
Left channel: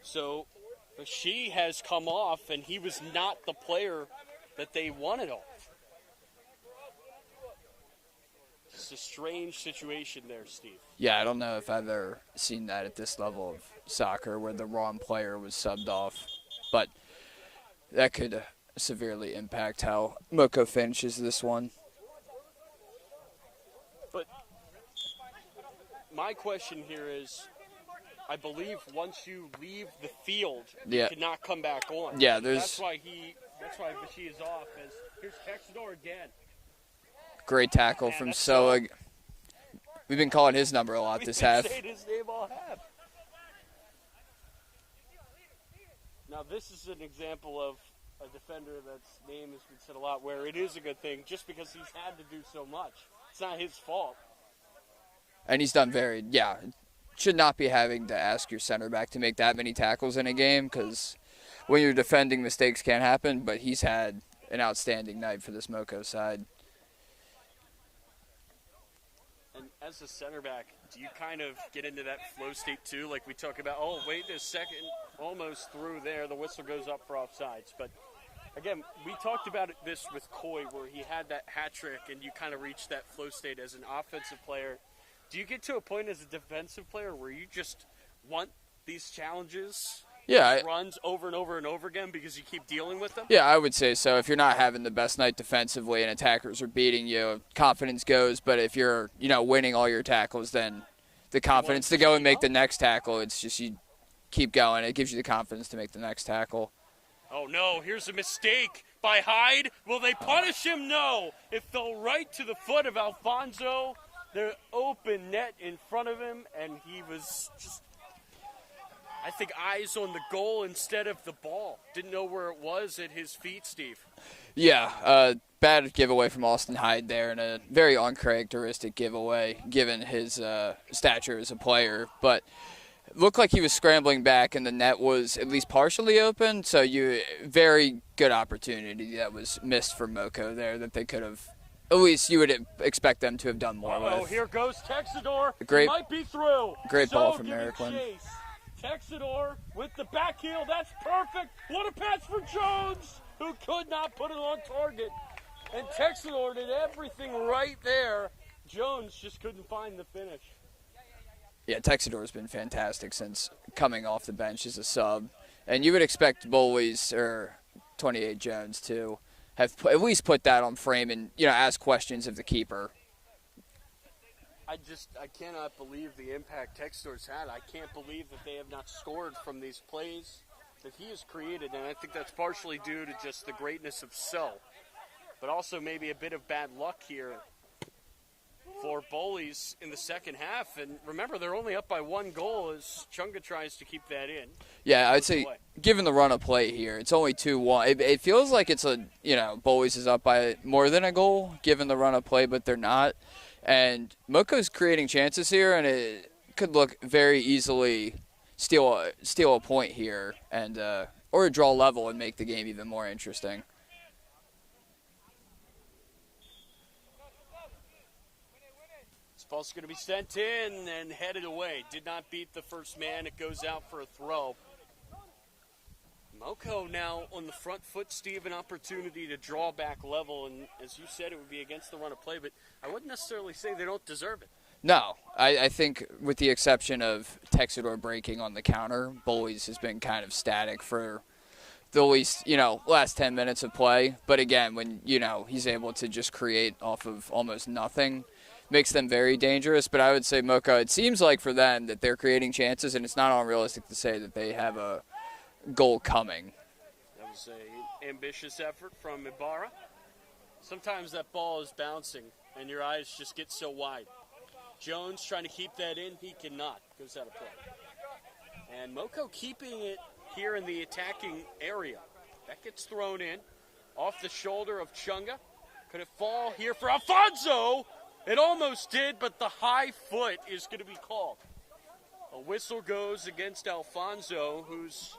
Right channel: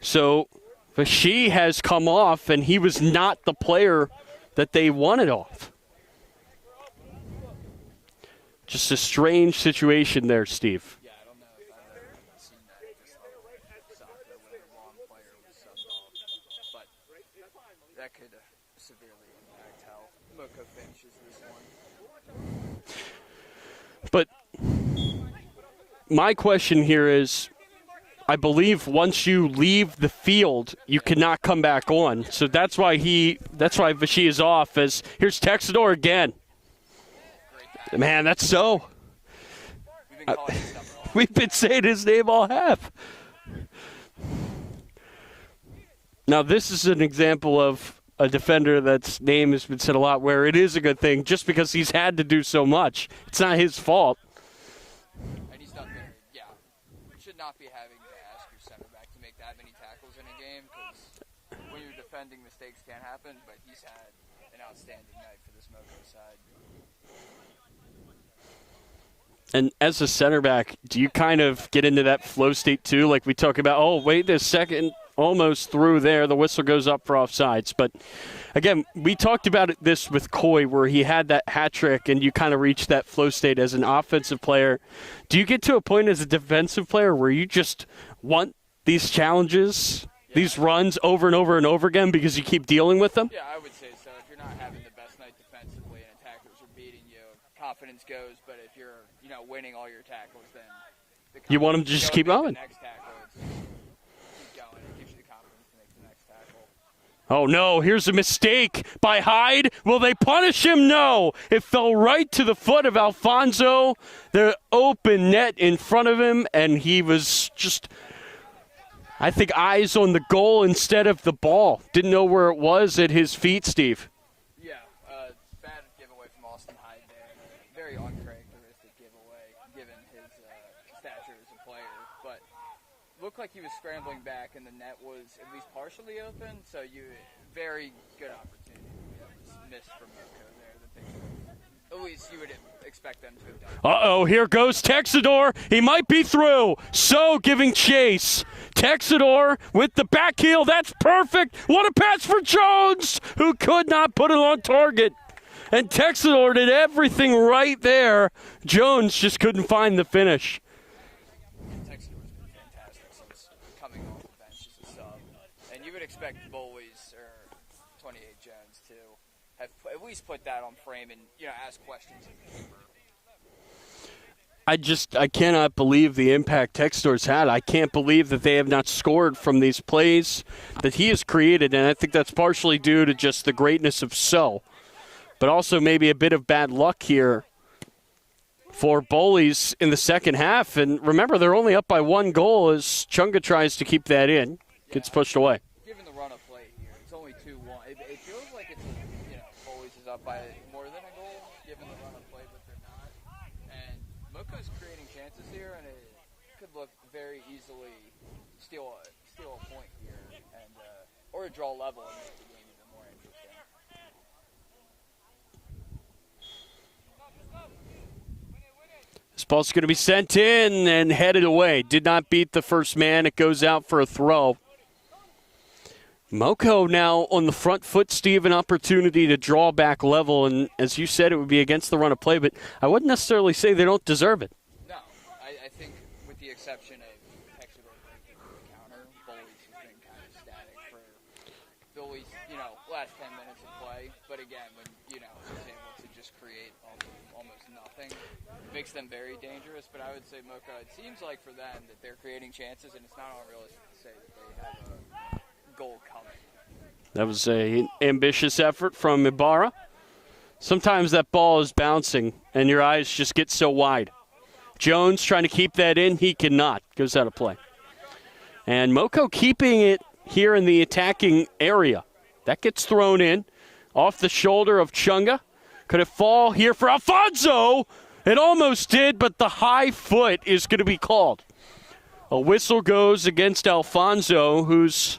So Vashi has come off, and he was not the player that they wanted off. Just a strange situation there, Steve. Yeah, I don't know if I've ever seen that at this level of soccer where the wrong player was subbed off. But that could severely impact how Moco finishes this one. But my question here is, I believe once you leave the field, you cannot come back on. Yeah, so that's why Vashi is off. As here's Texador again. Great tackle. Man, that's so. We've been calling his number a lot. We've been saying his name all half. Now this is an example of a defender that's name has been said a lot, where it is a good thing just because he's had to do so much. It's not his fault. And he's done should not be having to ask your center back to make that many tackles in a game, because when you're defending, mistakes can happen, but he's had an outstanding night for this Moco side. And as a center back, do you kind of get into that flow state too? Like we talk about, oh, wait a second, almost through there. The whistle goes up for offsides. But, again, we talked about this with Coy where he had that hat trick and you kind of reach that flow state as an offensive player. Do you get to a point as a defensive player where you just want these challenges, these runs over and over and over again because you keep dealing with them? Yeah, I would say so. If you're not having the best night defensively and attackers are beating you, confidence goes. But if you're, winning all your tackles, then the confidence to go and make the next tackle, it's just you keep going. It gives you the confidence to make the next tackle. Oh, no, here's a mistake by Hyde. Will they punish him? No. It fell right to the foot of Alfonso. The open net in front of him, and he was just, I think, eyes on the goal instead of the ball. Didn't know where it was at his feet, Steve. Yeah, bad giveaway from Austin Hyde there, and a very uncharacteristic giveaway given his stature as a player. But looked like he was scrambling back, and the net was at least partially open. So very good opportunity that was missed for Moco there that they could have. At least you would expect them to have done more. Uh-oh, here goes Texador. He might be through. So giving chase. Texador with the back heel. That's perfect. What a pass for Jones, who could not put it on target. And Texador did everything right there. Jones just couldn't find the finish. Yeah, Texador has been fantastic since coming off the bench as a sub. And you would expect Bullies or 28 Jones to have at least put that on frame and, ask questions of the keeper. I cannot believe the impact Texador's had. I can't believe that they have not scored from these plays that he has created, and I think that's partially due to just the greatness of So, but also maybe a bit of bad luck here for Bowleys in the second half. And remember, they're only up by 1 goal as Chunga tries to keep that in. Yeah, it's pushed away. Given the run of play here, it's only 2-1. It feels like it's Bowleys is up by more than a goal given the run of play, but they're not. And Moco's creating chances here, and it could look very easily steal a point here, and or draw level and make the game even more interesting. This ball's going to be sent in and headed away. Did not beat the first man. It goes out for a throw. Moco now on the front foot, Steve, an opportunity to draw back level. And as you said, it would be against the run of play, but I wouldn't necessarily say they don't deserve it. No, I think with the exception of Texador breaking on the counter, Bullies has been kind of static for the least, last 10 minutes of play. But again, when, he's able to just create off of almost nothing, makes them very dangerous. But I would say Moco, it seems like for them that they're creating chances, and it's not unrealistic to say that they have a goal coming. That was an ambitious effort from Ibarra. Sometimes that ball is bouncing, and your eyes just get so wide. Jones trying to keep that in. He cannot. Goes out of play. And Moco keeping it here in the attacking area. That gets thrown in off the shoulder of Chunga. Could it fall here for Alfonso? It almost did, but the high foot is going to be called. A whistle goes against Alfonso, who's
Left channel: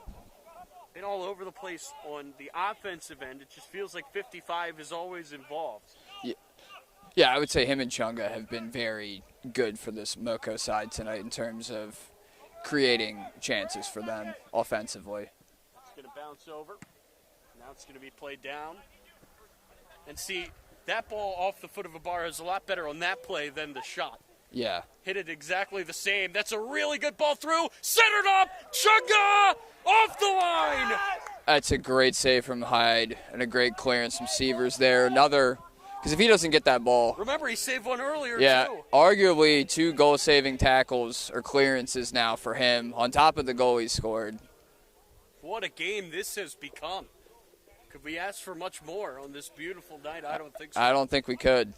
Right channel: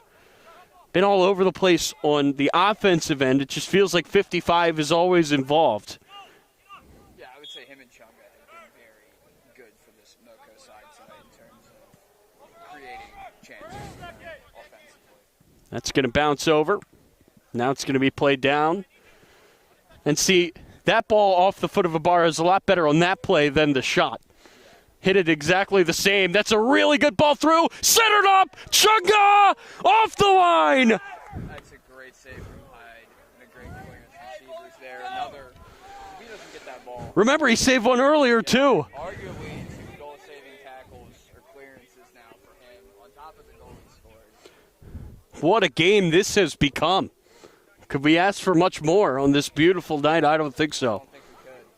been all over the place on the offensive end. It just feels like 55 is always involved. Yeah, I would say him and Chunga have been very good for this Moco side tonight in terms of creating chances for them offensively. That's going to bounce over. Now it's going to be played down. And see, that ball off the foot of Ibarra is a lot better on that play than the shot. Yeah. Hit it exactly the same. That's a really good ball through. Centered up. Chunga off the line. That's a great save from Hyde and a great clearance from Severs there. Another, because if he doesn't get that ball. Remember, he saved one earlier, too. Arguably 2 goal-saving tackles or clearances now for him on top of the goal he scored. What a game this has become. Could we ask for much more on this beautiful night? I don't think so. I don't think we could.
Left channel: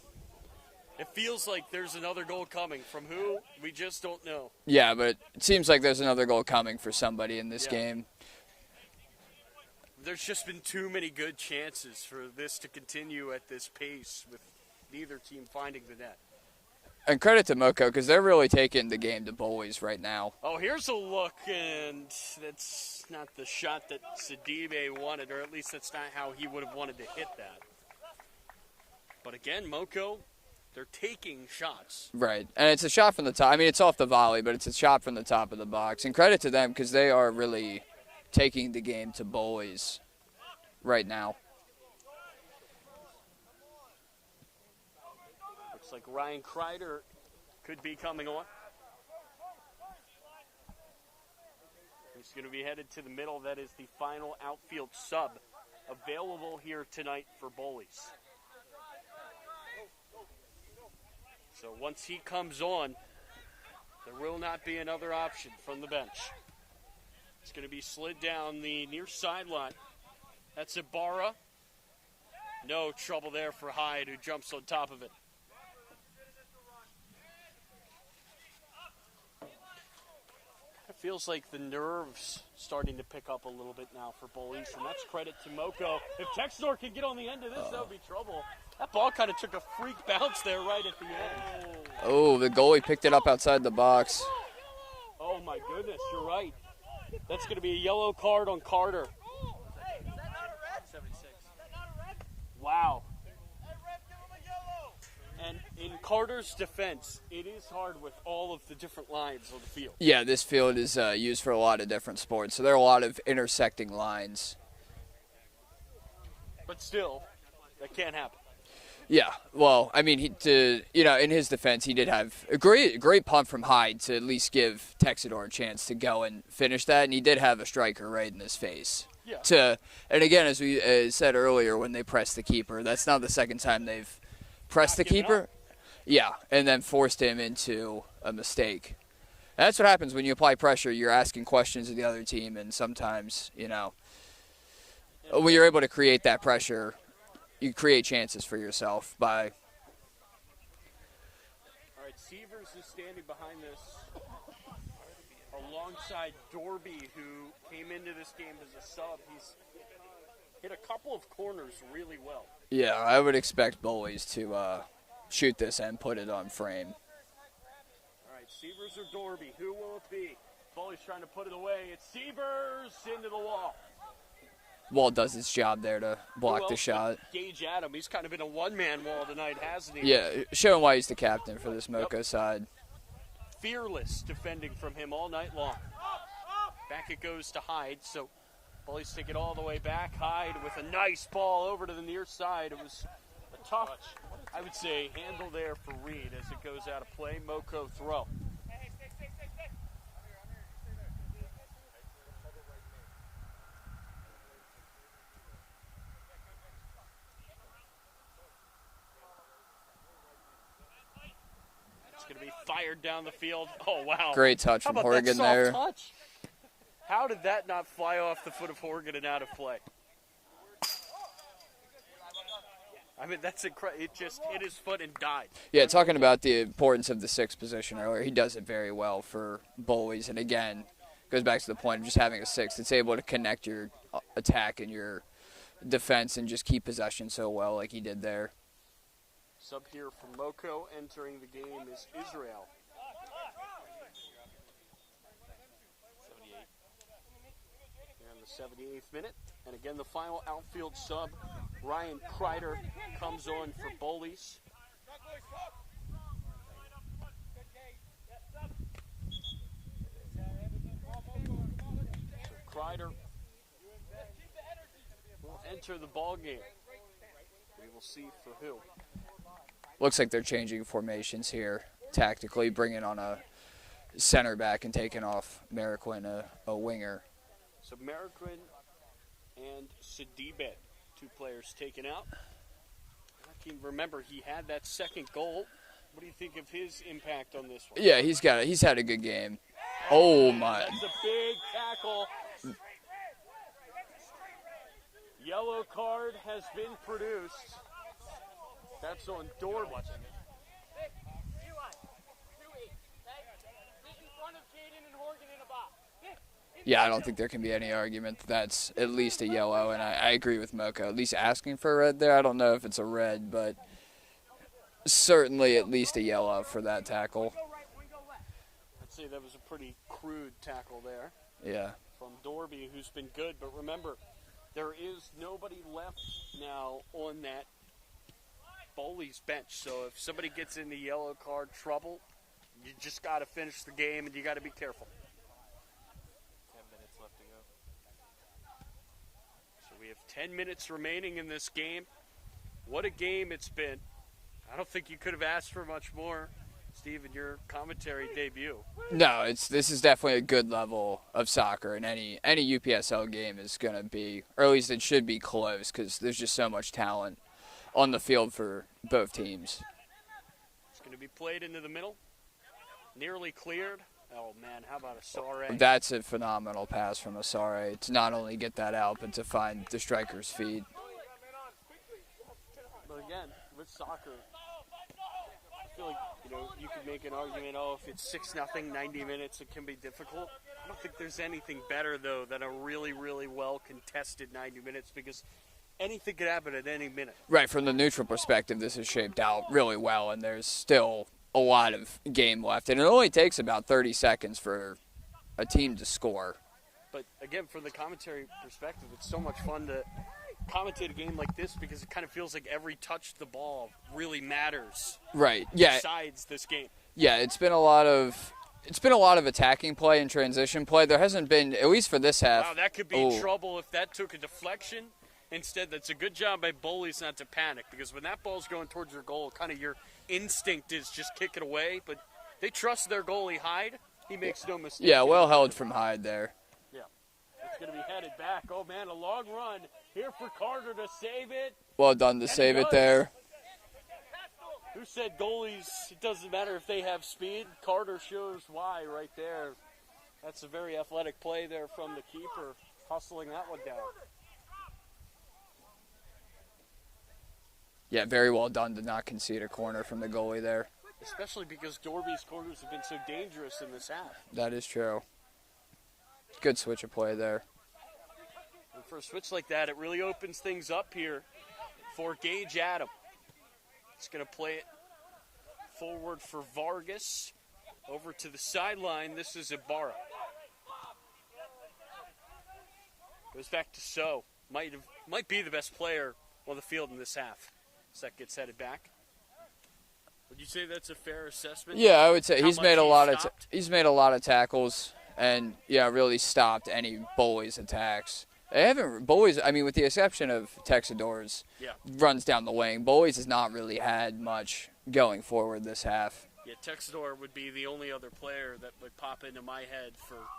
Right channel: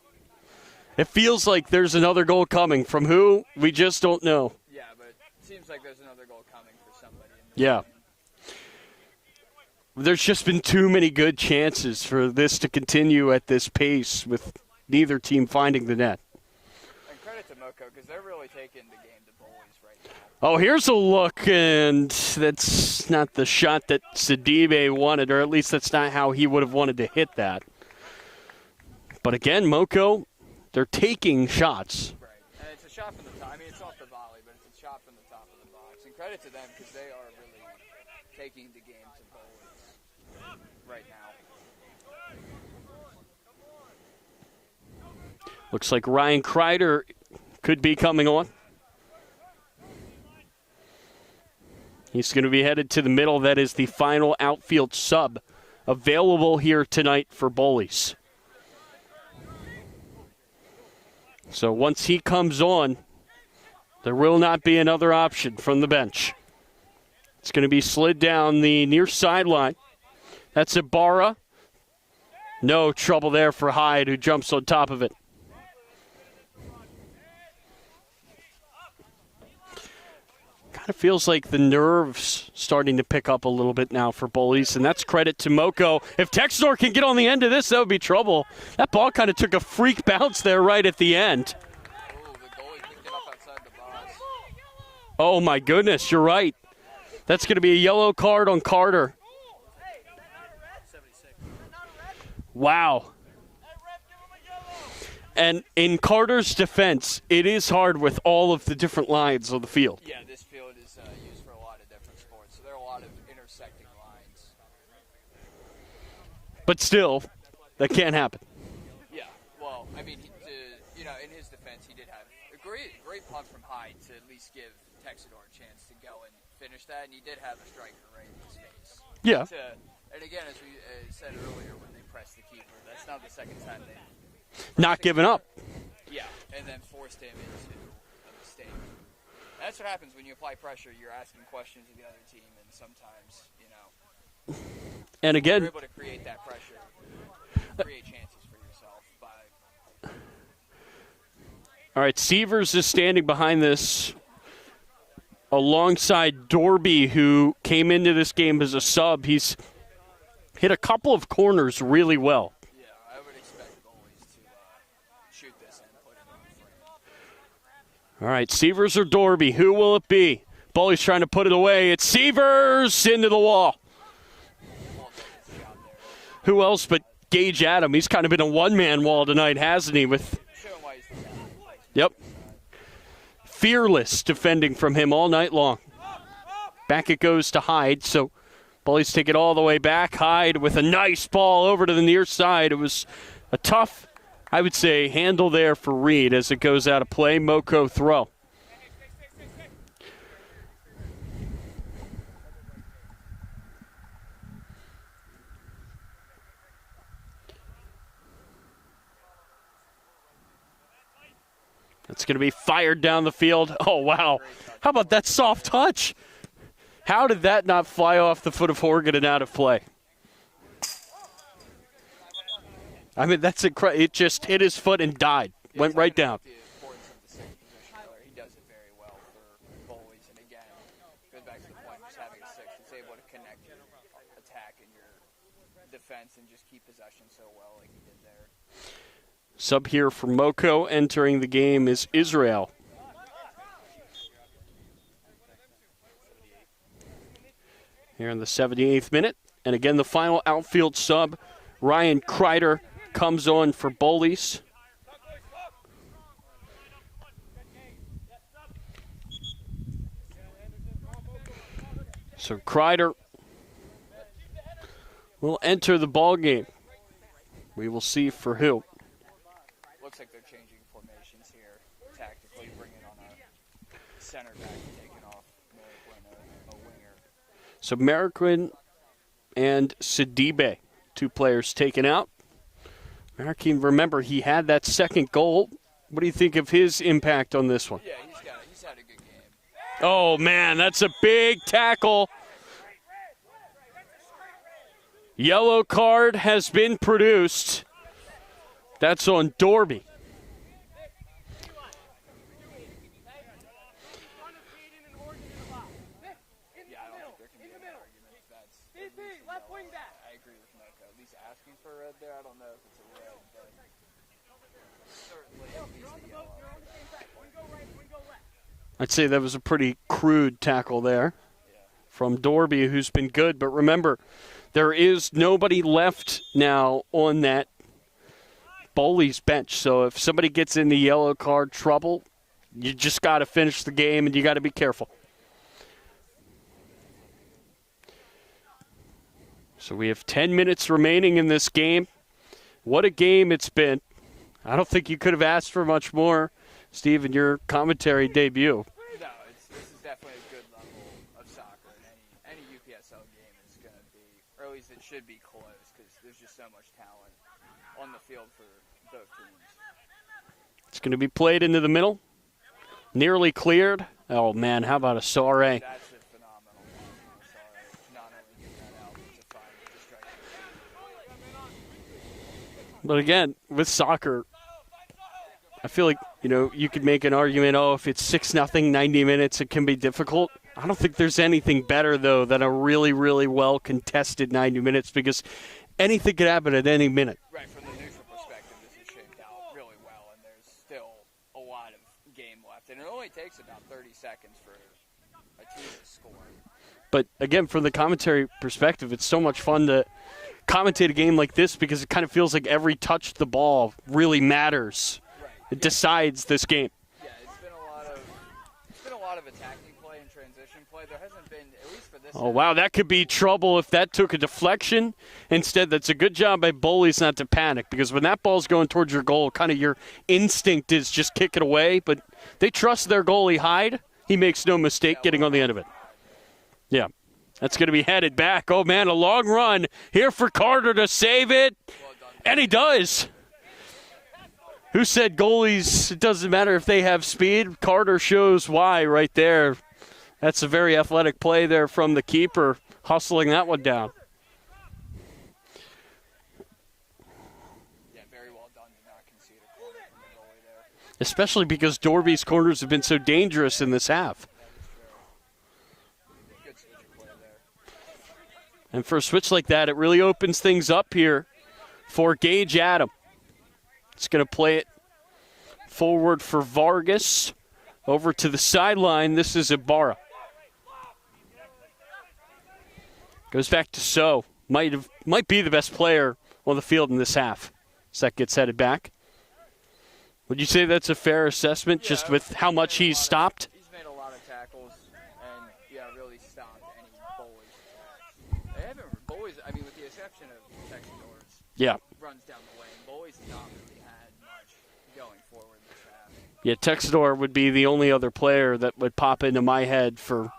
It feels like there's another goal coming. From who? We just don't know. Yeah, but it seems like there's another goal coming for somebody in this game. There's just been too many good chances for this to continue at this pace with neither team finding the net. And credit to Moco because they're really taking the game to Bowleys right now. Oh, here's a look, and that's not the shot that Sidibe wanted, or at least that's not how he would have wanted to hit that. But again, Moco They're taking shots. Right, and it's a shot from the top. I mean, it's off the volley, but it's a shot from the top of the box. And credit to them because they are really taking the game to Bowleys right now. Looks like Ryan Kreider could be coming on. He's going to be headed to the middle. That is the final outfield sub available here tonight for Bullies. So once he comes on, there will not be another option from the bench. It's going to be slid down the near sideline. That's Ibarra. No trouble there for Hyde, who jumps on top of it. Kind of feels like the nerves starting to pick up a little bit now for Bullies, and that's credit to Moco. If Textor can get on the end of this, that would be trouble. That ball kind of took a freak bounce there right at the end. Oh, the goalie picked it up outside the box. Oh, my goodness, you're right. That's going to be a yellow card on Carter. Wow. And in Carter's defense, it is hard with all of the different lines of the field. Yeah, this field is used for a lot of different sports, so there are a lot of intersecting lines. But still, that can't happen. Yeah, well, I mean, in his defense, he did have a great punt from Hyde to at least give Texador a chance to go and finish that, and he did have a striker right in his face. Yeah. And again, as we said earlier, when they pressed the keeper, that's not the second time they've pressed Not the giving keeper. up. Yeah, and then forced him into a mistake. And that's what happens when you apply pressure. You're asking questions of the other team, and sometimes, and when again, you're able to create that pressure, you create chances for yourself by. All right, Severs is standing behind this alongside Dorby, who came into this game as a sub. He's hit a couple of corners really well. Yeah, I would expect Bowleys to shoot this and put it on frame. All right, Severs or Dorby, who will it be? Bullies trying to put it away. It's Severs into the wall. Wall does his job there to block Who the else shot. but Gage Adam? He's kind of been a one-man wall tonight, hasn't he? Yeah, With showing why he's the captain for this Moco side. fearless defending from him all night long. Back it goes to Hyde, so Bullies take it all the way back. Hyde with a nice ball over to the near side. It was a tough, I would say, handle there for Reed as it goes out of play. Moco throw. It's going to be fired down the field. Oh, wow. Great touch How from about that Horgan soft there. touch? How did that not fly off the foot of Horgan and out of play? I mean, that's incredible. It just hit his foot and died. Yeah, Went talking right down. about the importance of the sixth position earlier, he does it very well for Bowleys. And again, goes back to the point of just having a sixth. It's able to connect your attack and your defense and just keep possession so well like he did there. Sub here for Moco entering the game is Israel. Here in the 78th minute. And again, the final outfield sub, Ryan Kreider, comes on for Bowleys. So Kreider will enter the ball game. We will see for who. Looks like they're changing formations here tactically, bringing on a center back and taking off Mariquin, a winger. So Mariquin and Sidibe, two players taken out. Mariquin, remember, he had that second goal. What do you think of his impact on this one? Yeah, he's had a good game. Oh, Oh, man, my. that's a big tackle. Yellow card has been produced. That's on Dorby. Yeah, I don't think there can be any argument that that's at least a yellow, and I agree with Moco. At least asking for a red there. I don't know if it's a red, but certainly at least a yellow for that tackle. I'd say that was a pretty crude tackle there Yeah. from Dorby, who's been good. But remember, there is nobody left now on that Bowleys bench. So if somebody gets in the yellow card trouble, you just got to finish the game, and you got to be careful. So we have 10 minutes remaining in this game. What a game it's been. I don't think you could have asked for much more, Steve, in your commentary debut. No, this is definitely a good level of soccer, and any UPSL game is going to be, or at least it should be close, because there's just so much talent on the field for both teams. It's going to be played into the middle. Nearly cleared. Oh, man, how about Asare? That's a phenomenal pass from Asare to not only get that out, but to find the striker's feed. But again, with soccer, I feel like, you could make an argument, if it's 6-0, 90 minutes, it can be difficult. I don't think there's anything better, though, than a really, really well-contested 90 minutes, because anything could happen at any minute. Right, from the neutral perspective, this is shaped out really well, and there's still a lot of game left. And it only takes about 30 seconds for a team to score. But, again, from the commentary perspective, it's so much fun to commentate a game like this because it kind of feels like every touch of the ball really matters. Right. It decides this game. Yeah, it's been a lot of attacking play and transition play. There hasn't been, at least for this half. Wow, that could be trouble if that took a deflection. Instead, that's a good job by Bullies not to panic, because when that ball's going towards your goal, kind of your instinct is just kick it away. But they trust their goalie, Hyde. He makes no mistake getting on the end of it. From Hyde there. Yeah. That's going to be headed back. Oh, man, a long run here for Carter to save it. Well done to and save he does. it there. Who said goalies, it doesn't matter if they have speed? Carter shows why right there. That's a very athletic play there from the keeper, hustling that one down. Yeah, very well done to not concede a corner from the goalie there. Especially because Dorby's corners have been so dangerous in this half. That is true. Good switch of play there. And for a switch like that, it really opens things up here for Gage Adam. It's going to play it forward for Vargas. Over to the sideline. This is Ibarra. Goes back to So. Might be the best player on the field in this half. So that gets headed back. Would you say that's a fair assessment? Yeah, just I would with say how much he's stopped? He's made a lot of tackles and, really stopped any Bullies attacks. They haven't, Bullies, with the exception of Texador's, runs down the wing. Bullies has not really had much going forward this half. Yeah, Texador would be the only other player that would pop into my head for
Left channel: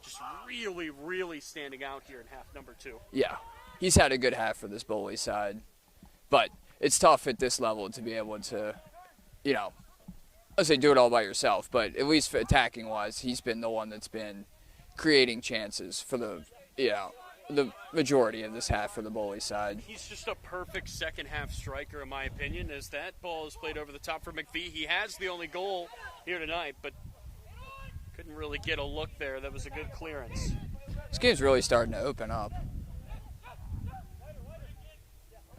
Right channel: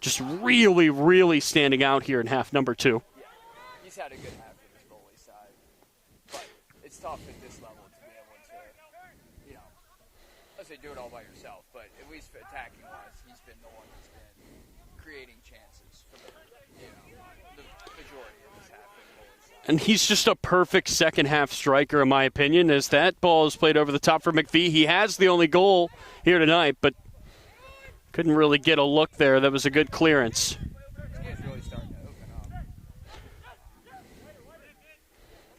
just really, really standing out here in half number 2. Yeah, he's had a good half for this Bullies side. But it's tough at this level to be able to, let's say do it all by yourself, but at least for attacking-wise, he's been the one that's been creating chances for the majority of this half for the Bullies side. And he's just a perfect second-half striker, in my opinion, as that ball is played over the top for McVie. He has the only goal here tonight, but couldn't really get a look there. That was a good clearance. This game's really starting to open up.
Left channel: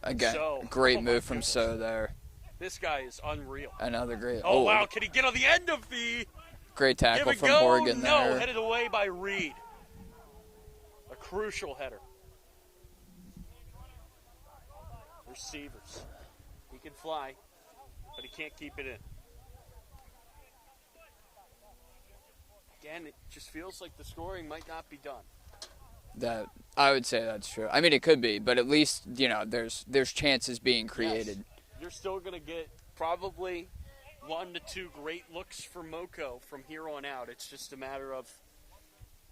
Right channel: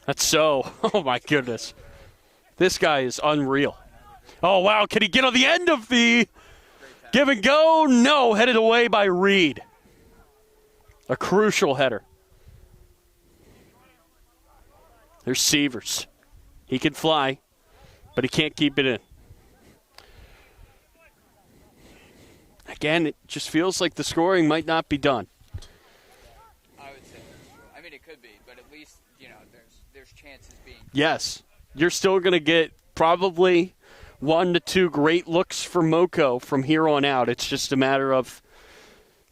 That's Again, So. Great Oh, my move goodness. from So there. This guy is unreal. Another great. Oh, wow. Can he get on the end of the great tackle give and from go? Morgan No. there. Headed away by Reed. A crucial header. There's Sievers. He can fly, but he can't keep it in. Again, it just feels like the scoring might not be done. That I would say that's true. It could be, but at least there's chances being created. Yes, you're still going to get probably 1 to 2 great looks for Moco from here on out. It's just a matter of,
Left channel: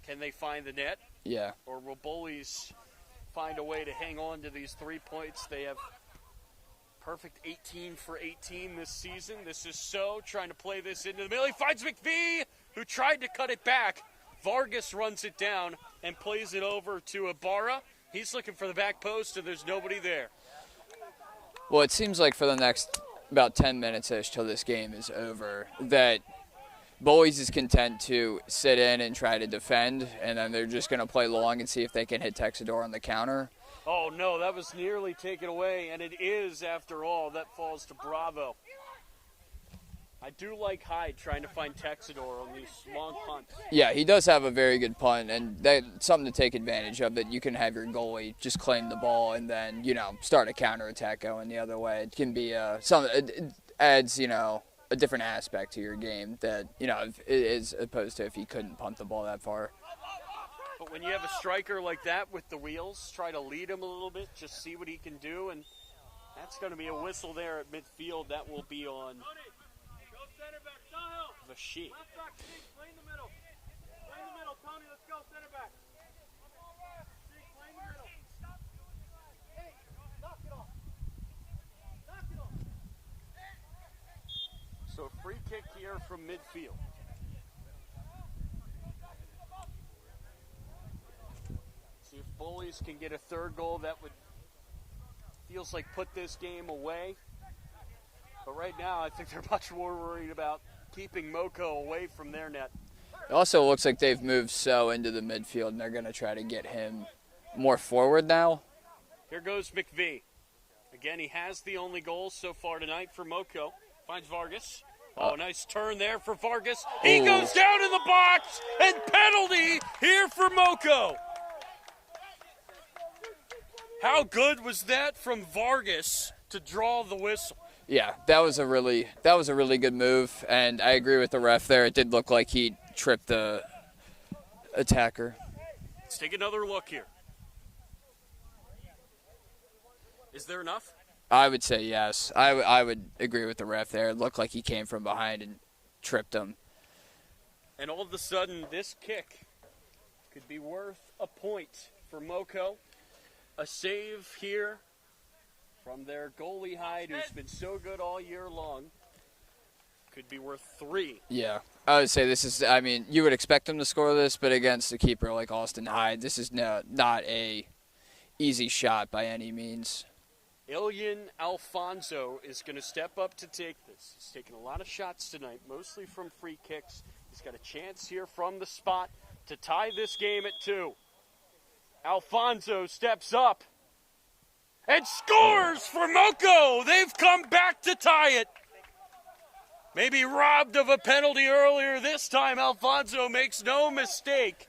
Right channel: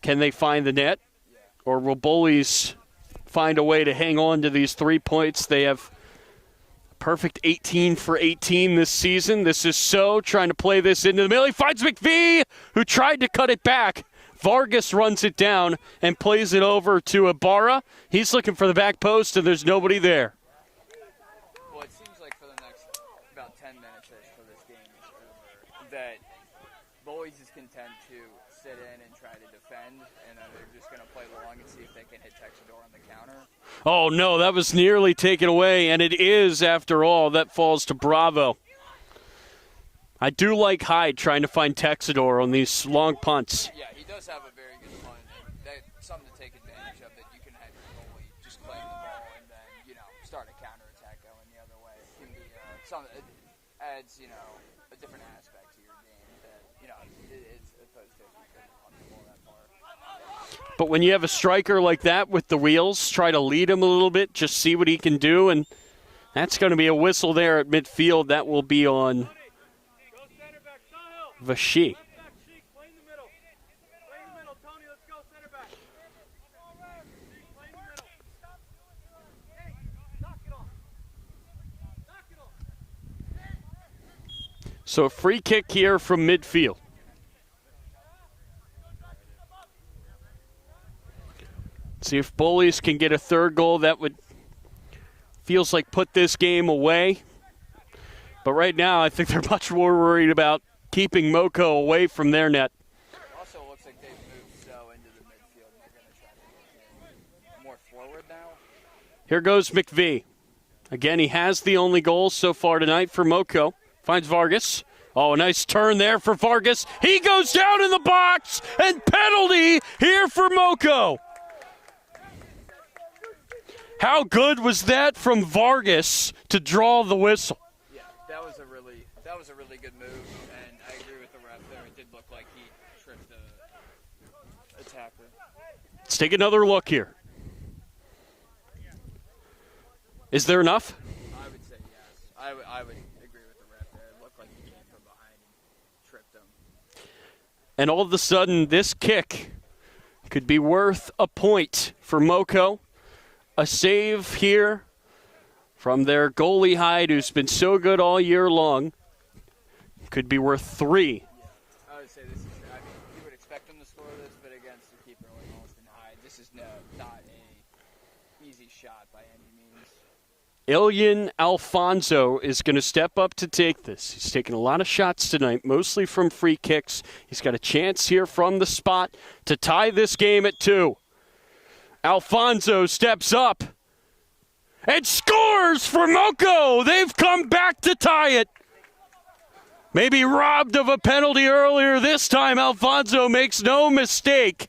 can they find the net? Yeah. Or will Bullies find a way to hang on to these 3 points? They have perfect 18 for 18 this season. This is So trying to play this into the middle. He finds McVie, who tried to cut it back. Vargas runs it down and plays it over to Ibarra. He's looking for the back post, and there's nobody there. Well, it seems like for the next about 10 minutes-ish till this game is over, that Bullies is content to sit in and try to defend, and then they're just going to play long and see if they can hit Texador on the counter. Oh, no, that was nearly taken away, and it is, after all. That falls to Bravo. I do like Hyde trying to find Texador on these long punts. Yeah, he does have a very good punt, and that's something to take advantage of, that you can have your goalie just claim the ball and then, start a counterattack going the other way. It can be it adds, a different aspect to your game that, as opposed to if he couldn't punt the ball that far. But when you have a striker like that with the wheels, try to lead him a little bit, just see what he can do, and that's going to be a whistle there at midfield. That will be on Vashi. So a free kick here from midfield. See if Bullies can get a third goal. That would, feels like, put this game away. But right now I think they're much more worried about keeping Moco away from their net. It also looks like they've moved So into the midfield, and they're going to try to get him more forward now. Here goes McVie. Again, he has the only goal so far tonight for Moco. Finds Vargas. Oh, a nice turn there for Vargas. He goes down in the box, and penalty here for Moco. How good was that from Vargas to draw the whistle? Yeah, that was a really good move, and I agree with the ref there. It did look like he tripped the attacker. Let's take another look here. Is there enough? I would say yes. I would agree with the ref there. It looked like he came from behind and tripped him. And all of a sudden, this kick could be worth a point for Moco. A save here from their goalie Hyde, who's been so good all year long. Could be worth 3. Yeah. I would say this is, you would expect him to score this, but against a keeper like Austin Hyde, this is not a easy shot by any means. Ilyan Alfonso is going to step up to take this. He's taken a lot of shots tonight, mostly from free kicks. He's got a chance here from the spot to tie this game at 2. Alfonso steps up and scores for Moco. They've come back to tie it. Maybe robbed of a penalty earlier. This time, Alfonso makes no mistake.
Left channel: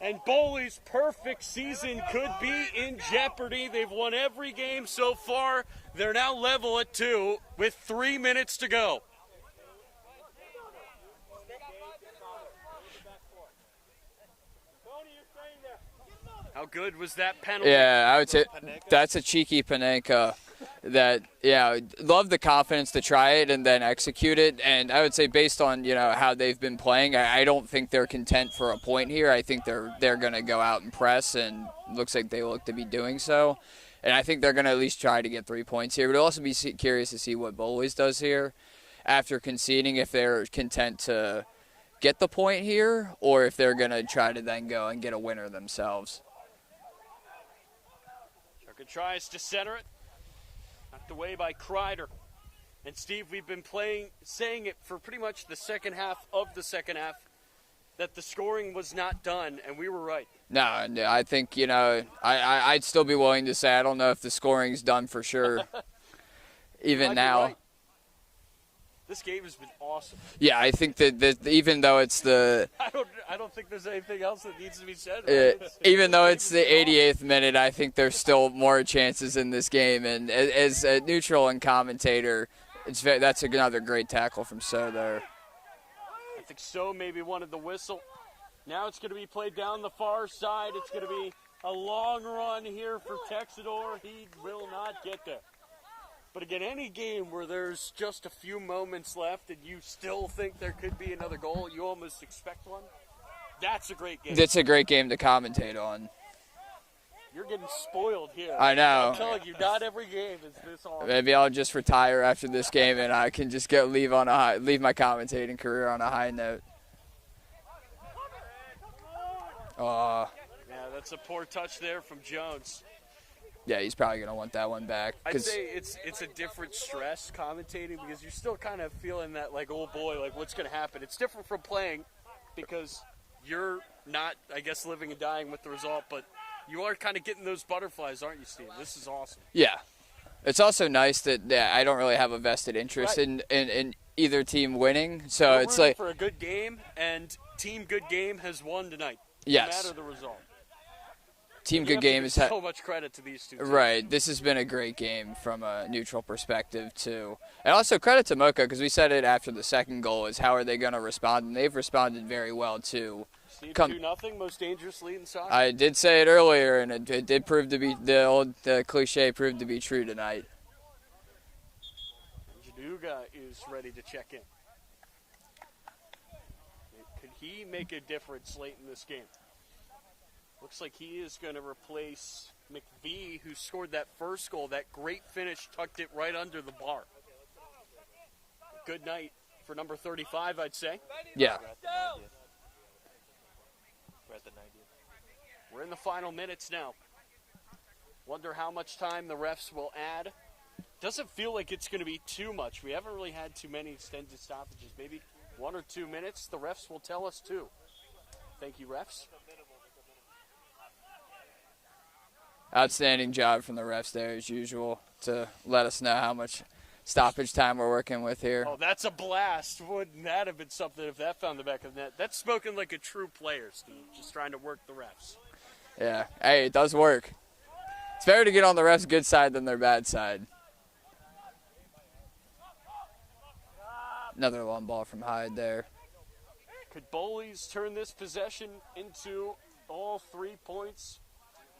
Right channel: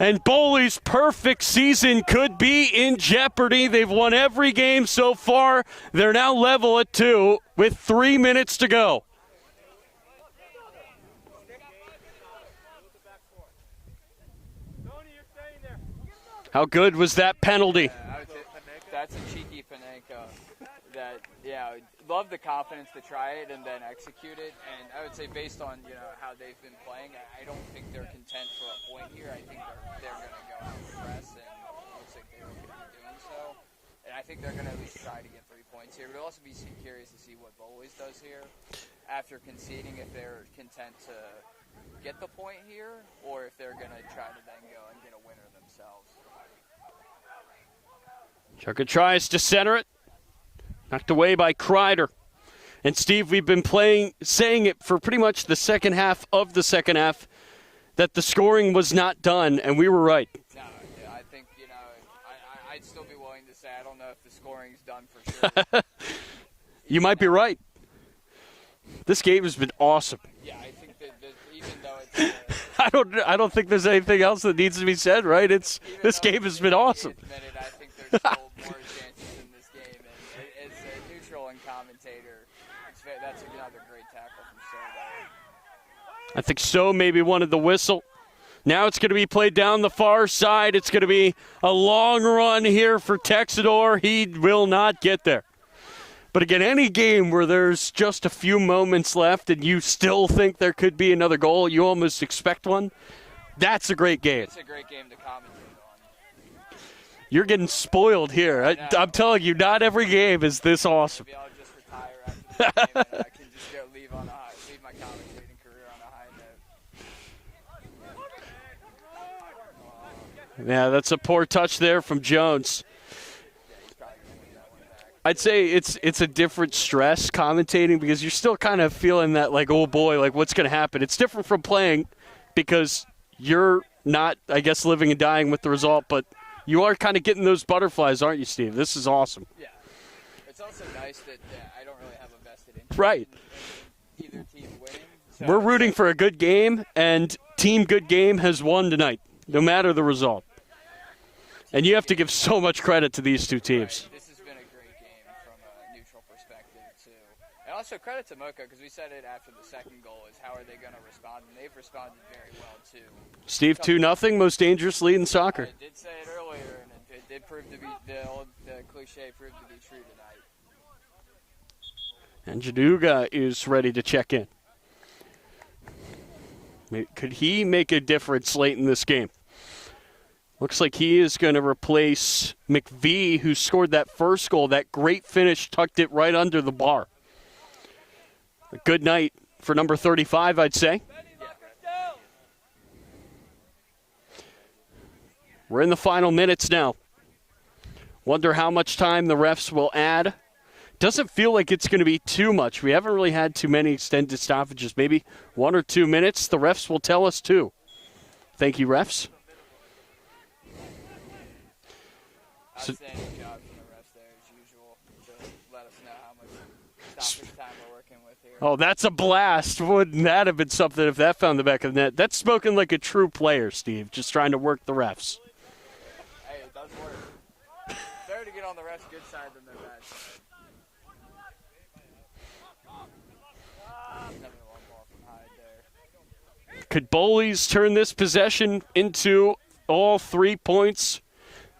And Bowleys' perfect season could be in jeopardy. They've won every game so far. They're now level at 2 with 3 minutes to go. How good was that penalty? Yeah, I would say that's a cheeky Panenka. Love the confidence to try it and then execute it. And I would say based on, how they've been playing, I don't think they're content for a point here. I think they're going to go out and press, and looks like they look to be doing so. And I think they're going to at least try to get 3 points here. But I'll also be curious to see what Bowleys does here after conceding, if they're content to get the point here or if they're going to try to then go and get a winner themselves. Chucker tries to center it. Knocked away by Kreider. And Steve, we've been saying it for pretty much the second half of the second half that the scoring was not done, and we were right. No, I think, I'd still be willing to say I don't know if the scoring's done for sure. You might be right. This game has been awesome. Yeah, I think that even though it's the I don't think there's anything else that needs to be said, right? This game the 88th minute, I think there's still more chances in this game. And as a neutral and commentator, that's another great tackle from So there. I think So maybe wanted the whistle. Now it's going to be played down the far side. It's going to be a long run here for Texador. He will not get there. But again, any game where there's just a few moments left and you still think there could be another goal, you almost expect one, that's a great game. It's a great game to commentate on. You're getting spoiled here. I know. I'm telling you, not every game is this awesome. Maybe I'll just retire after this game and I can just leave my commentating career on a high note. Yeah, that's a poor touch there from Jones. Yeah, he's probably going to want that one back. I'd say it's a different stress commentating because you're still kind of feeling that, like, oh, boy, like, what's going to happen? It's different from playing because you're not, I guess, living and dying with the result, but you are kind of getting those butterflies, aren't you, Steve? This is awesome. Yeah. It's also nice that I don't really have a vested interest in either team winning. So we're it's rooting like, for a good game, and Team Good Game has won tonight, no Yes. matter the result. Team And you Good have to give Games so much credit to these two teams. Right. This has been a great game from a neutral perspective, too. And also credit to Moco, because we said it after the second goal, is how are they going to respond? And they've responded very well, too. Steve, 2-0, most dangerous lead in soccer. I did say it earlier, and it did prove to be, the old cliche proved to be true tonight. And Jaduga is ready to check in. Could he make a difference late in this game? Looks like he is going to replace McVee, who scored that first goal. That great finish tucked it right under the bar. A good night for number 35, I'd say. Yeah. We're in the final minutes now. Wonder how much time the refs will add. Doesn't feel like it's going to be too much. We haven't really had too many extended stoppages. Maybe 1 or 2 minutes. The refs will tell us, too. Thank you, refs. Outstanding job from the refs there, as usual, to let us know how much stoppage time we're working with here. Oh, that's a blast. Wouldn't that have been something if that found the back of the net? That's spoken like a true player, Steve, just trying to work the refs. Yeah. Hey, it does work. It's better to get on the refs' good side than their bad side. Another long ball from Hyde there. Could Bowleys turn this possession into all 3 points?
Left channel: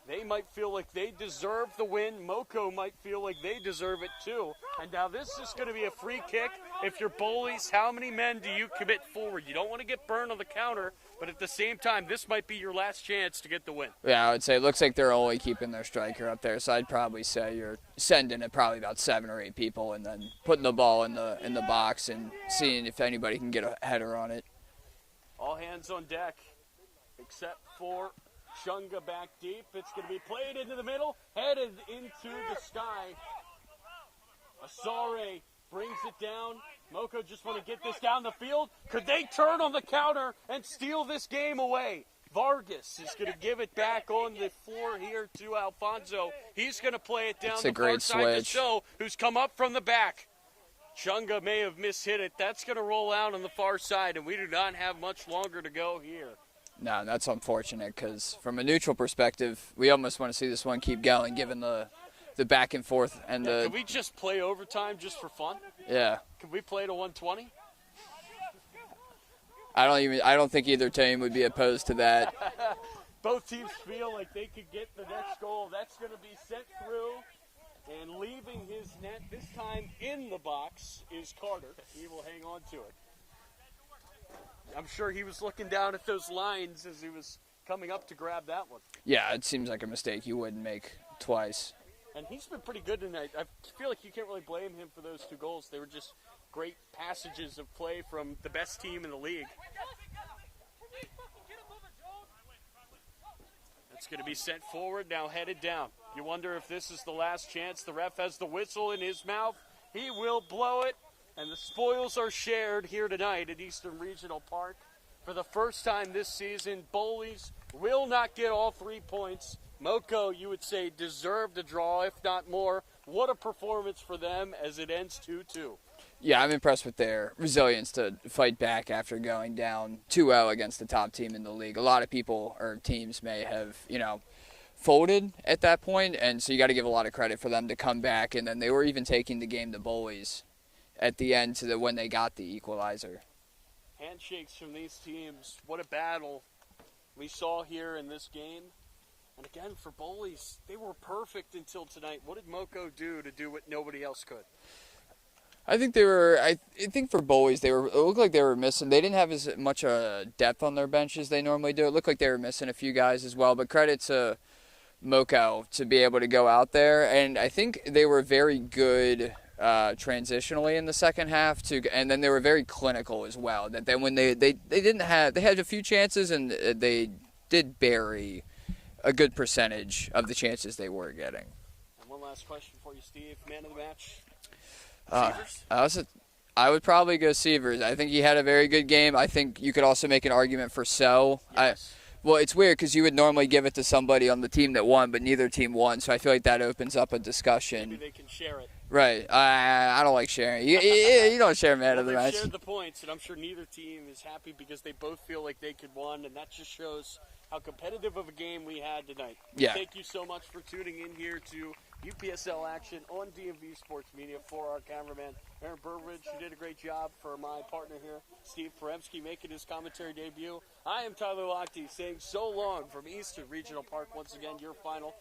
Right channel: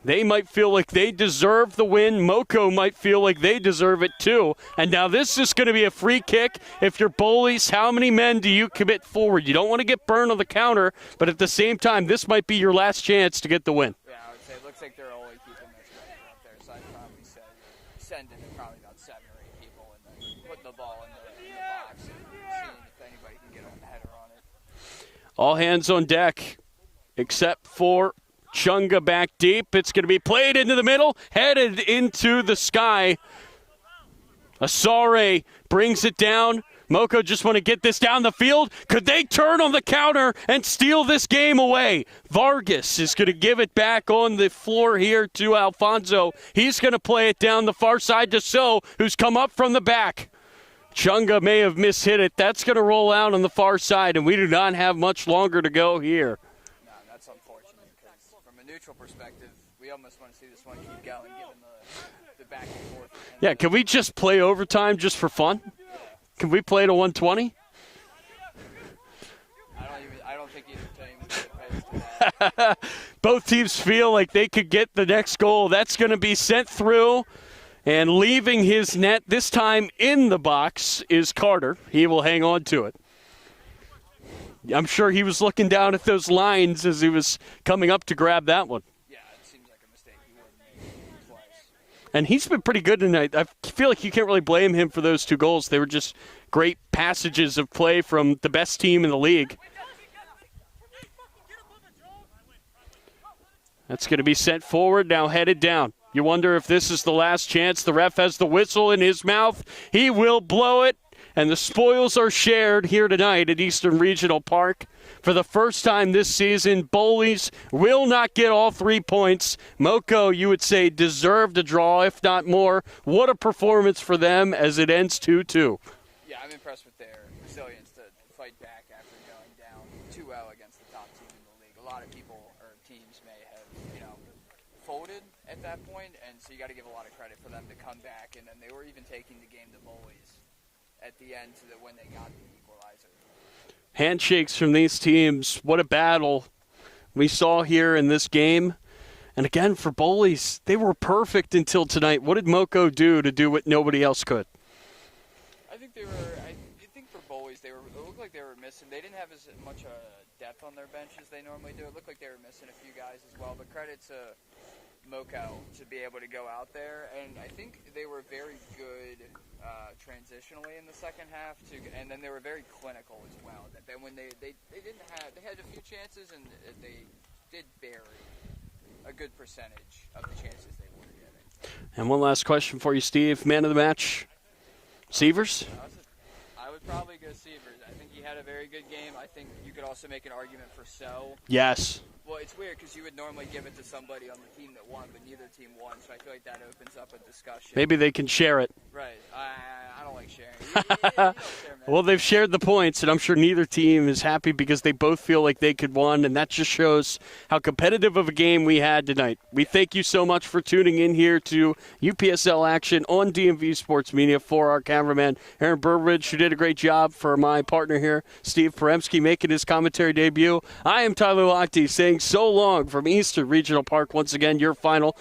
They might feel like they deserve the win. Moco might feel like they deserve it too. And now this is going to be a free kick. If you're Bowleys, how many men do you commit forward? You don't want to get burned on the counter, but at the same time, this might be your last chance to get the win. Yeah, I would say it looks like they're only keeping their striker up there, so I'd probably say you're sending it probably about 7 or 8 people and then putting the ball in the box and seeing if anybody can get a header on it. All hands on deck, except for Chunga back deep. It's going to be played into the middle, headed into the sky. Asare brings it down. Moco just want to get this down the field. Could they turn on the counter and steal this game away? Vargas is going to give it back on the floor here to Alfonso. He's going to play it down the far side to So, who's come up from the back. Chunga may have mishit it. That's going to roll out on the far side, and we do not have much longer to go here. No, that's unfortunate because from a neutral perspective, we almost want to see this one keep going given the back and forth. And yeah, can we just play overtime just for fun? Yeah. Can we play to 120? I don't think either team would be opposed to that. Both teams feel like they could get the next goal. That's going to be sent through. And leaving his net, this time in the box, is Carter. He will hang on to it. I'm sure he was looking down at those lines as he was coming up to grab that one. Yeah, it seems like a mistake you wouldn't make twice. And he's been pretty good tonight. I feel like you can't really blame him for those 2 goals. They were just great passages of play from the best team in the league. That's going to be sent forward, now headed down. You wonder if this is the last chance. The ref has the whistle in his mouth. He will blow it. And the spoils are shared here tonight at Eastern Regional Park. For the first time this season, Bowleys will not get all 3 points. Moco, you would say, deserved a draw, if not more. What a performance for them as it ends 2-2. Yeah, I'm impressed with their resilience to fight back after going down 2-0 against the top team in the league. A lot of people or teams may have, folded at that point, and so you got to give a lot of credit for them to come back. And then they were even taking the game to Bowleys at the end when they got the equalizer. Handshakes from these teams. What a battle we saw here in this game. And again, for Bowleys, they were perfect until tonight. What did Moco do to do what nobody else could? I think they were. I think for Bowleys, it looked like they were missing. They didn't have as much depth on their bench as they normally do. It looked like they were missing a few guys as well. But credit to Moco to be able to go out there, and I think they were very good transitionally in the second half and then they were very clinical as well. That then when they had a few chances and they did bury a good percentage of the chances they were getting. And one last question for you, Steve. Man of the match, Sievers? I would probably go Sievers. I think he had a very good game. I think you could also make an argument for So. Yes. Well, it's weird because you would normally give it to somebody on the team that won, but neither team won, so I feel like that opens up a discussion. Maybe they can share it. Right. I don't like sharing. You don't share, man. Well, they've shared the points, and I'm sure neither team is happy because they both feel like they could win, and that just shows how competitive of a game we had tonight. We thank you so much for tuning in here to UPSL action on DMV Sports Media. For our cameraman, Aaron Burbridge, who did a great job, for my partner here, Steve Peremski, making his commentary debut. I am Tyler Lochte saying so long from Eastern Regional Park. Once again, your final.